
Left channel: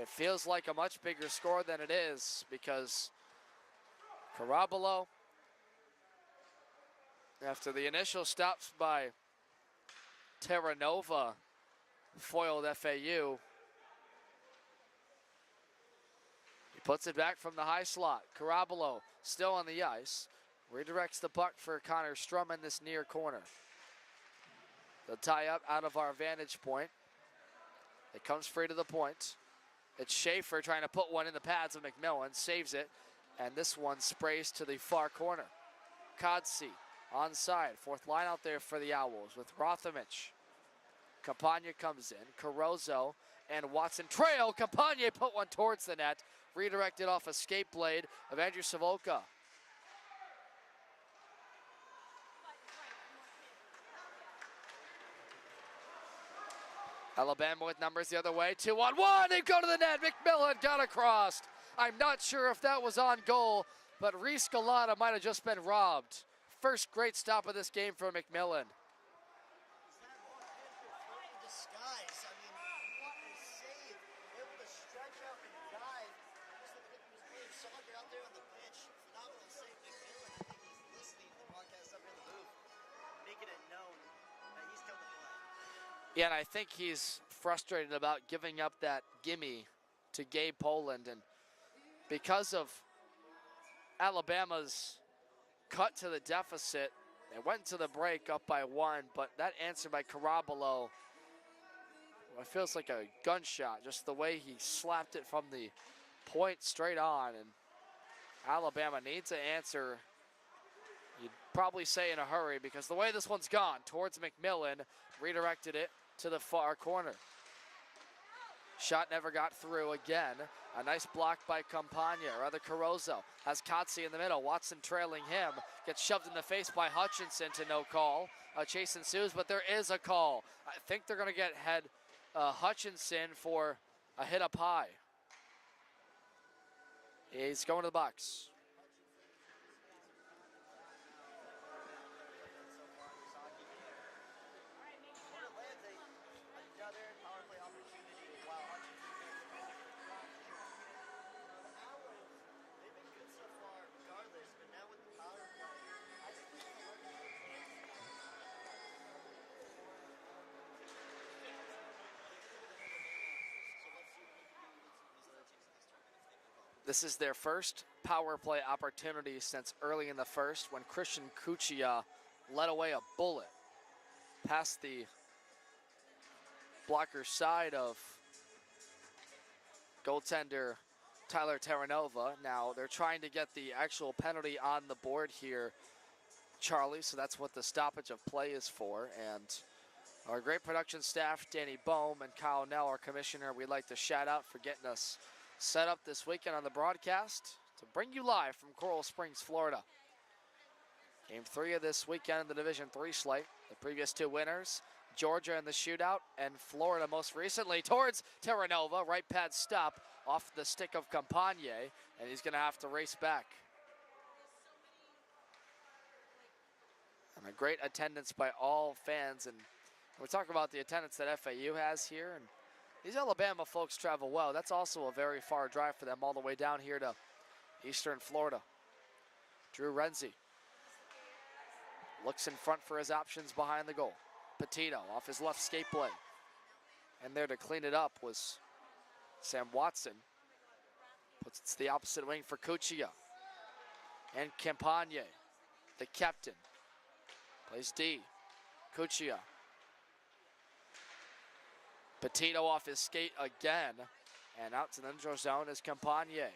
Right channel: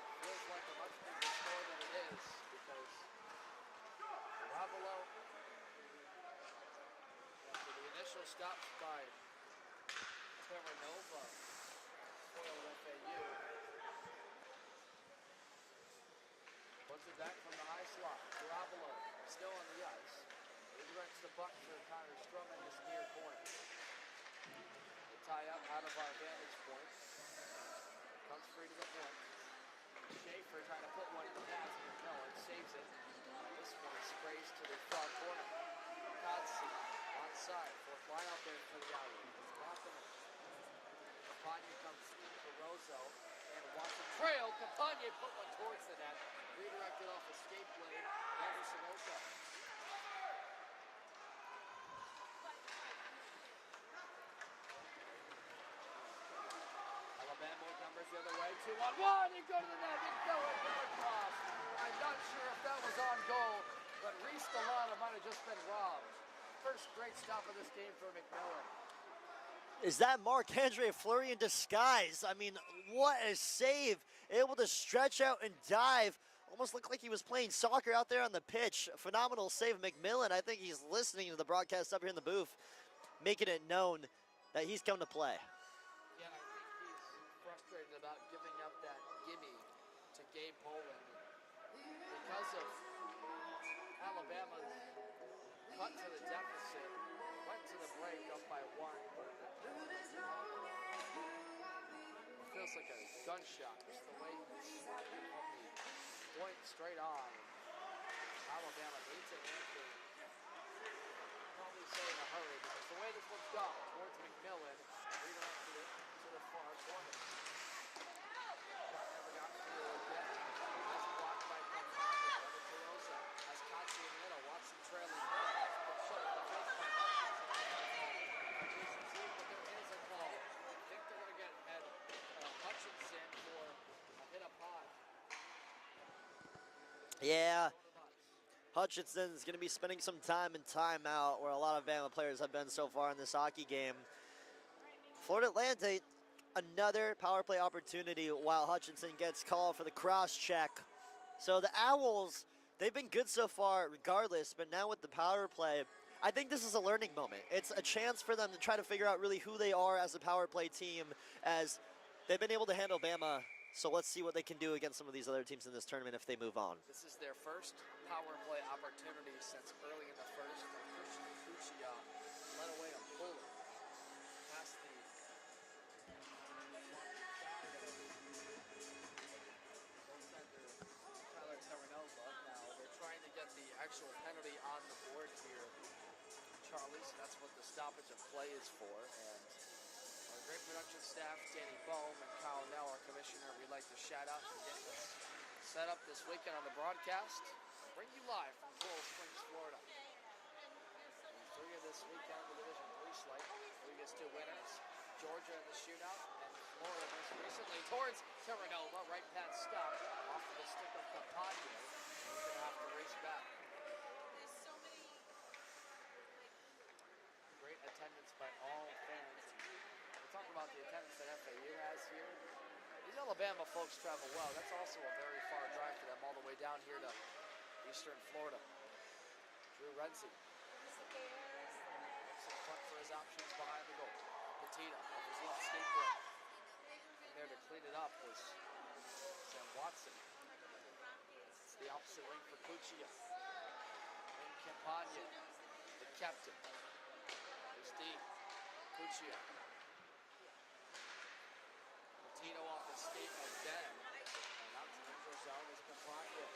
It feels like a much bigger score than it is because Carabolo, after the initial stops by Terranova, foiled FAU. He puts it back from the high slot. Carabolo still on the ice. Redirects the puck for Connor Strum in this near corner. The tie up out of our vantage point. It comes free to the point. It's Schaefer trying to put one in the pads of McMillan, saves it, and this one sprays to the far corner. Kodsey onside, fourth line out there for the Owls with Rothamich. Campagna comes in, Carozo and Watson trail. Campagna put one towards the net, redirected off a skate blade of Andrew Savoca. Alabama with numbers the other way, 2-on-1, they go to the net, McMillan got across. I'm not sure if that was on goal, but Reese Galata might have just been robbed. First great stop of this game for McMillan. Is that Marc-Andre Fleury in disguise? I mean, what a save. Able to stretch out and dive. Almost looked like he was playing soccer out there on the pitch. Phenomenal save, McMillan. I think he's listening to the broadcast up here in the booth, making it known that he's come to play. Yeah, and I think he's frustrated about giving up that gimme to Gabe Poland. And because of Alabama's cut to the deficit, it went to the break up by 1, but that answer by Carabolo, it feels like a gunshot, just the way he slapped it from the point straight on. And Alabama needs an answer, you'd probably say in a hurry, because the way this one's gone towards McMillan, redirected it to the far corner. Shot never got through again. A nice block by Campagna, or rather Carozo. Has Kotsey in the middle, Watson trailing him. Gets shoved in the face by Hutchinson to no call. A chase ensues, but there is a call. I think they're gonna get Hutchinson for a hit up high. Yeah. He's going to the box. Hutchinson's gonna be spending some time in timeout, where a lot of Bama players have been so far in this hockey game. Florida Atlantic, another power play opportunity while Hutchinson gets called for the cross check. So the Owls, they've been good so far regardless, but now with the power play, I think this is a learning moment. It's a chance for them to try to figure out really who they are as a power play team, as they've been able to handle Bama. So let's see what they can do against some of these other teams in this tournament if they move on. This is their first power play opportunity since early in the first, when Christian Cuccia led away a bullet past the blocker side of goaltender Tyler Terranova. Now they're trying to get the actual penalty on the board here, Charlie, so that's what the stoppage of play is for. And our great production staff, Danny Bohm and Kyle Nell, our commissioner, we'd like to shout out for getting us set up this weekend on the broadcast to bring you live from Coral Springs, Florida. Game 3 of this weekend in the Division III slate. The previous 2 winners, Georgia in the shootout, and Florida most recently towards Terranova. Right pad stop off the stick of Campagna, and he's going to have to race back. And a great attendance by all fans, and we're talking about the attendance that FAU has here, and these Alabama folks travel well. That's also a very far drive for them, all the way down here to Eastern Florida. Drew Renzi looks in front for his options behind the goal. Petito off his left skate blade. And there to clean it up was Sam Watson. Puts it to the opposite wing for Cuccia. And Campagna, the captain, plays D. Cuccia. Petito off his skate again. And out to the neutral zone is Campagna.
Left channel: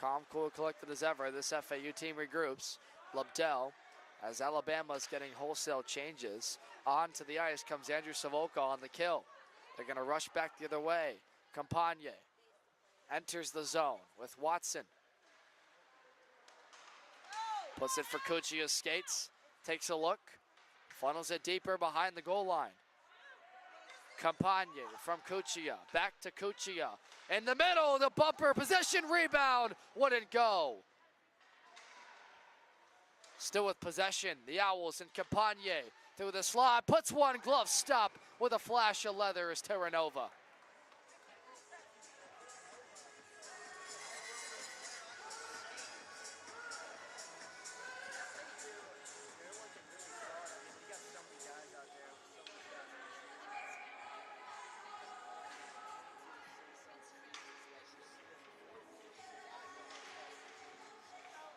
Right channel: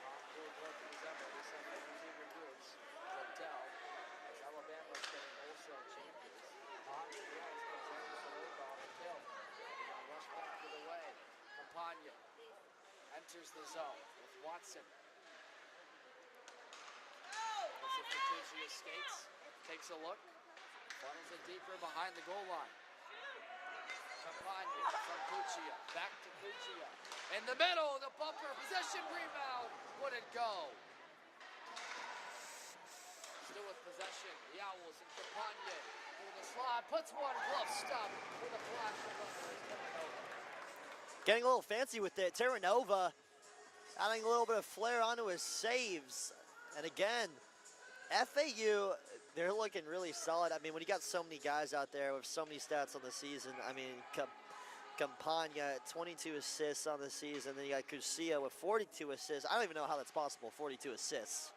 Calm, cool, collected as ever. This FAU team regroups. Lobdell, as Alabama's getting wholesale changes. Onto the ice comes Andrew Savoca on the kill. They're going to rush back the other way. Campagne enters the zone with Watson. Puts it for Cuccia, skates, takes a look, funnels it deeper behind the goal line. Campagne from Cuccia, back to Cuccia. In the middle, the bumper, possession, rebound, wouldn't go. Still with possession, the Owls and Campagne through the slot, puts one, glove stop with a flash of leather is Terranova. Getting a little fancy with it. Terranova adding a little bit of flair onto his saves. And again, FAU, they're looking really solid. I mean, when you got so many guys out there with so many stats on the season, I mean, Campagna, 22 assists on the season. Then you got Cuccia with 42 assists. I don't even know how that's possible, 42 assists.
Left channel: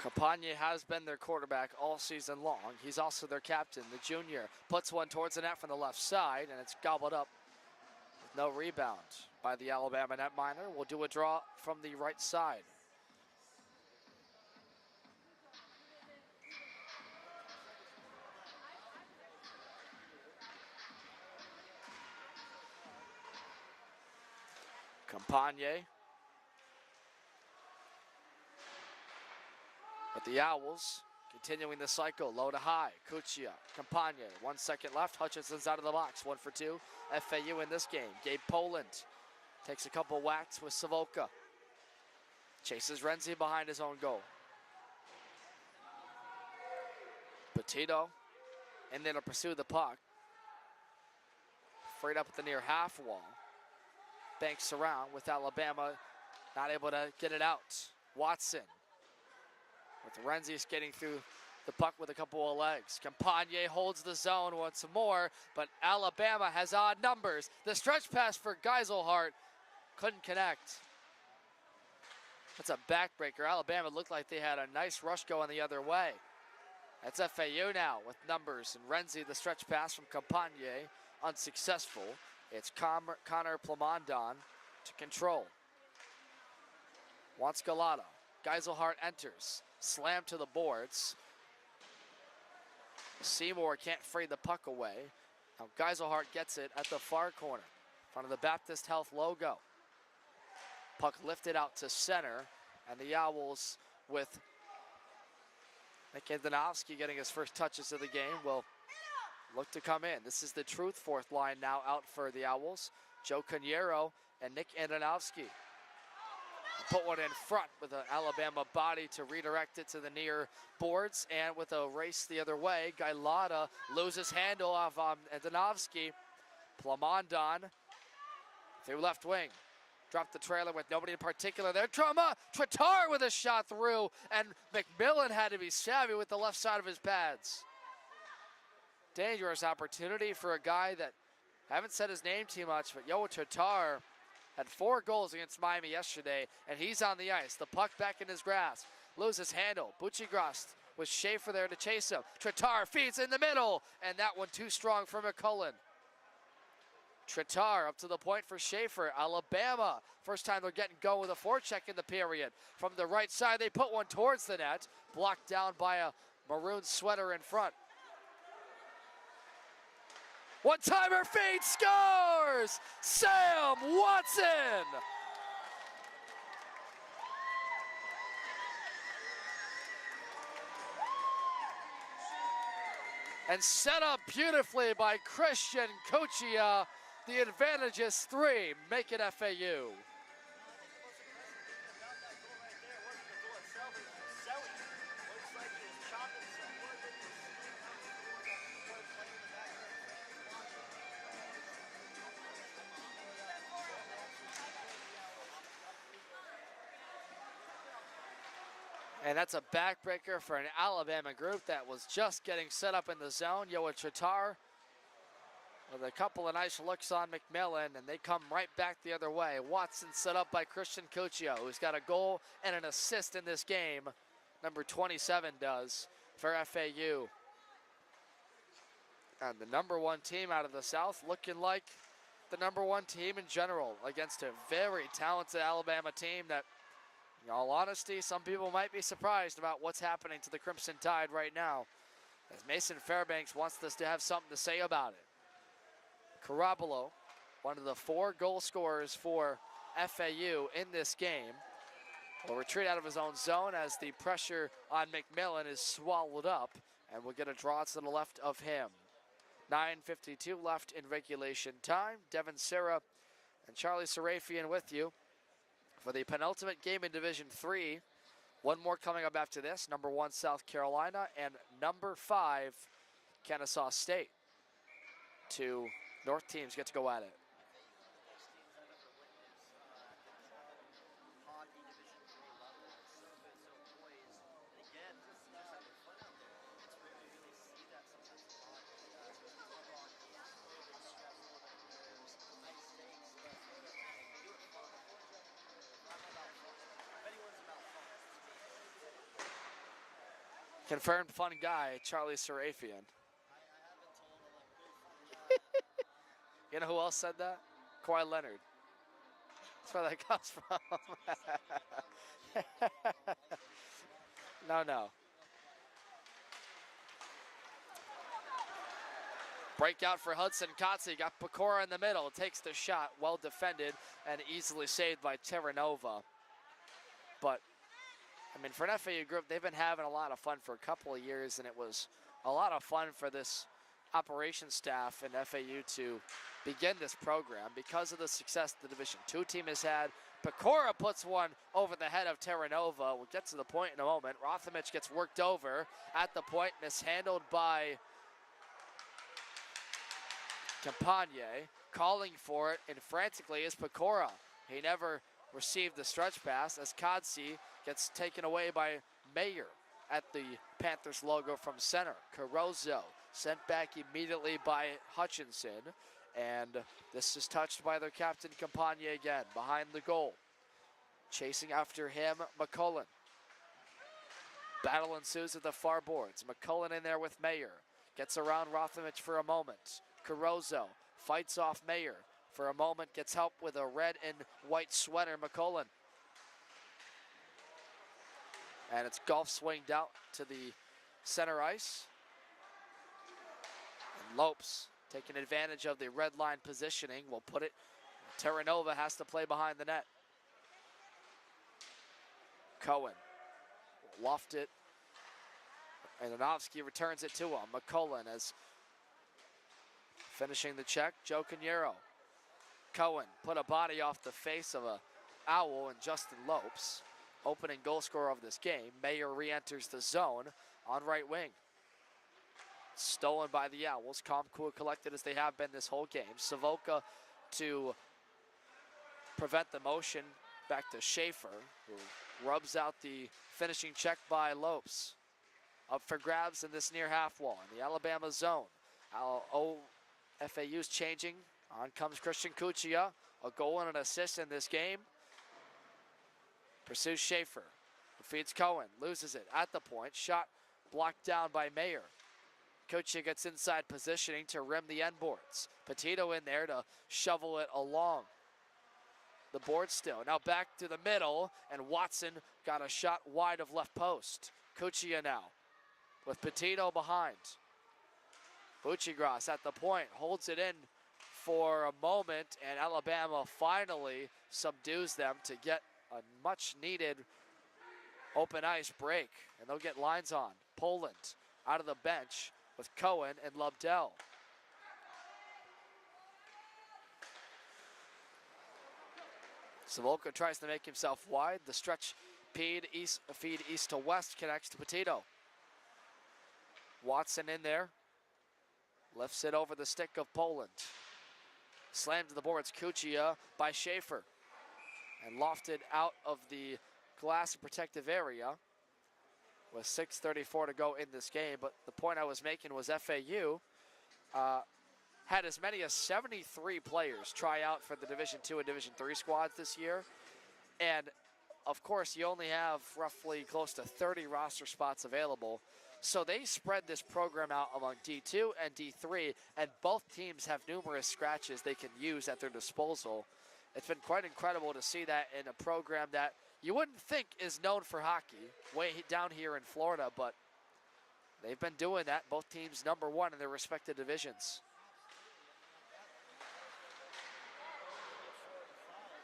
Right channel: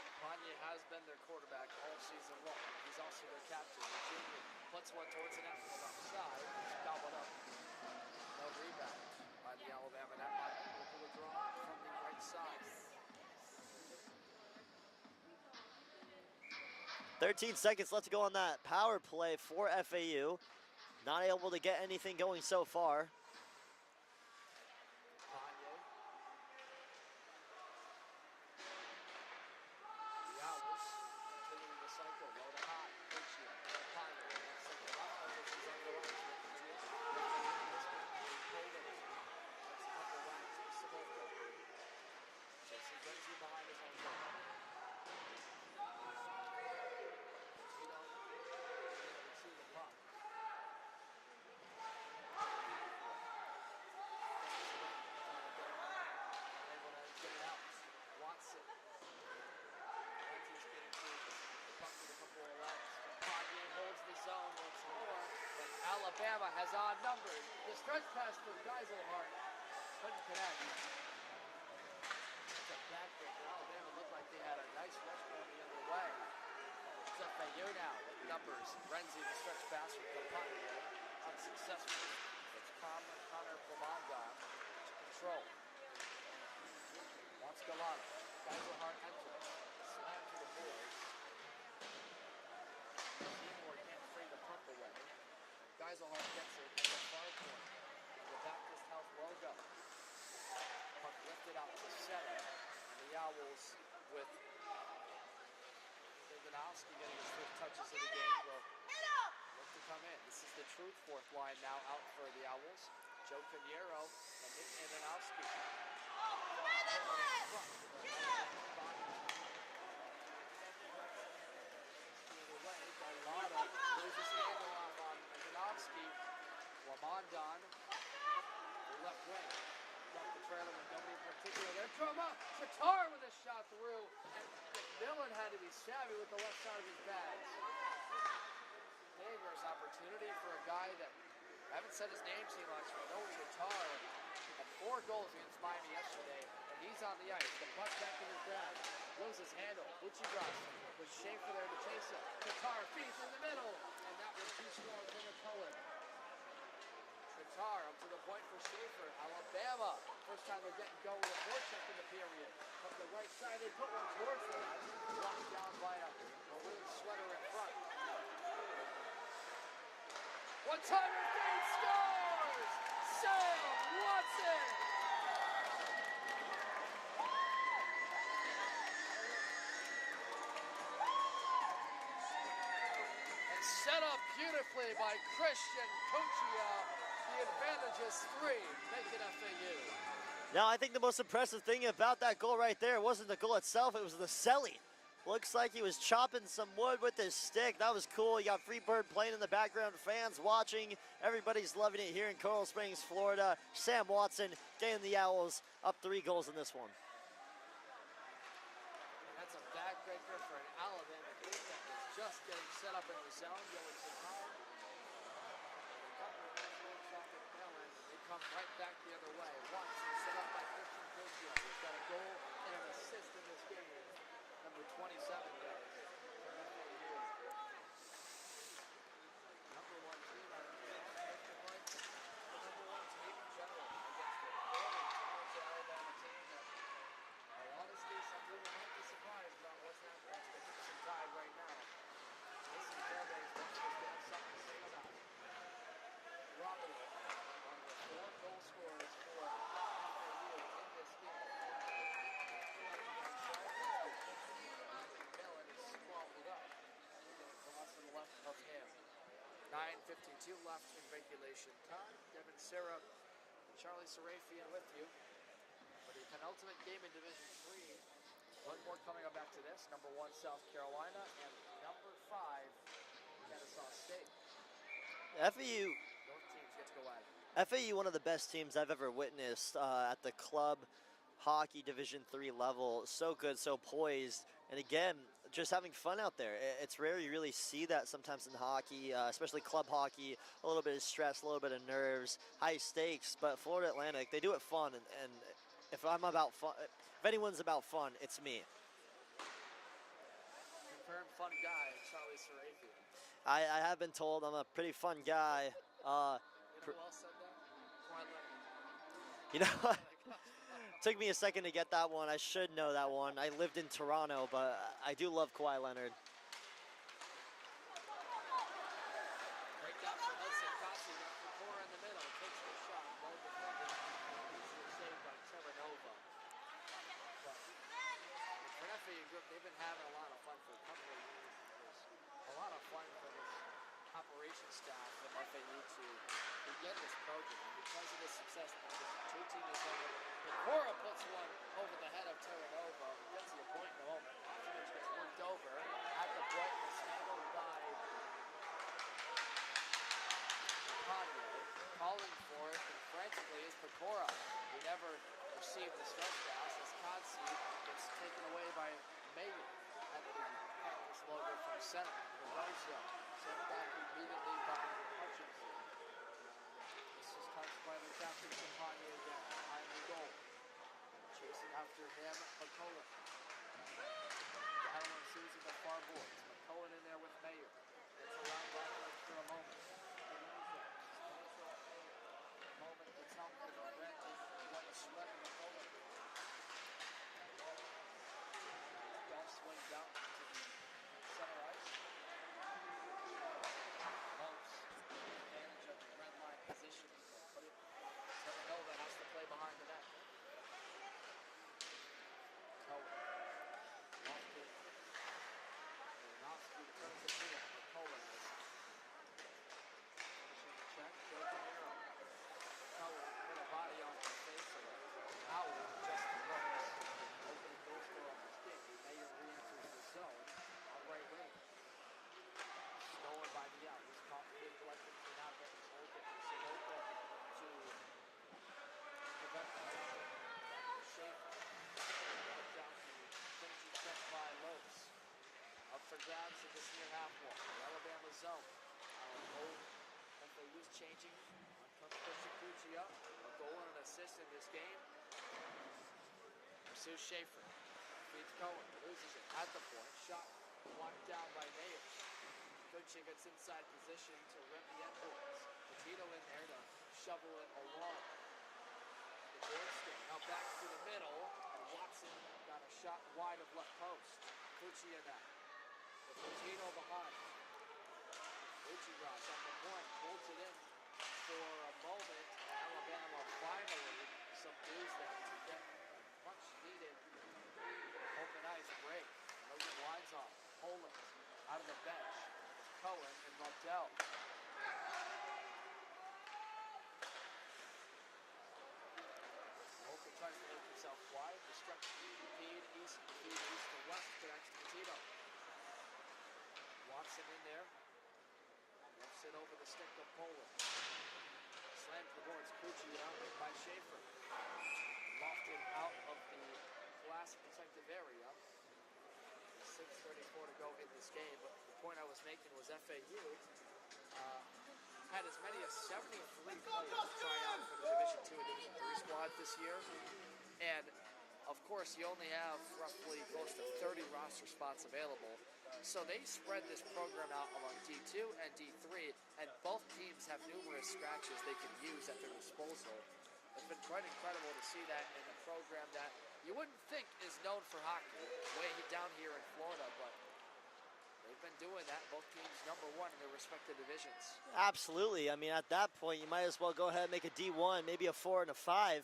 Campagne has been their quarterback all season long. He's also their captain, the junior. Puts one towards the net from the left side, and it's gobbled up. No rebound by the Alabama netminder. We'll do a draw from the right side. 13 seconds left to go on that power play for FAU. Not able to get anything going so far. Campagne. But the Owls continuing the cycle, low to high. Cuccia, Campagne, 1 second left. Hutchinson's out of the box, 1 for 2. FAU in this game. Gabe Poland takes a couple whacks with Savoca. Chases Renzi behind his own goal. Petito in there to pursue the puck. Freed up at the near half wall. Banks around with Alabama, not able to get it out. Watson with Renzi skating through the puck with a couple of legs. Campagne holds the zone once more, but Alabama has odd numbers. The stretch pass for Geiselhart couldn't connect. It's a backbreaker. Alabama looked like they had a nice rush going the other way. That's FAU now with numbers. And Renzi, the stretch pass from Campagne, unsuccessful. It's Connor Plamondon to control. Wants Galata. Geiselhart enters. Slam to the boards. Seymour can't free the puck away. Now Geiselhart gets it at the far corner, in front of the Baptist Health logo. Puck lifted out to center, and the Owls with Nick Andonovski getting his first touches of the game will look to come in. This is the truth fourth line now out for the Owls. Joe Caniero and Nick Andonovski. Put one in front with an Alabama body to redirect it to the near boards, and with a race the other way, Gailata loses handle of Andonovski. Plamondon through left wing. Dropped the trailer with nobody in particular there. Tratar with a shot through, and McMillan had to be savvy with the left side of his pads. Dangerous opportunity for a guy that, I haven't said his name too much, but Yoa Tratar had 4 goals against Miami yesterday, and he's on the ice. The puck back in his grasp. Loses handle. Buccigross with Schaefer there to chase him. Tratar feeds in the middle, and that one too strong for McCullen. Tratar up to the point for Schaefer. Alabama, first time they're getting going with a forecheck in the period. From the right side, they put one towards the net. Blocked down by a maroon sweater in front. One-timer feed, scores! Sam Watson! And set up beautifully by Christian Cuccia. The advantage is 3, make it FAU. Now, I think the most impressive thing about that goal right there wasn't the goal itself, it was the selling. Looks like he was chopping some wood with his stick. That was cool. You got Freebird playing in the background, fans watching. Everybody's loving it here in Coral Springs, Florida. Sam Watson getting the Owls up 3 goals in this one. And that's a backbreaker for an Alabama group that was just getting set up in the zone. Yoa Tratar with a couple of nice looks on McMillan, and they come right back the other way. Watson set up by Christian Cuccia, who's got a goal and an assist in this game. Number 27 does for FAU. And the #1 team out of the South looking like the #1 team in general against a very talented Alabama team that In all honesty, some people might be surprised about what's happening to the Crimson Tide right now, as Mason Fairbanks wants us to have something to say about it. Carabolo, one of the 4 goal scorers for FAU in this game, will retreat out of his own zone as the pressure on McMillan is swallowed up, and we'll get a draw to the left of him. 9:52 left in regulation time. Devin Serra and Charlie Serafian with you for the penultimate game in Division III. One more coming up after this. Number 1, South Carolina, and number 5, Kennesaw State. FAU, Two North teams get to go at it. FAU, one of the best teams I've ever witnessed at the club hockey Division III level. So good, so poised, and again, just having fun out there. It's rare you really see that sometimes in hockey, especially club hockey. A little bit of stress, a little bit of nerves, high stakes, but Florida Atlantic, they do it fun, and if I'm about fun, if anyone's about fun, it's me. Confirmed fun guy, Charlie Serafian. I have been told I'm a pretty fun guy. You know who else said that? Kawhi Leonard. You know, That's where that comes from. took me a second to get that one. I should know that one. I lived in Toronto, but No. I do love Kawhi Leonard. Breakout for Hudson Kotze. Got Pecora in the middle. Takes the shot. Well defended and easily saved by Terranova. But, I mean, for an FAU group, they've been having a lot of fun for a couple of years, and it was a lot of fun for this operations staff and FAU to begin this program because of the success the Division II team has had. Pecora puts one over the head of Terranova. We'll get to the point in a moment. Rothamich gets worked over at the point, mishandled by Campagne. Calling for it, and frantically is Pecora. He never received the stretch pass as Kotze gets taken away by Mayer at the Panthers logo from center. Carozo sent back immediately by Hutchinson, and this is touched by their captain Campagne again, behind the goal. Chasing after him, McCullen. Battle ensues at the far boards. McCullen in there with Mayer. Gets around Rothamich for a moment. Carozo fights off Mayer for a moment, gets help with a red and white sweater, McCullen. And it's golf swinged out to the center ice. Lopes taking advantage of the red line positioning will put it. Terranova has to play behind the net. Cohen lofted, and Anovsky returns it to him. McCullen is finishing the check. Joe Canero. Cohen put a body off the face of a owl, and Justin Lopes, opening goal scorer of this game. Mayer re-enters the zone on right wing. Stolen by the Owls. Calm, cool, collected as they have been this whole game. Savoca to prevent the motion. Back to Schaefer, who rubs out the finishing check by Lopes. Up for grabs in this near half wall. The Alabama zone. FAU's changing. On comes Christian Cuccia. A goal and an assist in this game. Pursues Schaefer. Feeds Cohen. Loses it at the point. Shot blocked down by Mayer. Cuccia gets inside positioning to rim the end boards. Petito in there to shovel it along the board still. Now back to the middle, and Watson got a shot wide of left post. Cuccia now with Petito behind. Buccigross at the point, holds it in for a moment, and Alabama finally subdues them to get a much needed open ice break. And they'll get lines on. Poland out of the bench with Cohen and Lobdell. Savoca tries to make himself wide. The stretch feed east to west connects to Petito. Watson in there. Lifts it over the stick of Poland. Slammed to the boards, Cuccia by Schaefer. And lofted out of the glass protective area with 6:34 to go in this game. But the point I was making was FAU had as many as 73 players try out for the Division II and Division III squads this year. And of course, you only have roughly close to 30 roster spots available. So they spread this program out among D2 and D3, and both teams have numerous scratches they can use at their disposal. it's been quite incredible to see that in a program that you wouldn't think is known for hockey way down here in Florida, but they've been doing that, both teams #1 in their respective divisions. Absolutely. I mean, at that point, you might as well go ahead and make a D1, maybe a 4 and a 5.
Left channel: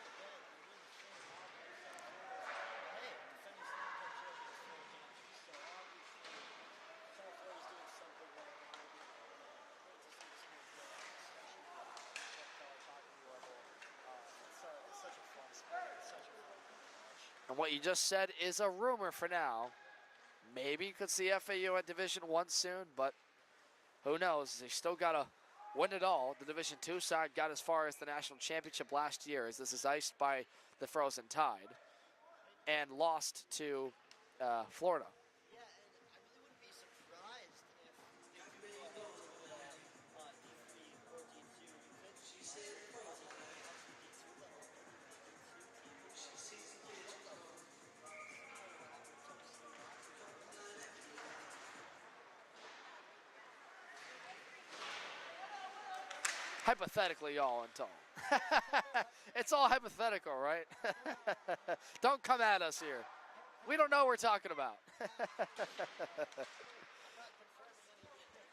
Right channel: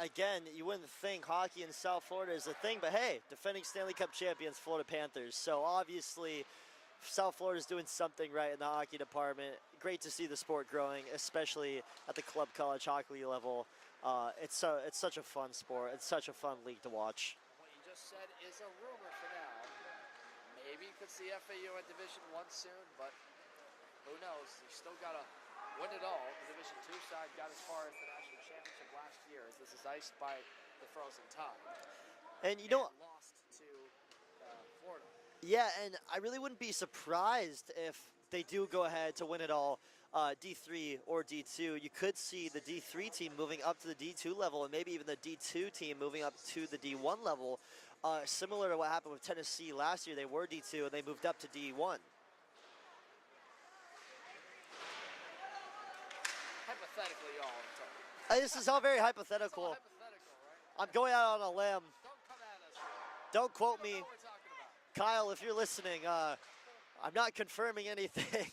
Again, you wouldn't think hockey in South Florida is a thing, but hey, defending Stanley Cup champions, Florida Panthers. So obviously, South Florida is doing something right in the hockey department. Great to see the sport growing, especially at the club college hockey level. It's such a fun sport. It's such a fun league to watch. And what you just said is a rumor for now. Maybe you could see FAU at Division I soon, but who knows? They still got to win it all. The Division II side got as far as the national championship last year, as this is iced by the Frozen Tide, and lost to Florida. Yeah, and I really wouldn't be surprised if they do go ahead to win it all, D3 or D2. You could see the D3 team moving up to the D2 level, and maybe even the D2 team moving up to the D1 level. Similar to what happened with Tennessee last year. They were D2 and they moved up to D1. Hypothetically, y'all, I'm telling. This is all very hypothetical. It's all hypothetical, right? I'm going out on a limb. Don't come at us here. Don't quote me. We don't know what we're talking about. Kyle, if you're listening, I'm not confirming anything.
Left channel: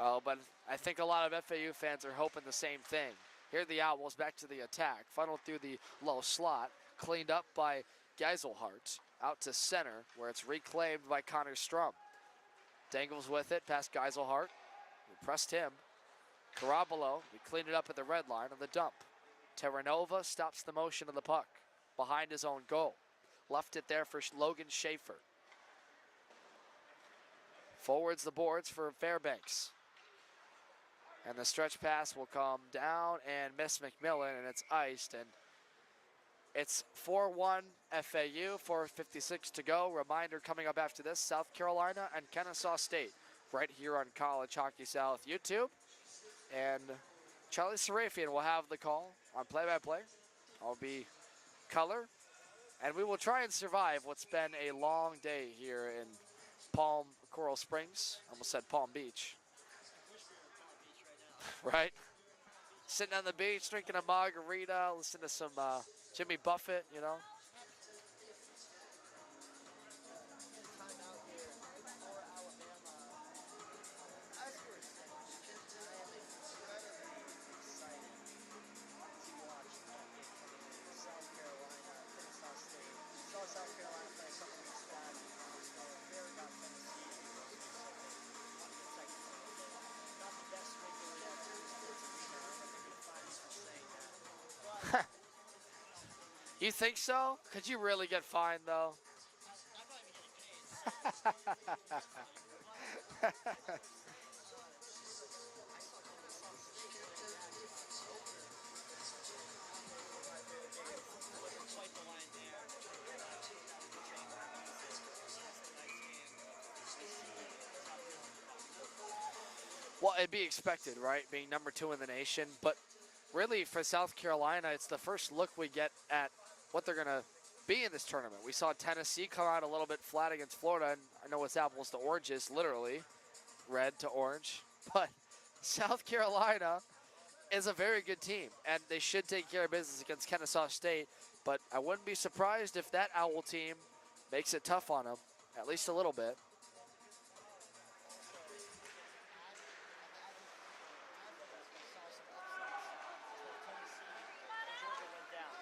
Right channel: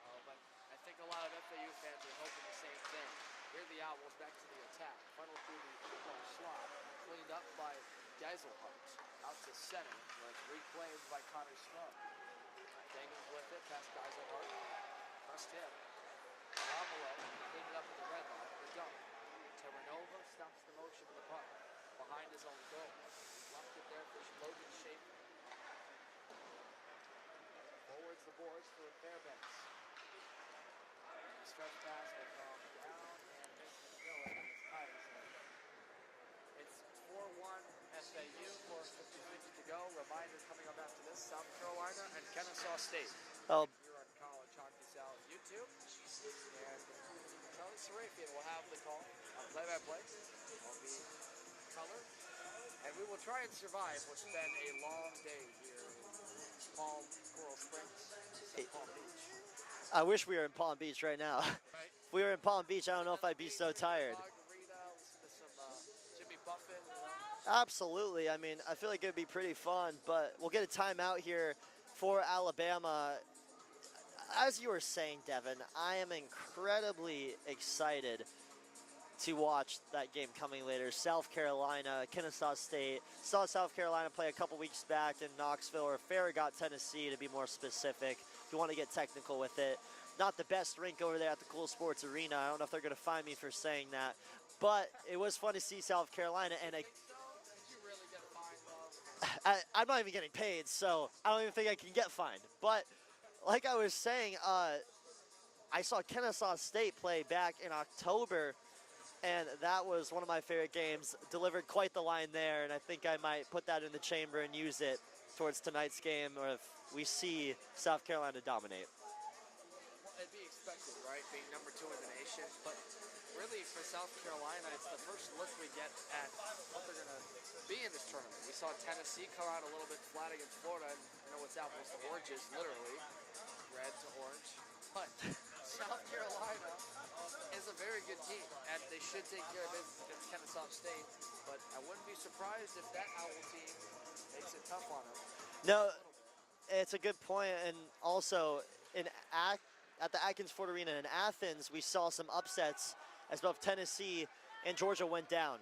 Oh, but I think a lot of FAU fans are hoping the same thing. Here are the Owls back to the attack. Funneled through the low slot. Cleaned up by Geiselhart. Out to center, where it's reclaimed by Connor Strum. Dangles with it past Geiselhart. We pressed him. Carabolo, he cleaned it up at the red line on the dump. Terranova stops the motion of the puck behind his own goal. Left it there for Logan Schaefer. Forwards the boards for Fairbanks. And the stretch pass will come down and miss McMillan, and it's iced. And it's 4-1 FAU, 4:56 to go. Reminder coming up after this, South Carolina and Kennesaw State. Right here on College Hockey South YouTube. And Charlie Serafian will have the call on play-by-play. I'll be color. And we will try and survive what's been a long day here in Coral Springs. Almost said Palm Beach. I wish we were in Palm Beach right now. Right? If we were in Palm Beach, I don't know if I'd be so tired. Sitting on the beach, drinking a margarita, listening to some Jimmy Buffett, you know? Absolutely. I mean, I feel like it would be pretty fun, but we'll get a timeout here for Alabama. As you were saying, Devin, I am incredibly excited to watch that game coming later. South Carolina, Kennesaw State. Saw South Carolina play a couple weeks back in Knoxville, or Farragut, Tennessee, to be more specific. If you want to get technical with it. Not the best rink over there at the Cool Sports Arena. I don't know if they're going to find me for saying that. But it was fun to see South Carolina. You think so? Could you really get fined, though? I'm not even getting paid, so I don't even think I can get fined. But like I was saying, I saw Kennesaw State play back in October, and that was one of my favorite games. Delivered quite the line there, and I think I might put that in the chamber and use it towards tonight's game, or if we see South Carolina dominate. Well, it'd be expected, right, being #2 in the nation. But really, for South Carolina, it's the first look we get at what they're going to be in this tournament. We saw Tennessee come out a little bit flat against Florida, and I know it's apples to oranges, literally, red to orange. But South Carolina is a very good team, and they should take care of business against Kennesaw State. But I wouldn't be surprised if that Owl team makes it tough on them, at least a little bit. It's a good point, and also at the Atkins Ford Arena in Athens, we saw some upsets as both Tennessee and Georgia went down.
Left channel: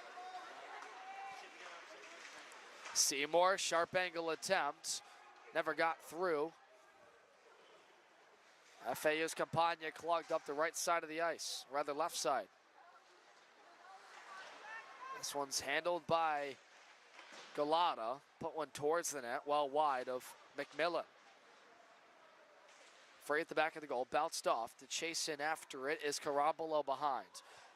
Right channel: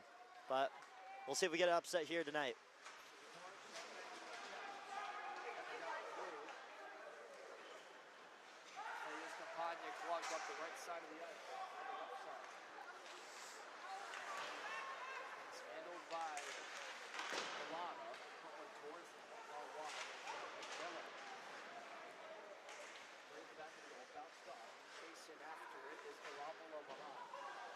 But we'll see if we get an upset here tonight. Seymour, sharp angle attempt, never got through. FAU's Campagna clogged up the right side of the ice, rather left side. This one's handled by Galata, put one towards the net, well wide of McMillan. Free at the back of the goal, bounced off. To chase in after it is Carabolo behind.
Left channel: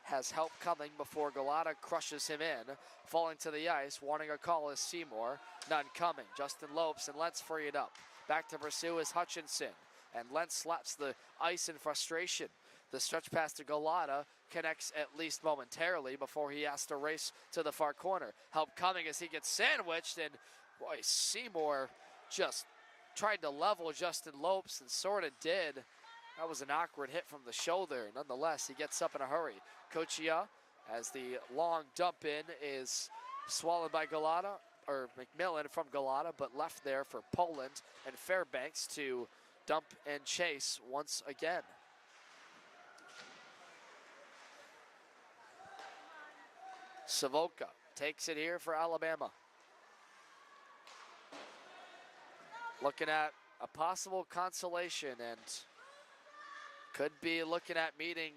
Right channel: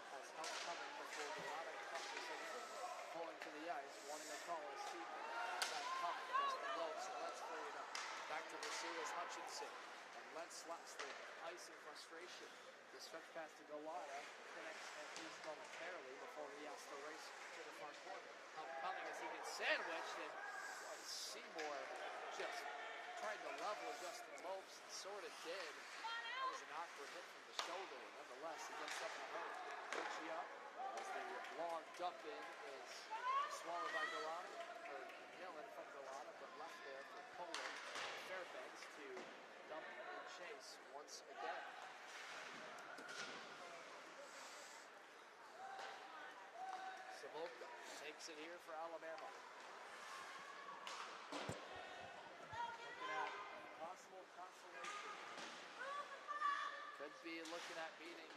Has help coming before Galata crushes him in. Falling to the ice, wanting a call is Seymour. None coming. Justin Lopes and Lentz free it up. Back to pursue is Hutchinson. And Lentz slaps the ice in frustration. The stretch pass to Galata connects at least momentarily before he has to race to the far corner. Help coming as he gets sandwiched, and boy, Seymour just tried to level Justin Lopes and sort of did. That was an awkward hit from the shoulder. Nonetheless, he gets up in a hurry. Kochia as the long dump in is swallowed by Galata, or McMillan from Galata, but left there for Poland and Fairbanks to dump and chase once again. Savoca takes it here for Alabama. Looking at a possible consolation and could be looking at meeting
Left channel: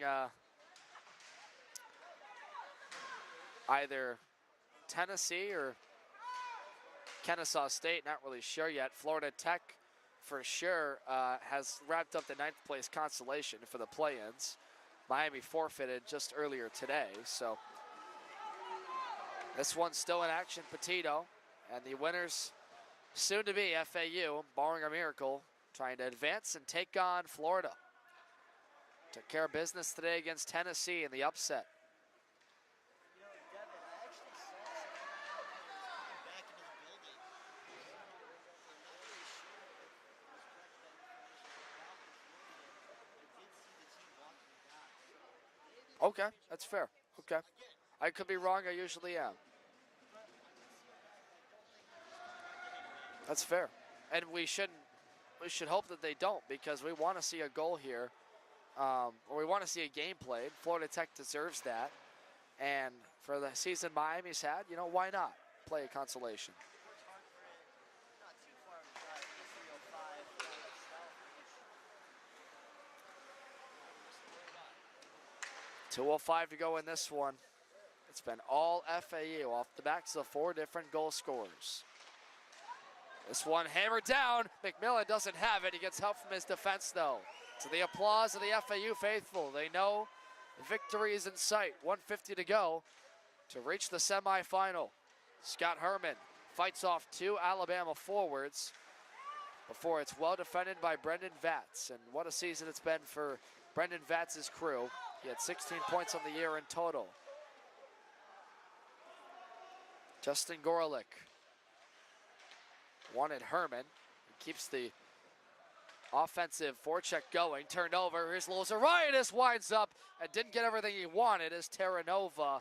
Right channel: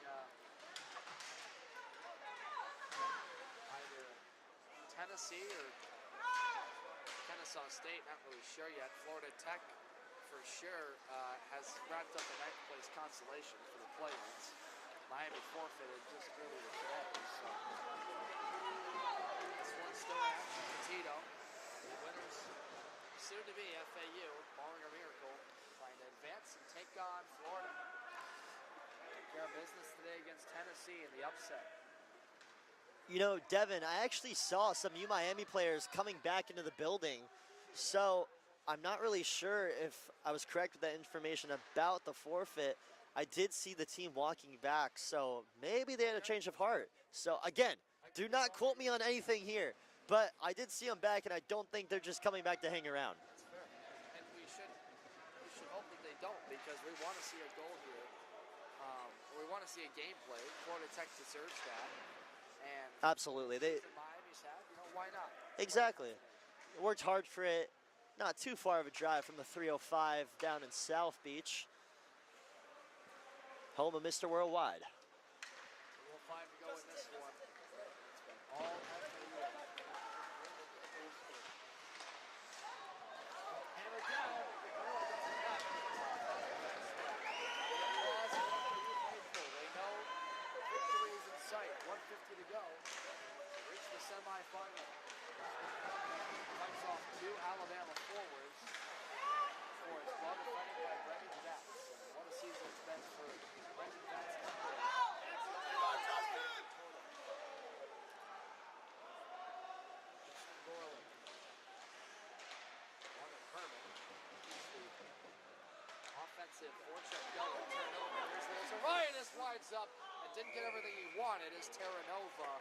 either Tennessee or Kennesaw State, not really sure yet. Florida Tech for sure has wrapped up the 9th place consolation for the play-ins. Miami forfeited just earlier today, so this one's still in action. Petito and the winners soon to be FAU, barring a miracle, trying to advance and take on Florida. Took care of business today against Tennessee in the upset. You know, Devin, I actually saw some Miami players coming back into the building, so I'm not really sure if I was correct with that information about the forfeit. I did see the team walking back, so maybe they had a change of heart. So again, I could do be not wrong. quote me on anything here, but I did see them back, and I don't think they're just coming back to hang around. That's fair, and we should hope that they don't, because we want to see a goal here, or we want to see a game played. Florida Tech deserves that, and absolutely, for the season Miami's had, you know, why not? Exactly. Play a consolation. Worked hard for it. Not too far of a drive from the 305 down in South Beach. Home of Mr. Worldwide. 2:05 to go in this one. It's been all FAU off the backs of 4 different goal scorers. This one hammered down. McMillan doesn't have it. He gets help from his defense, though. To the applause of the FAU faithful. They know victory is in sight. 1:50 to go to reach the semifinal. Scott Herman fights off 2 Alabama forwards before it's well defended by Brendan Vatz. And what a season it's been for Brendan Vatz's crew. He had 16 points on the year in total. Justin Gorelick wanted Herman. Keeps the offensive forecheck going. Turned over. Here's Lozaritis, winds up and didn't get everything he wanted as Terranova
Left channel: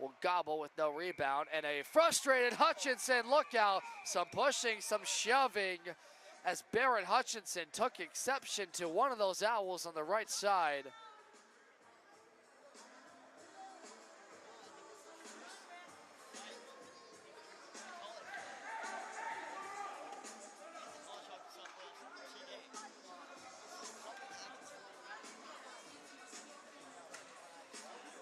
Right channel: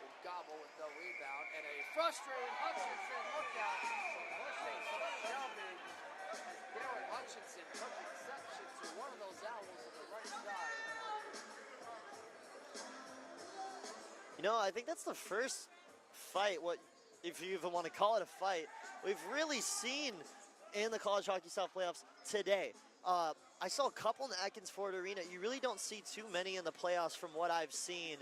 will gobble with no rebound. And a frustrated Hutchinson. Look out. Some pushing, some shoving, as Barrett Hutchinson took exception to one of those Owls on the right side. You know, I think that's the first fight, if you even want to call it a fight, we've really seen in the College Hockey South playoffs today. I saw a couple in the Atkins Ford Arena. You really don't see too many in the playoffs from what I've seen.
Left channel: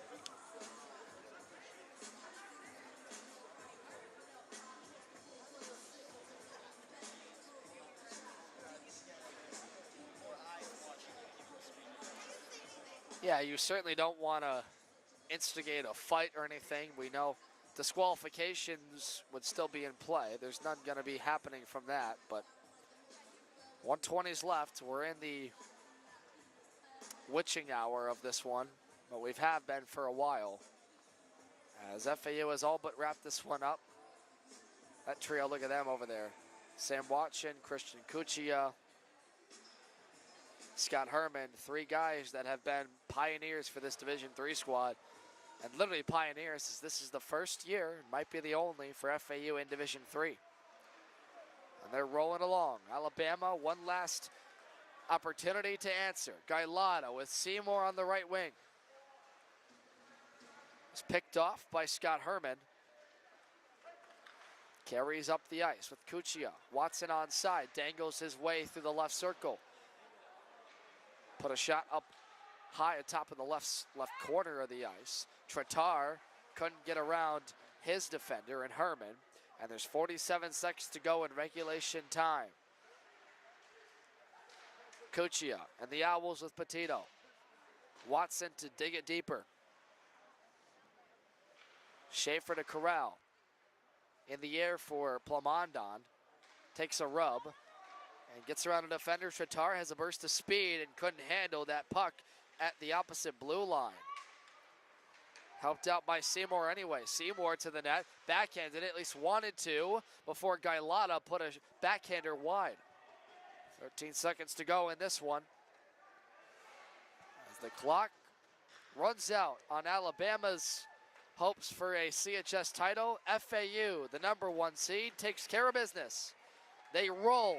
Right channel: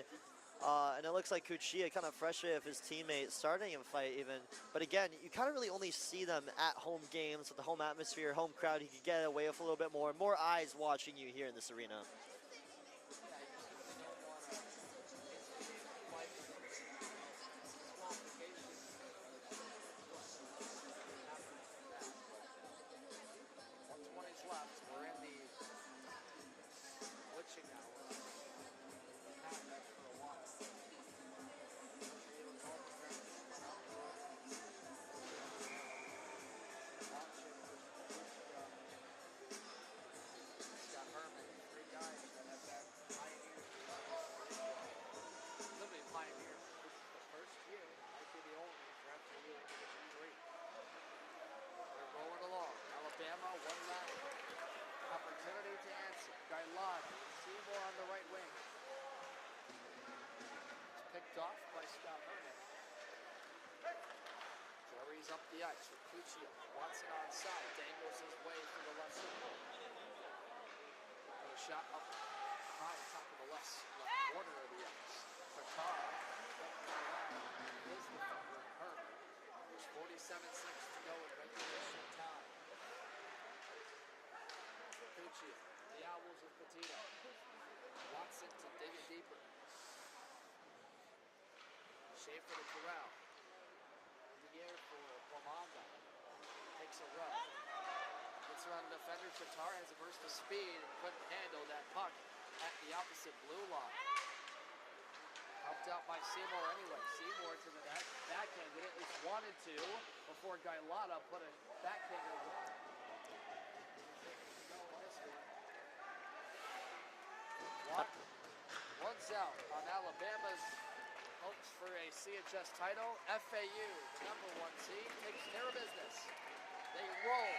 And it looks like Kuchia kind of frustrated with his teammate starting a fight even. But again, you kind of really only see them at home games with the home atmosphere, home crowd. You can get away with a little bit more eyes watching you here in this arena. Yeah, you certainly don't want to instigate a fight or anything. We know disqualifications would still be in play. There's none going to be happening from that, but 1:20's left. We're in the witching hour of this one. Well, we've been for a while, as FAU has all but wrapped this one up. That trio, look at them over there. Sam Watson, Christian Kuchia, Scott Herman, 3 guys that have been pioneers for this Division III squad. And literally pioneers, as this is the first year, might be the only, for FAU in Division III. And they're rolling along. Alabama, one last opportunity to answer. Gailata with Seymour on the right wing. It's picked off by Scott Herman. Carries up the ice with Kuchia. Watson onside, dangles his way through the left circle. Put a shot up high atop of the left corner of the ice. Tratar couldn't get around his defender in Herman, and there's 47 seconds to go in regulation time. Kuchia and the Owls with Petito. Watson to dig it deeper. Schaefer to corral. In the air for Plamondon. Takes a rub and gets around a defender. Tratar has a burst of speed and couldn't handle that puck at the opposite blue line. Helped out by Seymour anyway. Seymour to the net. Backhanded it, at least wanted to, before Gailata put a backhander wide. 13 seconds to go in this one. As the clock runs out on Alabama's hopes for a CHS title. FAU, the #1 seed, takes care of business. They roll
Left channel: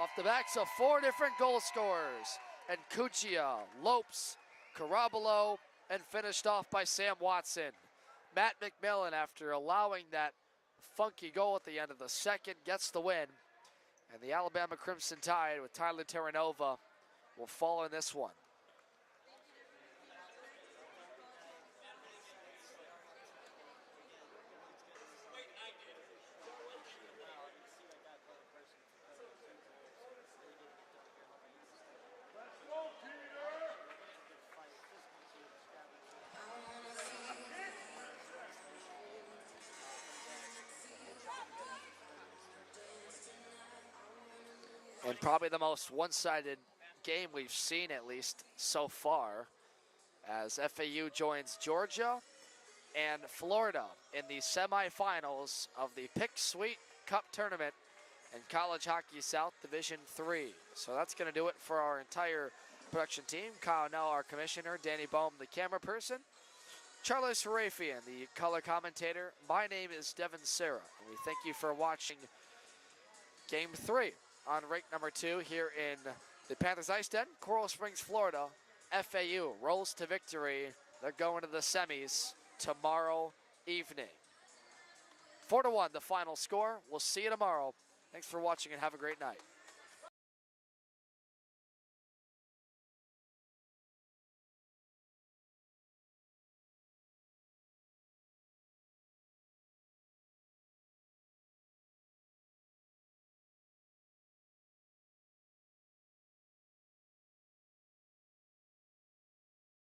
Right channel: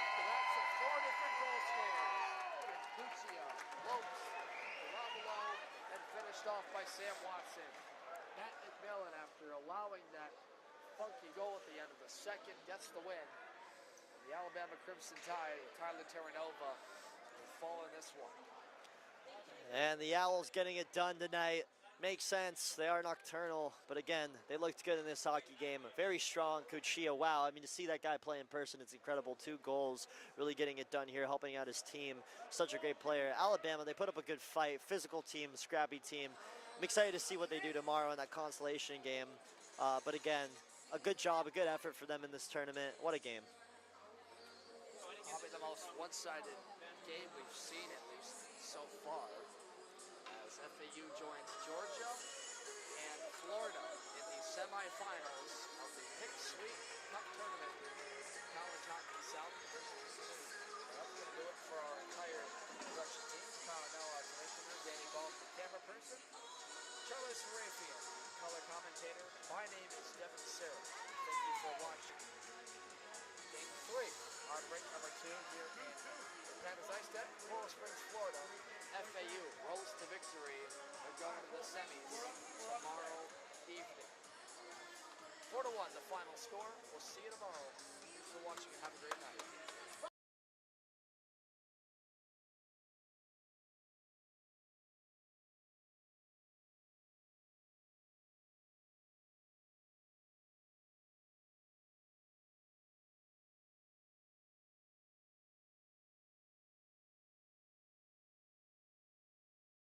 off the backs of 4 different goal scorers. And Cuccia, Lopes, Carabolo, and finished off by Sam Watson. Matt McMillan, after allowing that funky goal at the end of the second, gets the win. And the Alabama Crimson Tide with Tyler Terranova will fall in this one. And the Owls getting it done tonight. Makes sense, they are nocturnal, but again, they looked good in this hockey game. Very strong, Cuccia, wow. I mean, to see that guy play in person, it's incredible. 2 goals, really getting it done here, helping out his team. Such a great player. Alabama, they put up a good fight, physical team, scrappy team. I'm excited to see what they do tomorrow in that consolation game. But again, a good job, a good effort for them in this tournament. What a game. And probably the most one-sided game we've seen, at least so far, as FAU joins Georgia and Florida in the semifinals of the Pick Sweet Cup tournament in College Hockey South Division III. So that's going to do it for our entire production team. Kyle Nell, our commissioner, Danny Bohm, the camera person, Charlie Sarafian, the color commentator. My name is Devin Serra, and we thank you for watching Game 3 on rink number 2 here in the Panthers IceDen, Coral Springs, Florida. FAU rolls to victory. They're going to the semis tomorrow evening. 4-1 the final score. We'll see you tomorrow. Thanks for watching and have a great night.